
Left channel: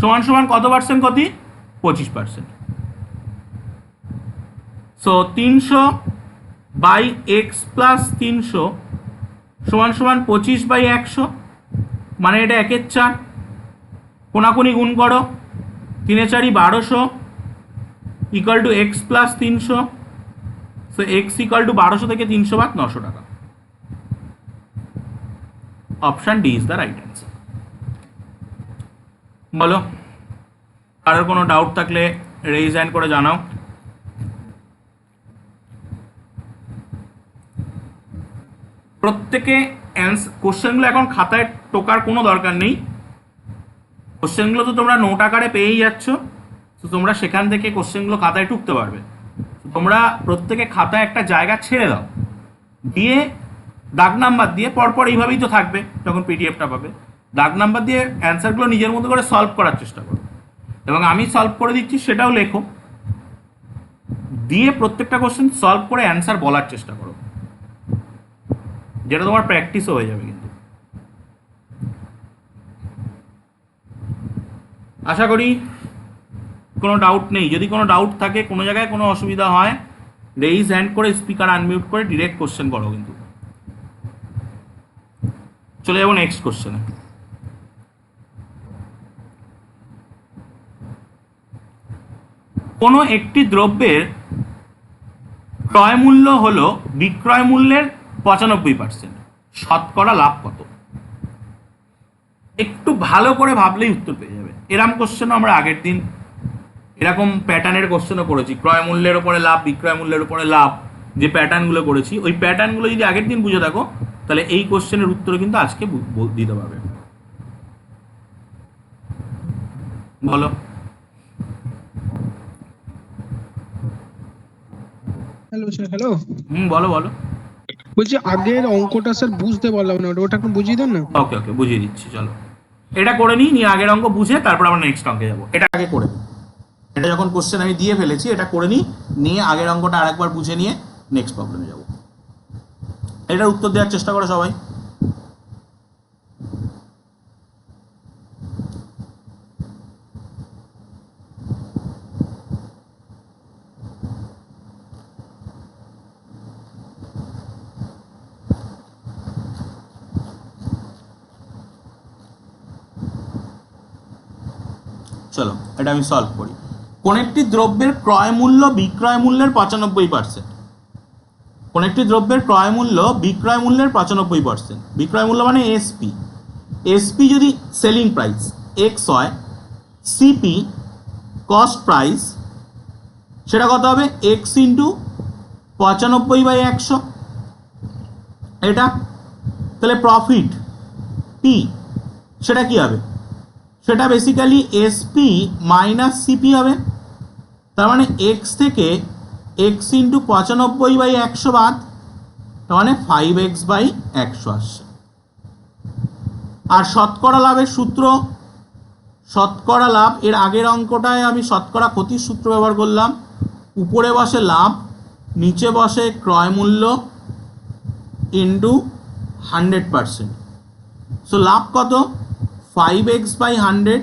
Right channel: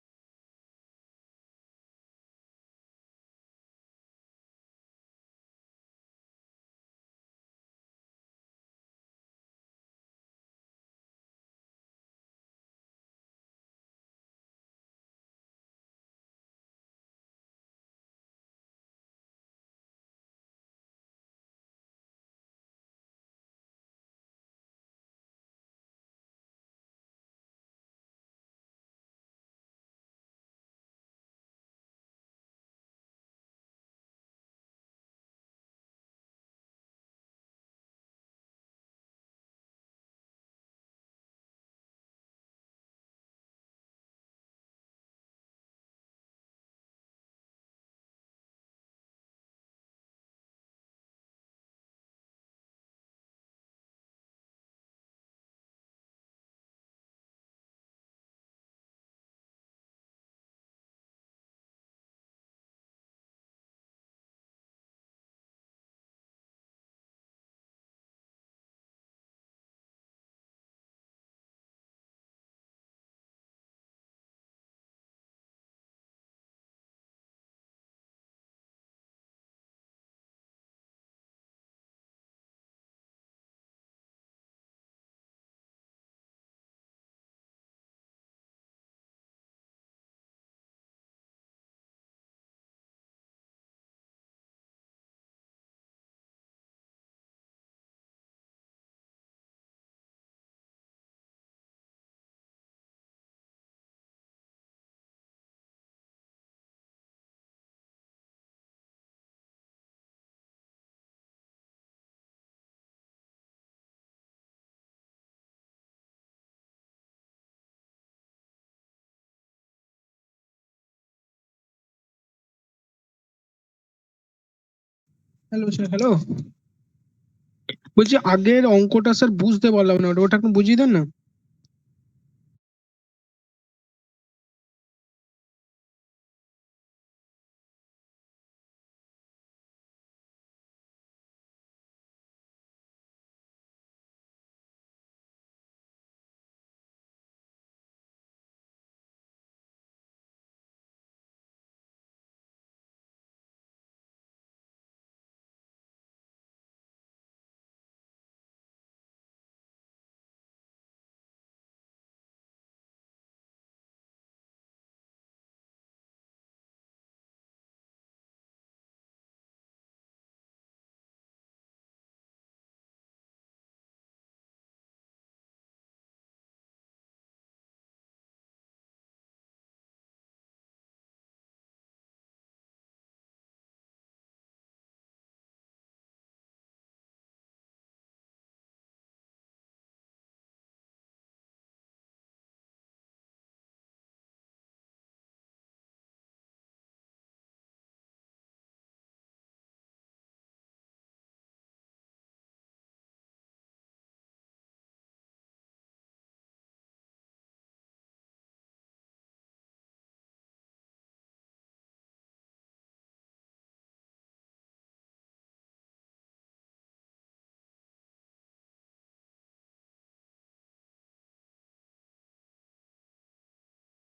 সমান সমান কত পার্সেন্ট ক্ষতি? 25%। সো 300 বাই এক্স প্লাস 300 সমান সমান 25/100, মানে এটা 1/4, কোনাকুনি গুণ করো, 3 × 4 = 1200 equal to x plus 300। So x equal to 1200 থেকে 300 বাদ 900 টাকা। Option D is the right answer. বলো, কারোর কোনো ডাউট থাকলে রেইজ হ্যান্ড করে জানাও। প্রত্যেকে কোশ্চেনগুলো এখন খাতায় টোকার কোনো দরকার নেই, কোশ্চেনগুলো তো তোমরা নোট আকারে পেয়েই যাচ্ছ, তো তোমরা সেখান থেকে কোশ্চেনগুলো খাতায় টুকতে পারবে। তোমরা প্রত্যেকে খাতায় একটা জায়গা ছেড়ে দাও, দিয়ে দাগ নাম্বার দিয়ে পরপর এইভাবেই তো থাকবে, যখন পিডিএফটা পাবে দাগ নাম্বার দিয়ে অ্যান্সারগুলো নিজের মতো করে সলভ করার চেষ্টা করো, এবং আমি সলভ করে দিচ্ছি সেটাও লেখো, দিয়ে প্রত্যেকটা কোশ্চেন সলভ করে অ্যান্সার বলার চেষ্টা করো, যেটা তোমার প্র্যাকটিসও হয়ে যাবে। কিন্তু আশা করি কোনো ডাউট নেই। যদি কোনো ডাউট থাকে, কোনো জায়গায় কোনো অসুবিধা হয়, রেইজ হ্যান্ড করে স্পিকার আনমিউট করে ডিরেক্ট কোশ্চেন করো। কিন্তু চলে যাবো নেক্সট কোশ্চেনে। কোনো একটি দ্রব্যের ক্রয় মূল্য হলো বিক্রয় মূল্যের 95%, শতকরা লাভ কত? একটু ভালো করে ভাবলেই উত্তর পেয়ে যাবে। এরকম কোশ্চেনও আমরা আগের দিন এরকম প্যাটার্নের কোশ্চেনও করেছি, ক্রয় মূল্যের উপরে লাভ, বিক্রয় মূল্যের উপরে লাভ, যে প্যাটার্নগুলো করেছি, ওই প্যাটার্নগুলো যদি আগের দিন বুঝে থাকো, তাহলে এই কোশ্চেনের উত্তর কিন্তু আজকে দিতে পারবে। বলো। Hello sir, hello. বলো বলো। বলছি আগের অঙ্কটা স্যার বুঝতে পারলাম না, ওটা একটু বুঝিয়ে দেন না। ওকে ওকে, বুঝিয়ে দিচ্ছি। চলো এটা করে নিই, নিয়ে আগের অঙ্ক বুঝে তারপর আমরা নেক্সট অঙ্কে যাবো। এটা আগে করে নিই, এটা যখন কোশ্চেন আমি দিয়ে ফেলেছি, এটা করে নিই, নিয়ে আগের অঙ্কটা আরেকবার বুঝে নিয়ে নেক্সট প্রবলেমে যাবো। এটার উত্তর দেওয়ার চেষ্টা করো সবাই। চলো এটা আমি সলভ করি। কোন একটি দ্রব্যের ক্রয় মূল্য বিক্রয় মূল্যের 95%, কোন একটি দ্রব্যের ক্রয় মূল্য বিক্রয় মূল্যের 95%, বিক্রয় মূল্য মানে এসপি, এসপি যদি সেলিং প্রাইস এক্স হয়, সিপি কস্ট প্রাইস, সেটা কত হবে? এক্স ইন্টু 95/100, এটা তাহলে প্রফিট পি সেটা কি হবে? সেটা বেসিক্যালি এসপি মাইনাস সিপি হবে। তার মানে এক্স থেকে এক্স ইন্টু 95/100 বাদ, তার মানে 5x/100 আসছে। আর শতকরা লাভের সূত্র, শতকরা লাভ, এর আগের অঙ্কটায় আমি শতকরা ক্ষতির সূত্র ব্যবহার করলাম। উপরে বসে লাভ, নিচে বসে ক্রয় মূল্য ইন্টু 100%। সো লাভ কত? 5x/100।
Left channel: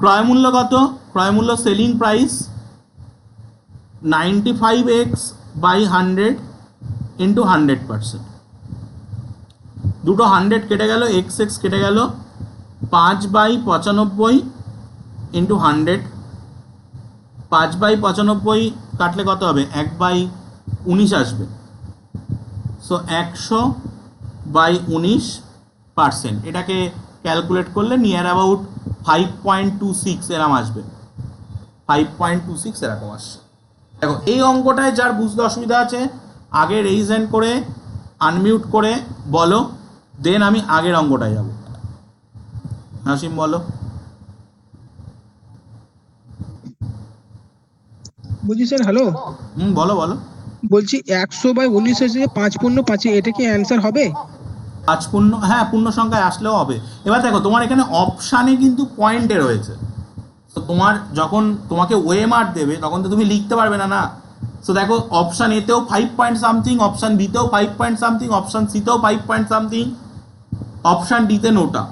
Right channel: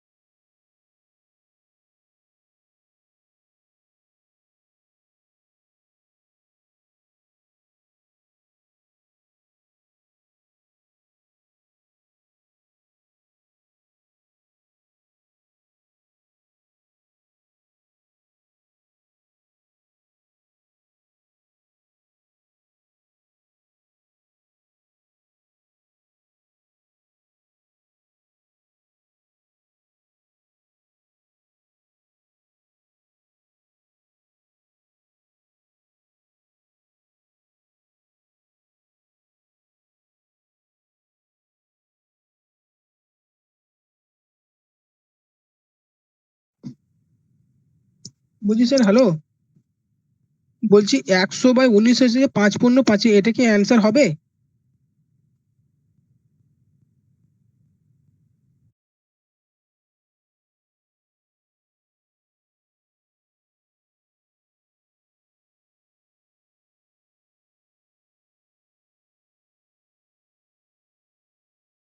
ক্রয় মূল্য কত? ক্রয় মূল্য সেলিং প্রাইস 95x/100 ইন্টু 100%। দুটো 100 কেটে গেল, এক্স কেটে গেল, 5/95 ইন্টু 100। 5/95 কাটলে কত হবে? 1/19 আসবে। সো 100/19%, এটাকে ক্যালকুলেট করলে নিয়ার অ্যাবাউট 5.26 এরকম আসবে, 5.26 এরকম আসছে। দেখো এই অঙ্কটায় যার বুঝতে অসুবিধা আছে আগে রেইজ হ্যান্ড করে আনমিউট করে বলো, দেন আমি আগের অঙ্কটায় যাব। নাসিম বলো। বলছি স্যার, হ্যালো। বলো বলো। বলছি 100/19 এসে 5×5, এটা কি অ্যান্সার হবে? 5 পূর্ণ, হ্যাঁ পূর্ণ সংখ্যায় আসলেও হবে। এবার দেখো তোমার এখানে অপশানে কিন্তু পয়েন্টে রয়েছে, তো তোমার যখন তোমাকে ওএমআর দেবে তখন তো তুমি লিখতে পারবে না, না। সো দেখো অপশান এতেও 5 পয়েন্ট সামথিং, অপশান বিতেও 5 পয়েন্ট সামথিং, অপশান সিতেও 5 পয়েন্ট সামথিং, অপশান ডিতে নোটা।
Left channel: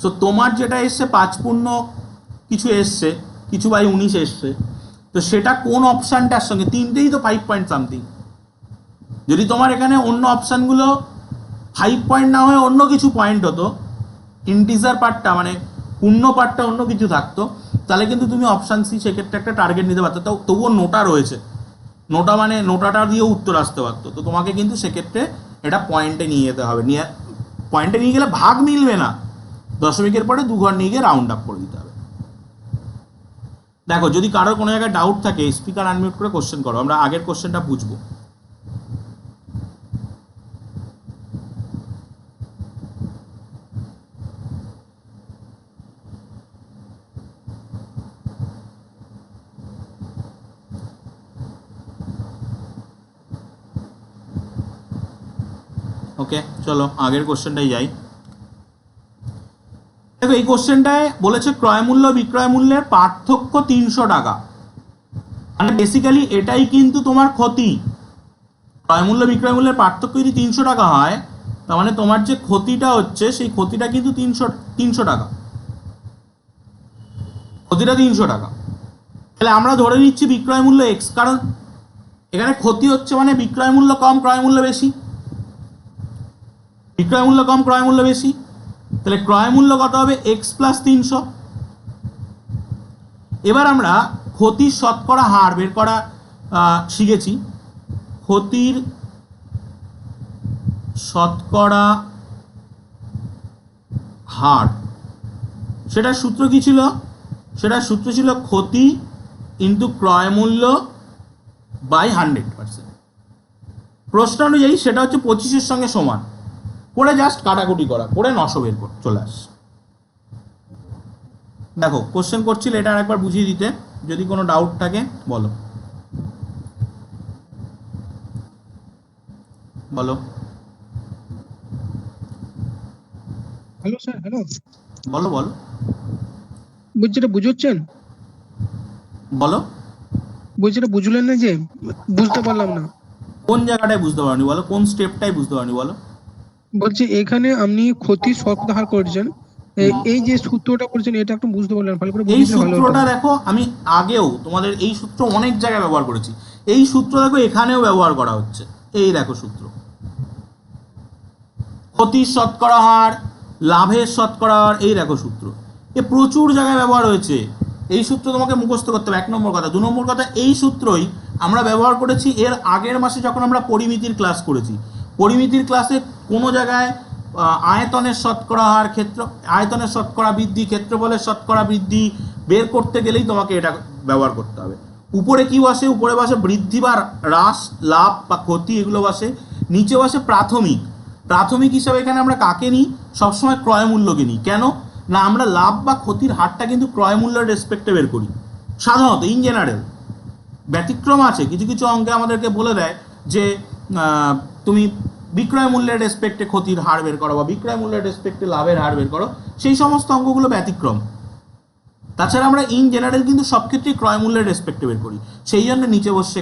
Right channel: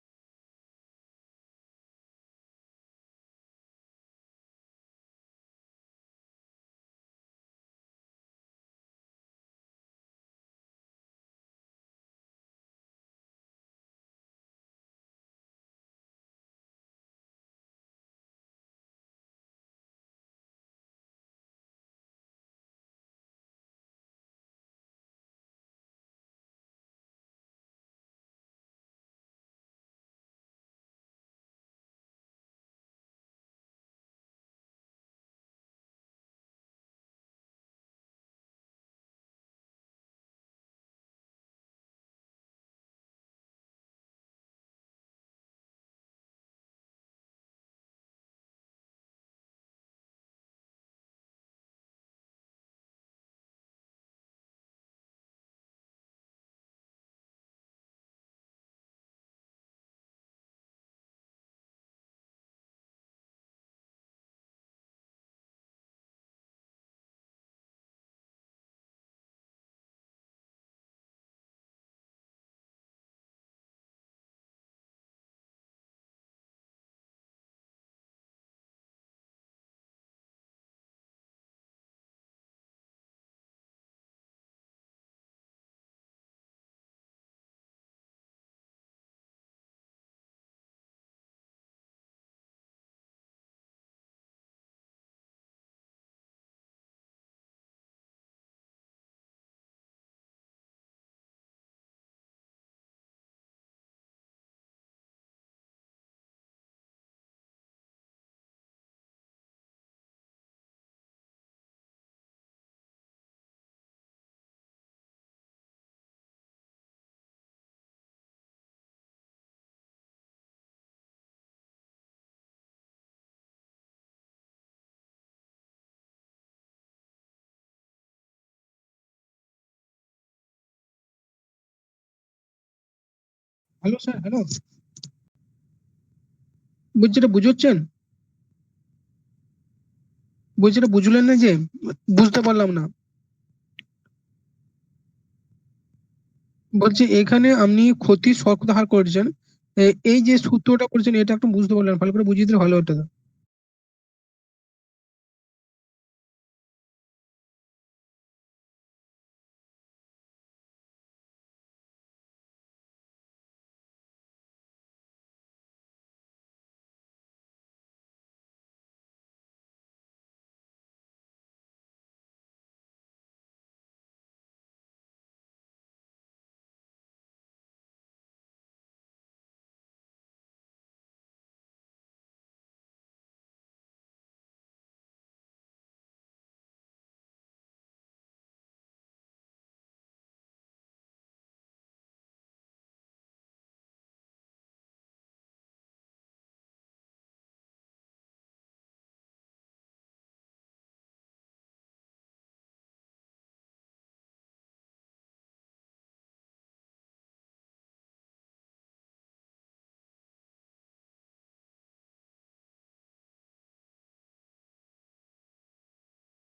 সো তোমার যেটা এসছে 5 পূর্ণ কিছু এসছে, কিছু বাই 19 এসছে, তো সেটা কোন অপশানটার সঙ্গে, তিনটেই তো 5 পয়েন্ট সামথিং। যদি তোমার এখানে অন্য অপশানগুলো 5 পয়েন্ট না হয়ে অন্য কিছু পয়েন্ট হতো, ইন্টিজার পার্টটা মানে পূর্ণ পার্টটা অন্য কিছু থাকতো, তাহলে কিন্তু তুমি অপশান সি সেক্ষেত্রে একটা টার্গেট নিতে পারতো। তো তবুও নোটা রয়েছে, নোটা মানে নোটাটা দিয়েও উত্তর আসতে পারতো। তো তোমাকে কিন্তু সেক্ষেত্রে এটা পয়েন্টে নিয়ে যেতে হবে, নিয়ে পয়েন্টে নিয়ে গেলে ভাগ মিলবে না, দশমিকের পরে 2 ঘর নিয়ে গিয়ে রাউন্ড আপ করে দিতে হবে। দেখো যদি কারোর কোনো জায়গায় ডাউট থাকে স্পিকার আনমিউট করে কোশ্চেন করো, আমরা আগের কোশ্চেনটা বুঝবো। ওকে, চলো আগের কোশ্চেনটাই যাই। দেখো এই কোশ্চেনটায় বলেছে ক্রয় মূল্য বিক্রয় মূল্যের পার্থক্য 300 টাকা, মানে বেসিক্যালি এটাই কিন্তু তোমার ক্ষতি। ক্রয় মূল্য বিক্রয় মূল্যের পার্থক্য যদি 300 টাকা হয়, তার মানে তোমার যে ক্ষতিটা হচ্ছে সেই ক্ষতিটা কিন্তু 300 টাকা, ক্ষতিটা 300 টাকা। তাহলে আমরা ধরে নিচ্ছি বিক্রয় মূল্য এক্স, কারণ এখানে ক্ষতি হচ্ছে মানে বিক্রয় মূল্য কম ক্রয় মূল্য বেশি, বিক্রয় মূল্য কম ক্রয় মূল্য বেশি, তাহলে ক্রয় মূল্য কত হবে এক্স প্লাস 300। এবার আমরা ক্ষতির শতকরা হার বের করা শিখেছি। ক্ষতির শতকরা হার, সেটার সূত্র কি ছিল? সেটার সূত্র ছিল ক্ষতি ইন্টু ক্রয় মূল্য বাই 100%। প্রশ্ন অনুযায়ী সেটা হচ্ছে 25-এর সঙ্গে সমান, করে জাস্ট কাটাকুটি করা, করে 900 বের করে চলে আস। দেখো কোশ্চেন করছিল, এটা আরেকবার বুঝিয়ে দিতে, যদি কোনো ডাউট থাকে বলো বলো হ্যালো স্যার, হ্যালো, বলো বলো বলছি এটা বুঝছেন? বলো বলছি এটা বুঝলেন না যে, বুঝতে পারলাম না। কোন জায়গাটায় বুঝতে পারোনি বলো, কোন স্টেপটাই বুঝতে পারোনি বলো। বলছি এখানে আপনি ক্ষতির শতকরা হার করেছেন, এই যে সূত্রটা করেছেন এটা একটু বুঝতে পারলাম, ভালো করে এই বুঝিয়ে দিলে ভালো হতো। সূত্রটা দেখো, আমি আগেও তোমাদের এই সূত্র অনেক জায়গায় ব্যবহার করেছি, এই সূত্র দেখো এখানেও ব্যবহার করা হচ্ছে। এই দেখো সূত্র, ক্ষতির শতকরা হার, লাভের শতকরা হার, এই দেখো সূত্র, এ প্রচুর জায়গায় ব্যবহার হয়েছে। এই সূত্র তোমাকে মুখস্থ করতে হবে, 1 নম্বর কথা। 2 নম্বর কথা, এই সূত্রই আমরা ব্যবহার করেছি এর আগের মাসে যখন আমরা পরিমিতির ক্লাস করেছি। পরিমিতির ক্লাসে কোনো জায়গায় আয়তনের শতকরা হার, আয়তনের শতকরা বৃদ্ধি, ক্ষেত্রফলের শতকরা বৃদ্ধি বের করতে গেলেই তোমাকে এটা ব্যবহার করতে হবে। উপরে কি বসে? উপরে বসে বৃদ্ধি বা হ্রাস, লাভ বা ক্ষতি, এগুলো বসে। নিচে বসে প্রাথমিক। প্রাথমিক হিসাবে এখানে আমরা কাকে নিই? সবসময় ক্রয় মূল্যকে নিই। কেন না, আমরা লাভ বা ক্ষতির হারটা কিন্তু ক্রয় মূল্যের রেসপেক্টে বের করি সাধারণত, ইন জেনারেল। ব্যতিক্রম আছে, কিছু কিছু অঙ্কে আমাদেরকে বলে দেয় যে তুমি বিক্রয় মূল্যের রেসপেক্টে ক্ষতির হার বের করো বা বিক্রয় মূল্যের রেসপেক্টে লাভের হার বের করো, সেই সমস্ত অঙ্কগুলো ব্যতিক্রম। তাছাড়া আমরা ইন জেনারেল কিন্তু সব ক্ষেত্রেই ক্রয় মূল্যের রেসপেক্টে বের করি, সেই জন্য নিচে বসে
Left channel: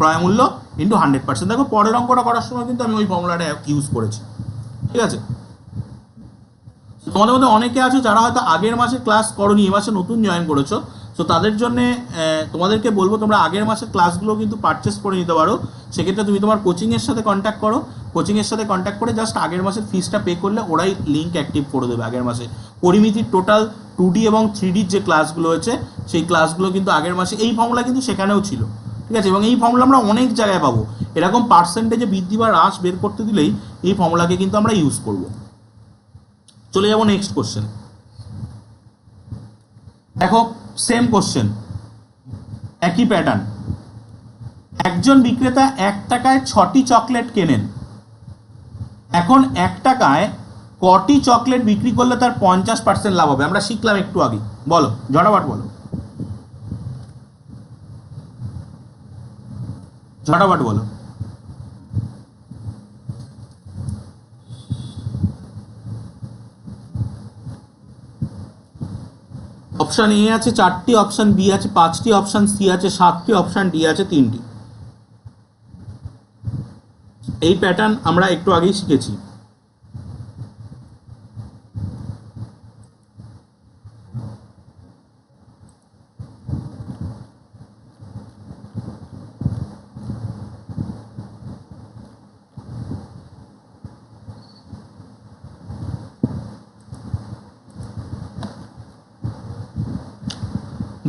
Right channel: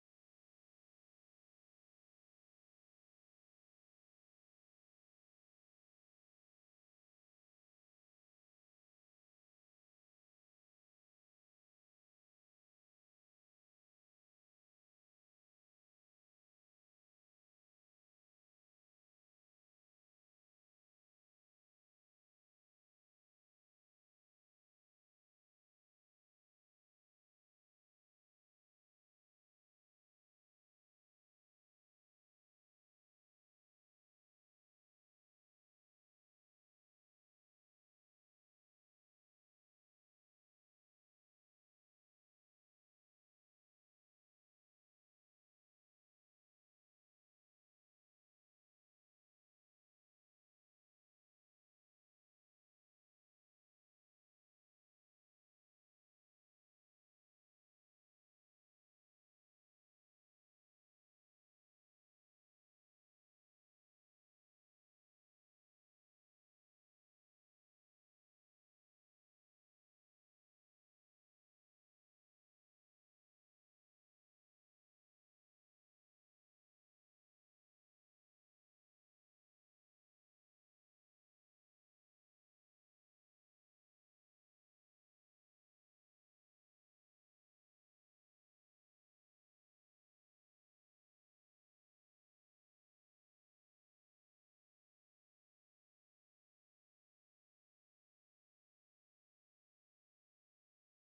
ক্রয় মূল্য ইন্টু 100%। দেখো পরের অঙ্কটা করার সময় কিন্তু আমি ওই ফর্মুলাটা ইউজ করেছি, ঠিক আছে? তোমাদের মধ্যে অনেকে আছো যারা হয়তো আগের মাসে ক্লাস করোনি, এ মাসে নতুন জয়েন করেছো, তো তাদের জন্য তোমাদেরকে বলবো তোমরা আগের মাসের ক্লাসগুলো কিন্তু পারচেস করে নিতে পারো। সেক্ষেত্রে তুমি তোমার কোচিংয়ের সাথে কন্ট্যাক্ট করো, কোচিংয়ের সাথে কন্ট্যাক্ট করে জাস্ট আগের মাসের ফিসটা পে করলে ওরাই লিঙ্ক অ্যাক্টিভ করে দেবে আগের মাসে। পরিমিতির টোটাল 2D এবং 3Dর যে ক্লাসগুলো হয়েছে সেই ক্লাসগুলো কিন্তু আগের মাসে, এই ফর্মুলা কিন্তু সেখানেও ছিল, ঠিক আছে? এবং এই ফর্মুলা আমরা অনেক জায়গায় পাবো, এরকম পার্সেন্টেজে বৃদ্ধি বা হ্রাস বের করতে দিলেই এই ফর্মুলাকে কিন্তু আমরা ইউজ করবো। চলে যাব নেক্সট কোশ্চেন। দেখো সেম কোশ্চেন, একই প্যাটার্ন। একজন বিক্রেতা 1 টাকায় 6টি চকলেট কেনেন। এখন 1 টাকায় কটি চকলেট বিক্রি করলে তার 50% লাভ হবে? আমরা শিখলাম একটু আগে, বলো ঝটাফট বলো, ঝটাফট বলো। অপশন এ আছে 4টি, অপশন বি আছে 5টি, অপশন সি আছে 7টি, অপশন ডি আছে 3টি। এই প্যাটার্ন আমরা একটু আগেই শিখেছি।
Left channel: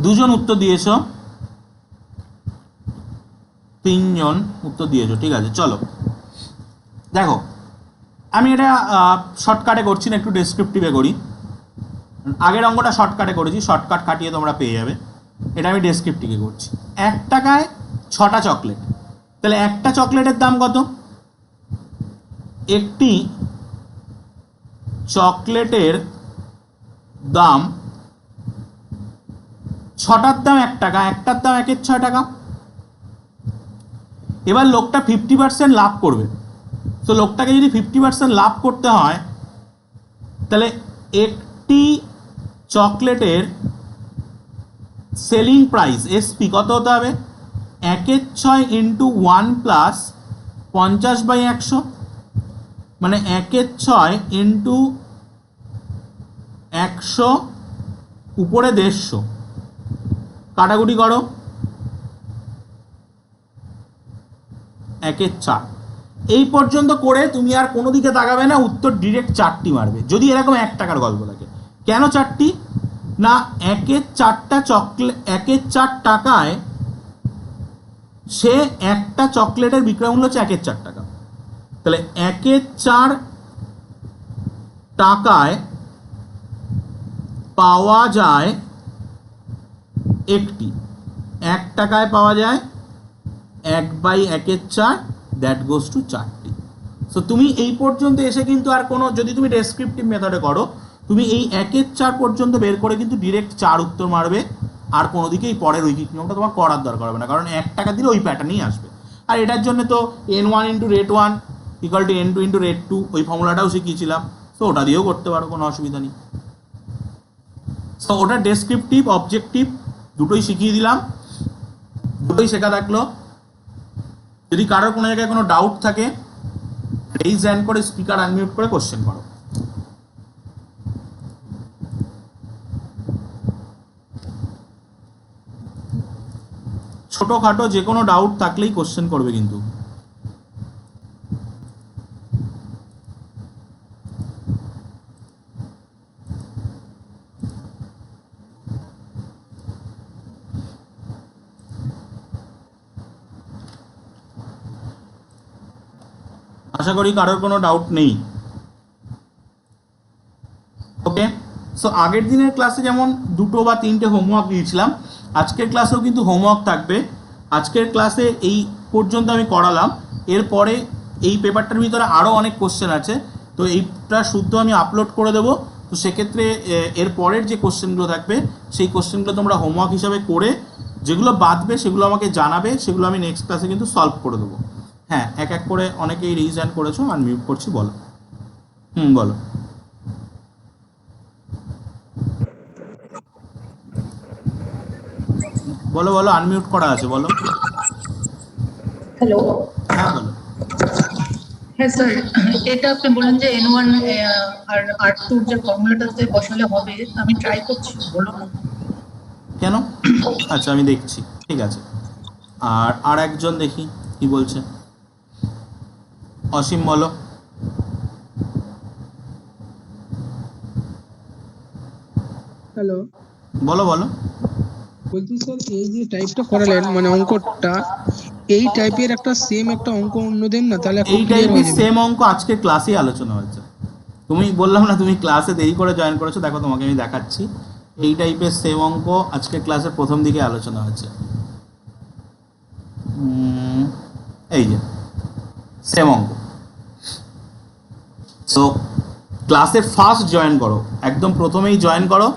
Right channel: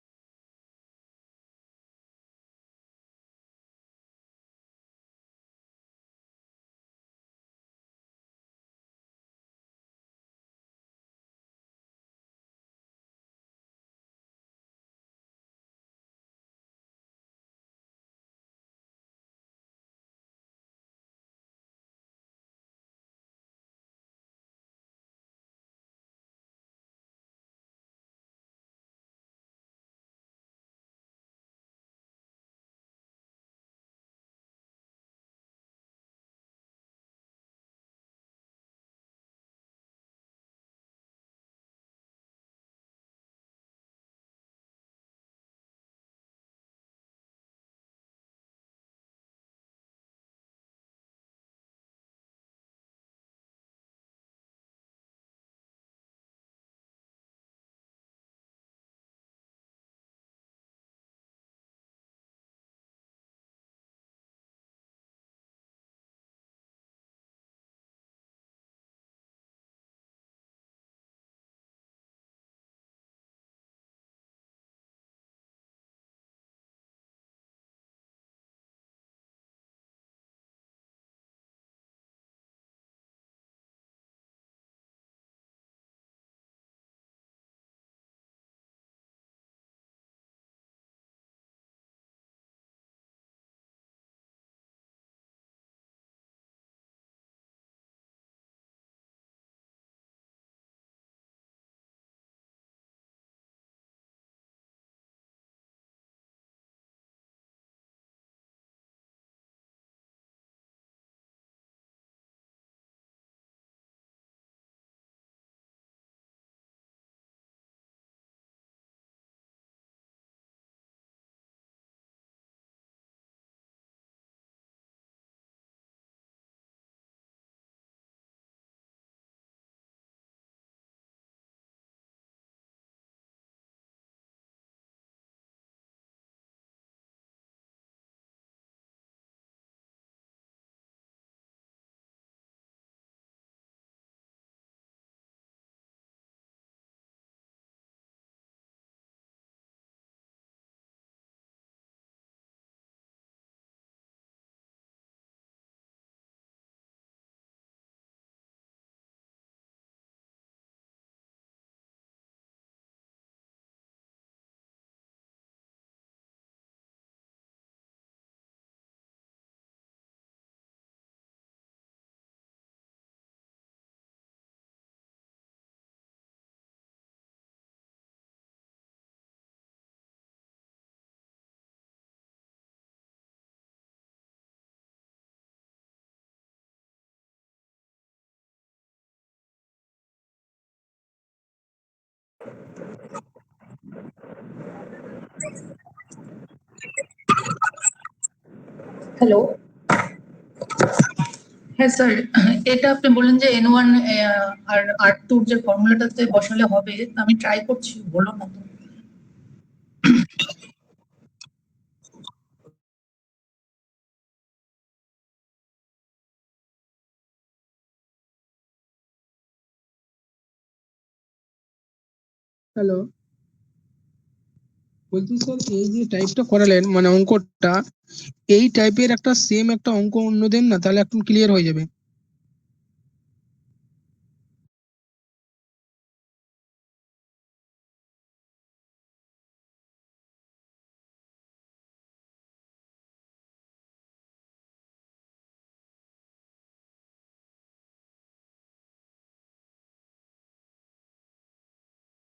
দুজন উত্তর দিয়েছ, 3জন উত্তর দিয়েছো, ঠিক আছে। চলো দেখো, আমি এটা শর্টকাটে করছি না, একটু ডেসক্রিপটিভে করি। আগের অঙ্কটা শর্টকাটে করেছি, শর্টকাট কাটিয়ে তোমরা পেয়ে যাবে। এটা আমি ডেসক্রিপটিভে করছি। 1 টাকায় 6টা চকলেট, তাহলে একটা চকলেটের দাম কত? একটি চকলেটের দাম, 6টার দাম 1 টাকা, একটার দাম 1 এর 6 টাকা। এবার লোকটা 50% লাভ করবে। তো লোকটাকে যদি 50% লাভ করতে হয়, তাহলে একটি চকলেটের সেলিং প্রাইস এসপি কত হতে হবে? 1 এর 6 ইন্টু 1 প্লাস 50/100, মানে 1 এর 6 ইন্টু 100 উপরে 150, কাটাকুটি করো, 1 এর 4। এই পর্যন্ত করে তুমি আর কোনো দিকে তাকাবে না, উত্তর ডিরেক্ট 4টি মারবে, যদি এরকম 1 টাকার গল্প থাকে। কেন 4টি? না, 1 এর 4টা চকলেট, 1 এর 4 টাকায় সে একটা চকলেটের বিক্রয় মূল্য হচ্ছে 1 এর 4 টাকা। তাহলে 1 এর 4 টাকায় পাওয়া যায় একটি, 1 টাকায় পাওয়া যায় 1/1 এর 4, দ্যাট গোজ টু 4টি। সো তুমি এই পর্যন্ত এসে কিন্তু আর কোনো, যদি তুমি ডেসক্রিপটিভ মেথডে করো, তুমি এই 1 এর 4 পর্যন্ত বের করে কিন্তু ডিরেক্ট 4 উত্তর মারবে। আর কোনো দিকে এই পরের ঐকিক নিয়মটা তোমার করার দরকার হবে না, কারণ 1 টাকা দিলে ওই প্যাটার্নই আসবে। আর এটার জন্য তো n1 into rate 1 equal to n2 into rate 2, ওই ফর্মুলাটাও শিখিয়েছিলাম। সো ওটা দিয়েও করতে পারো, কোনো অসুবিধা নেই। সো ওটা ডেসক্রিপটিভ, অবজেক্টিভ দুটোই শিখিয়ে দিলাম, দুটোই শেখা থাকলো। যদি কারোর কোনো জায়গায় কোনো ডাউট থাকে, রেইজ হ্যান্ড করে, স্পিকার আনমিউট করে কোশ্চেন করো। ছোটখাটো যে কোনো ডাউট থাকলেই কোশ্চেন করবে কিন্তু। আশা করি কারোর কোনো ডাউট নেই। ওকে, সো আগের দিনের ক্লাসে যেমন 2টো বা 3টে হোমওয়ার্ক দিয়েছিলাম, আজকের ক্লাসেও কিন্তু হোমওয়ার্ক থাকবে। আজকের ক্লাসে এই পর্যন্ত আমি করালাম, এরপরে এই পেপারটার ভিতরে আরও অনেক কোশ্চেন আছে, তো এইটা শুদ্ধ আমি আপলোড করে দেবো। তো সেক্ষেত্রে এর পরের যে কোশ্চেনগুলো থাকবে, সেই কোশ্চেনগুলো তোমরা হোমওয়ার্ক হিসাবে করে, যেগুলো বাদবে সেগুলো আমাকে জানাবে, সেগুলো আমি নেক্সট ক্লাসে কিন্তু সলভ করে দেবো। হ্যাঁ, এক এক করে অনেকেই রেইজ হ্যান্ড করেছো, আনমিউট করছি, বলো। বলো। বলো বলো, আনমিউট করা আছে, বলো। হ্যালো। হ্যাঁ বলো। হ্যাঁ স্যার, এটা আপনি বললেন যে n1 আর r2 যে ফর্মুলাটাতে বসালে হবে, আমি ট্রাই করছি, বলো না কেন? আচ্ছা আমি দেখছি, ঠিক আছে। আর একজন দেখি কি বলছে। অসীম বলো। হ্যালো, বলো বলো। বলছি স্যার, এই যে টাইপটা করালেন মানে অঙ্কটা, এই টাইপের একটা সেম একটা অঙ্ক অন্য দিন না, তাহলে একটু এই ক্লিয়ার হয়ে টাইপের যাবে। সেম অঙ্ক আজকে ক্লাসেই আলোচনা হয়েছে। তুমি বললাম না তুমি ক্লাসে দেরি করে জয়েন করেছো, দেখো তোমাকে আমি দেখাচ্ছি। এই টাইপের সেম অঙ্ক আজকে ক্লাসের প্রথম দিকে আলোচনা হয়েছে। এই যে সেম অঙ্ক। সো ক্লাসের ফার্স্ট জয়েন করো, একদম প্রথমেই জয়েন করো,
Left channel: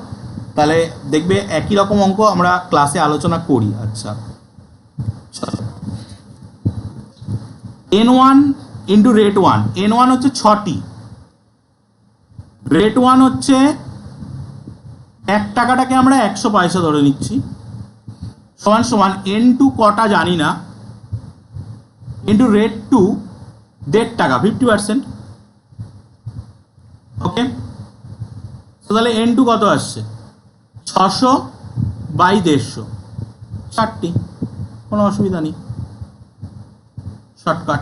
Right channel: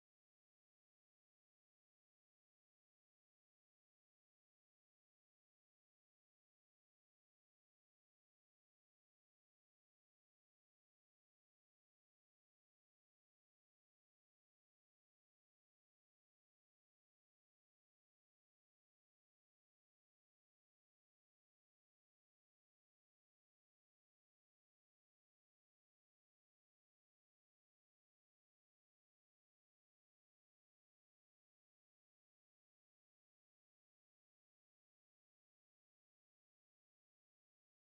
তাহলে দেখবে একই রকম অঙ্ক আমরা ক্লাসে আলোচনা করি। আচ্ছা, n1 ইন্টু রেট 1, n1 হচ্ছে 6টি, রেট 1 হচ্ছে 1 টাকাটাকে আমরা 100 পয়সা ধরে নিচ্ছি, সমান সমান n2 কটা জানি না, ইন্টু রেট টু 1.5 টাকা 50%। ওকে, তো তাহলে n2 কত আসছে, 600 বাই 150, 60টি, কোনো অসুবিধা নেই, শর্টকাট।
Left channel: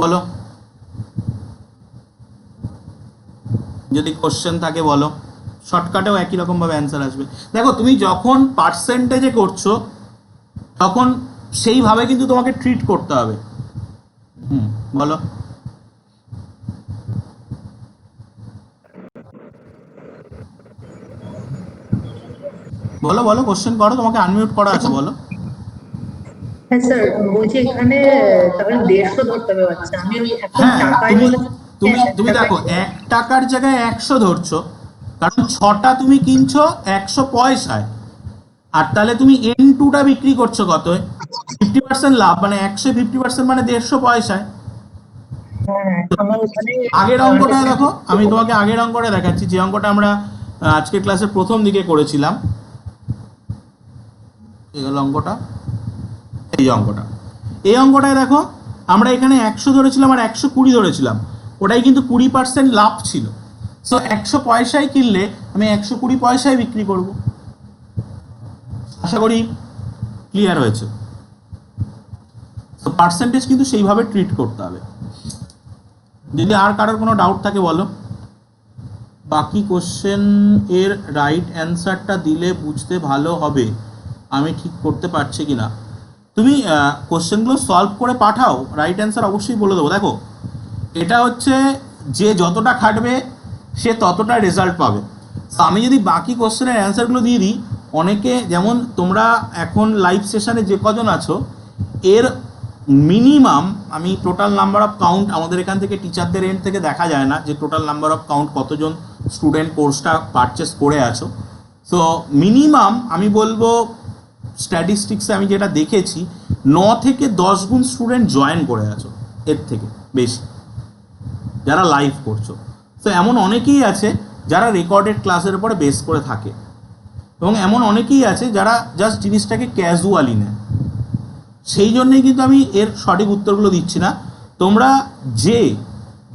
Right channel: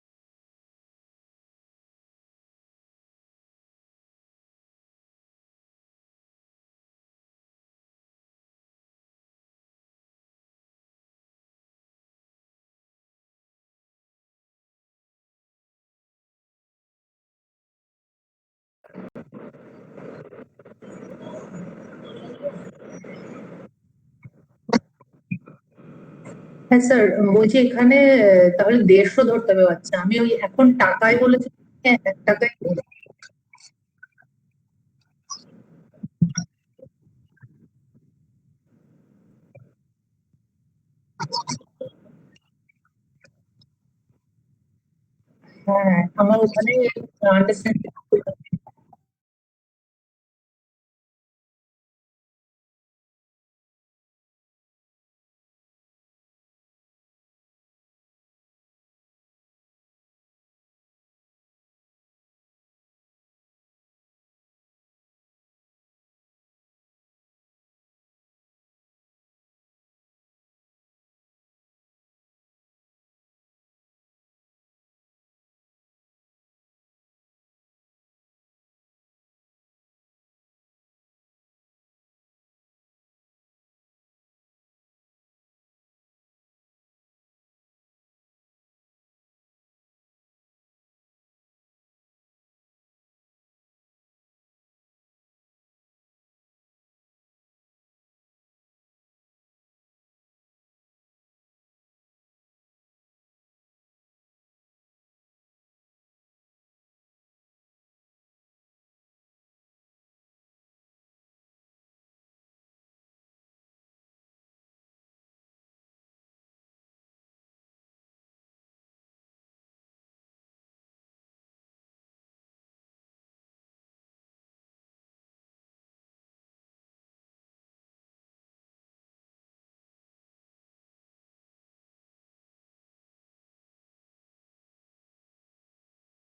বলো, যদি কোশ্চেন থাকে বলো, শর্টকাটেও একই রকম ভাবে অ্যান্সার আসবে। দেখো তুমি যখন পার্সেন্টেজে করছো তখন সেইভাবে কিন্তু তোমাকে ট্রিট করতে হবে। বলো, বলো বলো কোশ্চেন করো, তোমাকে আনমিউট করা আছে, বলো। হ্যাঁ স্যার, বলছি এখানে তাহলে 150 ধরতে হবে। আচ্ছা, আমি ওই এখন হ্যাঁ, টাকায় বলেছি। তুমি হ্যাঁ, তুমি টাকায়। দেখো 1 টাকার জায়গায় 100 ধরছো, কারণ 6টা তুমি কিনছো 100 পয়সায়, আর তাহলে তুমি n2টা বিক্রি করছো কত, 50% লাভ, মানে 150% মানে 150 পয়সায়। হ্যাঁ, আমার ওখানে আগের অঙ্কটা দেখো, আমি তোমাকে আগের অঙ্কটা দেখাচ্ছি, যে অঙ্কটা আমরা আজকের ক্লাসের প্রথম দিকে করেছিলাম। এই হলো অঙ্কটা, এই অঙ্কটা, এই অঙ্কটায় দেখো আমরা এখানে 100 ধরেছিলাম আর 120 ধরেছিলাম, ওটাই কিন্তু 20% লাভ ছিল। সো 100 পয়সায় কিনলে আমি 120 পয়সায় বিক্রি করব। আশা করি ক্লিয়ার হয়েছে। তো পার্সেন্টেজ কিন্তু সেইভাবে ট্রিট করতে হবে। যদি আর কারোর কোনো ডাউট থাকে বলো। বাকি কোশ্চেন এর রাইট অ্যান্সারটা দিলে বুঝতে ভালো হবে, আমি ঠিক করতে পারছি কিনা। তুমি কোশ্চেনগুলো সলভ করে পাঠাও, রাইট অ্যান্সার অবশ্যই বলে দেবো। দেখো এটা হচ্ছে যে যতটা খাটবে সে ততটা রেজাল্ট পাবে। তো আমি যদি বাকি কোশ্চেনের অ্যান্সারগুলো দিয়ে দিই, অনেকে, যেমন তোমরা এখন লাইভ সেশনে যে কজন আছো, এর মিনিমাম, আমি টোটাল নাম্বার অফ কাউন্ট আমাদের এখান থেকে টিচারদের এন্ড থেকে দেখা যায় না যে টোটাল নাম্বার অফ কাউন্ট কতজন স্টুডেন্ট কোর্সটা পারচেস করে আছো। সো মিনিমাম আমি বলবো স্ট্যাটিস্টিক্সে আমি যেটা দেখেছি, 9 থেকে 10 গুণ স্টুডেন্ট জয়েন করে আছো, এর থেকে বেশি যারা লাইভ করছো। তো এমন অনেকেই আছে যারা রেকর্ডেড ক্লাসের উপরে বেস করে থাকে, এবং এমন অনেকেই আছে যারা জাস্ট জিনিসটাকে ক্যাজুয়ালি নেয়। সেই জন্যই কিন্তু আমি এর সঠিক উত্তরগুলো দিচ্ছি না। তোমরা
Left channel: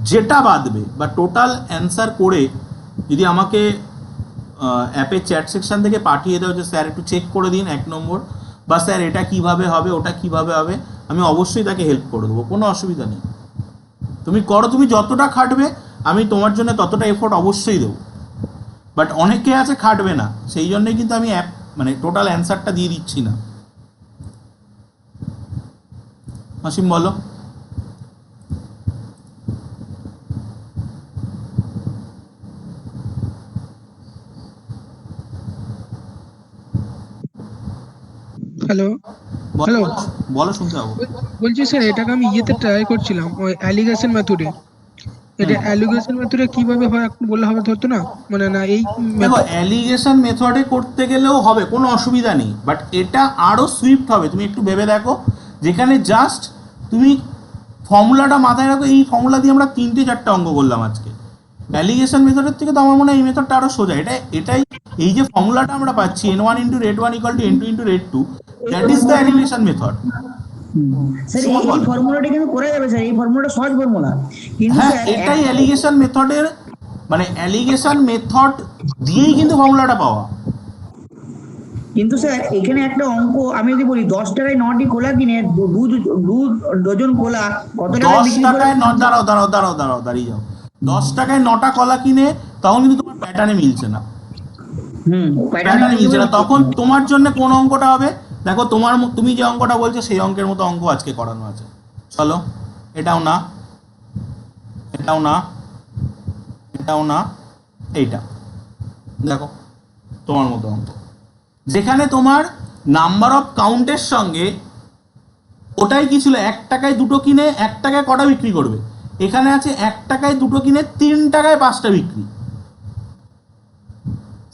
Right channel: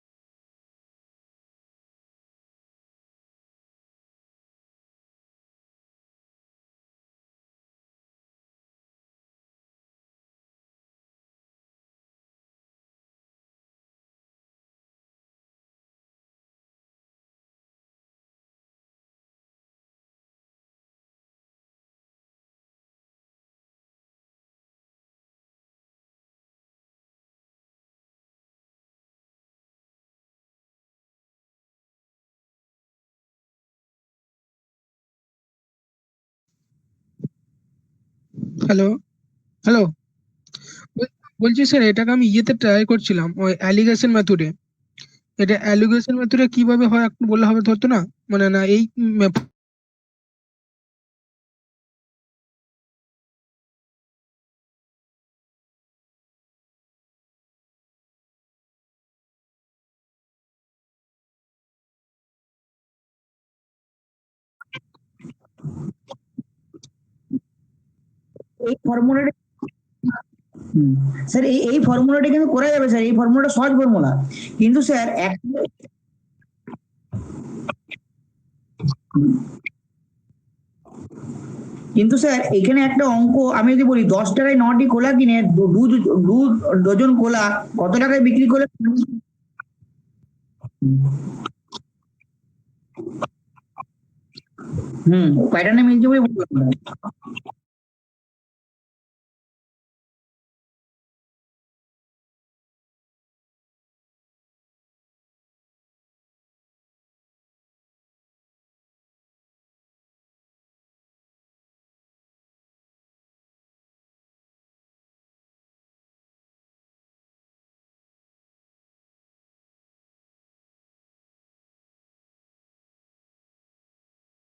যেটা বাদবে বা টোটাল অ্যান্সার করে যদি আমাকে অ্যাপের চ্যাট সেকশন থেকে পাঠিয়ে দাও যে স্যার একটু চেক করে দিন 1 নম্বর, বা স্যার এটা কিভাবে হবে, ওটা কিভাবে হবে, আমি অবশ্যই তাকে হেল্প করে দেবো, কোনো অসুবিধা নেই। তুমি করো, তুমি যতটা খাটবে আমি তোমার জন্য ততটা এফোর্ট অবশ্যই দেবো। বাট অনেকে আছে খাটবে না, সেই জন্যই কিন্তু আমি মানে টোটাল অ্যান্সারটা দিয়ে দিচ্ছি না। অসীম বলো। হ্যালো বলো, হ্যালো, বলো, শুনতে পাবো। বলছি স্যার এটাকে আমি ইয়েতে ট্রাই করছিলাম, ওই অ্যালিগেশন মেথডে। এটা অ্যালিগেশন মেথডে কিভাবে হয় একটু বললে হবে ধরতো না, মানে না এই দেখো অ্যালিগেশন মেথডে করতে গেলেও হবে, কোনো অসুবিধা নেই, বাট এটা আরও সুইফট হবে। তুমি একটু ভেবে দেখো, যেখানে জাস্ট তুমি ফর্মুলাটা মাথায় রাখো, এই ফর্মুলা দিয়ে আমরা 3-4টা অঙ্ক করলাম আজকে। অ্যালিগেশন মেথডের থেকে তো আমার মনে হয় এই মেথডটা আরও সোজা। এটাই এই যে ফর্মুলাটা আমরা পাচ্ছি, n1 into rate 1 equal to n2 into rate 2, that is the allegation method. Sir এই ফর্মুলাটা কিন্তু করা যাবে স্যার, এই ফর্মুলাটা সহজ ফর্মুলা, কিন্তু হ্যাঁ, স্যার এটাই অ্যালিগেশন মেথডের, মানে অ্যালিগেশন মেথড দিয়েই কিন্তু ফর্মুলাটা পাওয়া। কিন্তু স্যার এখানে একটা অঙ্ক আমি যদি বলি 10 টাকায় 9টি কোলা কিনে দু ডজন কোলা কত টাকায় 10 বিক্রি করে? টাকায় দাঁড়িয়ে যাও। 10 টাকায় 9টা কলা কিনে, তখন কিন্তু তোমার প্যাটার্নে মিলছে না, প্যাটার্নে মিলছে না। তখন তোমার জন্য কোন অঙ্কটা হবে, দেখো তুমি যে অঙ্কটা বলছো সেই অঙ্কের মতো অঙ্ক আজকে করানো আছে। চলো, এটাও না, এটাও না, এটাও না, এইটা দেখো তোমার মতো অঙ্ক, যেখানে তোমার নাম্বার অফ কাউন্টের সঙ্গে ওটাই কি ছিল, 1 টাকায় 2টো কিনে 1 টাকায় কটা বিক্রি করবে, এখানে আছে 1 টাকায় 2টো কিনে 3 টাকায় 5টা বিক্রি।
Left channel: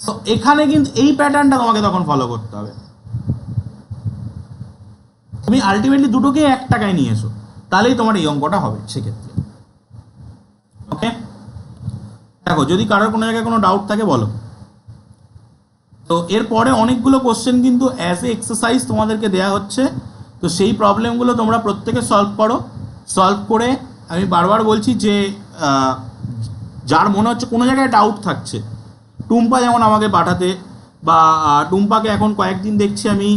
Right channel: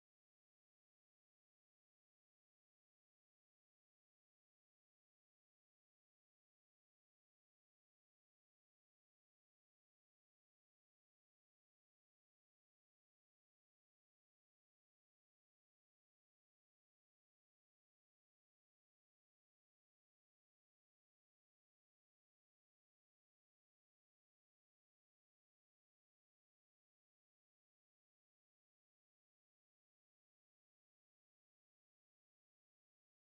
তো এখানে কিন্তু এই প্যাটার্নটা তোমাকে তখন ফলো করতে হবে। তুমি আলটিমেটলি 2টোকে 1 টাকায় নিয়ে এসো, তাহলেই তোমার এই অঙ্কটা হবে সেক্ষেত্রে। ওকে, দেখো যদি কারোর কোনো জায়গায় কোনো ডাউট থাকে বলো। তো এরপরে অনেকগুলো কোশ্চেন কিন্তু অ্যাজ এ এক্সারসাইজ তোমাদেরকে দেওয়া হচ্ছে, তো সেই প্রবলেমগুলো তোমরা প্রত্যেকে সলভ করো। সলভ করে আমি বারবার বলছি যে যার মনে হচ্ছে কোনো জায়গায় ডাউট থাকছে, টুম্পা যেমন আমাকে পাঠাতে, বা টুম্পাকে এখন কয়েকদিন দেখছি আমি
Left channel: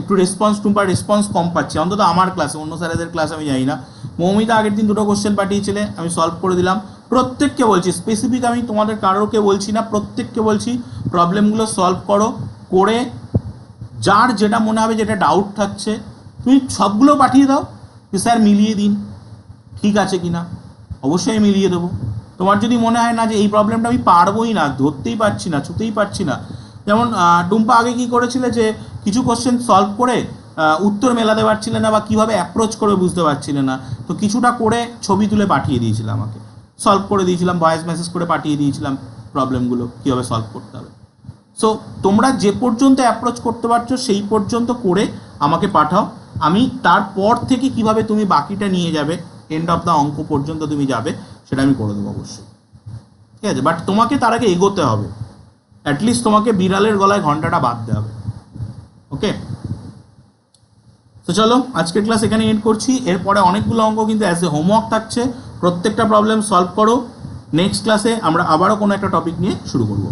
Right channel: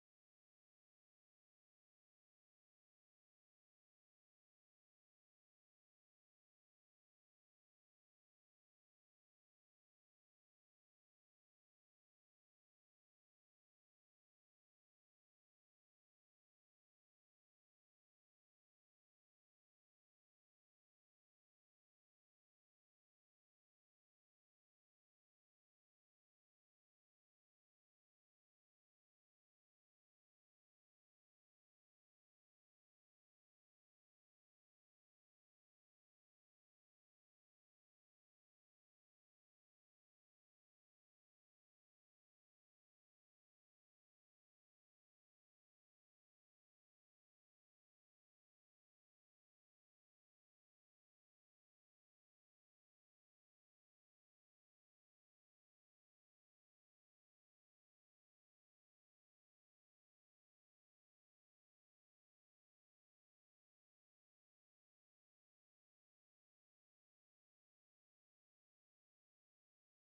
একটু টুম্পার রেসপন্স কম পাচ্ছি, অন্তত আমার ক্লাসে, অন্য স্যারেদের ক্লাসে আমি জানি না। মৌমিতা আগের দিন 2টো কোশ্চেন পাঠিয়েছিলে, আমি সলভ করে দিলাম। প্রত্যেককে বলছি, স্পেসিফিক আমি তোমাদের কারোরকে বলছি না, প্রত্যেককে বলছি প্রবলেমগুলো সলভ করো। করে যার যেটা মনে হবে যেটা ডাউট থাকছে তুমি সবগুলো পাঠিয়ে দাও যে স্যার মিলিয়ে দিন, ঠিক আছে কি না। অবশ্যই মিলিয়ে দেবো। তোমার যদি মনে হয় না যে এই প্রবলেমটা আমি পারবোই না, ধরতেই পারছি না, ছুতেই পারছি না, যেমন টুম্পা আগে কি করেছিলে যে কিছু কোশ্চেন সলভ করে উত্তর মেলাতে পারছিলে না বা কীভাবে অ্যাপ্রোচ করে বুঝতে পারছিলে না, তো কিছুটা করে ছবি তুলে পাঠিয়ে দিয়েছিল আমাকে, সলভ করে দিয়েছিলাম, ভয়েস মেসেজ করে পাঠিয়ে দিয়েছিলাম প্রবলেমগুলো কীভাবে সলভ করতে হবে। সো তোমরা যে পর্যন্ত অ্যাপ্রোচ করতে পারছো সেই পর্যন্ত করে আমাকে পাঠাও, আমি তারপর থেকে কিভাবে তুমি বাকিটা নিয়ে যাবে, এন্ড অফ দ্য অঙ্ক পর্যন্ত তুমি যাবে, সেটা আমি করে দেবো অবশ্যই, ঠিক আছে। বাট তোমাকে তার আগে এগোতে হবে, অ্যাটলিস্ট তোমাকে বিড়ালের গলায় ঘন্টাটা বাঁধতে হবে, ওকে। তো চলো আজকের ক্লাস এখানে এন্ড করছি। এরপরে অনেকগুলো অঙ্ক কিন্তু অ্যাজ এ হোমওয়ার্ক থাকছে, প্রত্যেকটা প্রবলেম সলভ করো। নেক্সট ক্লাসে আমরা আবারও কোনো একটা টপিক নিয়ে শুরু করবো।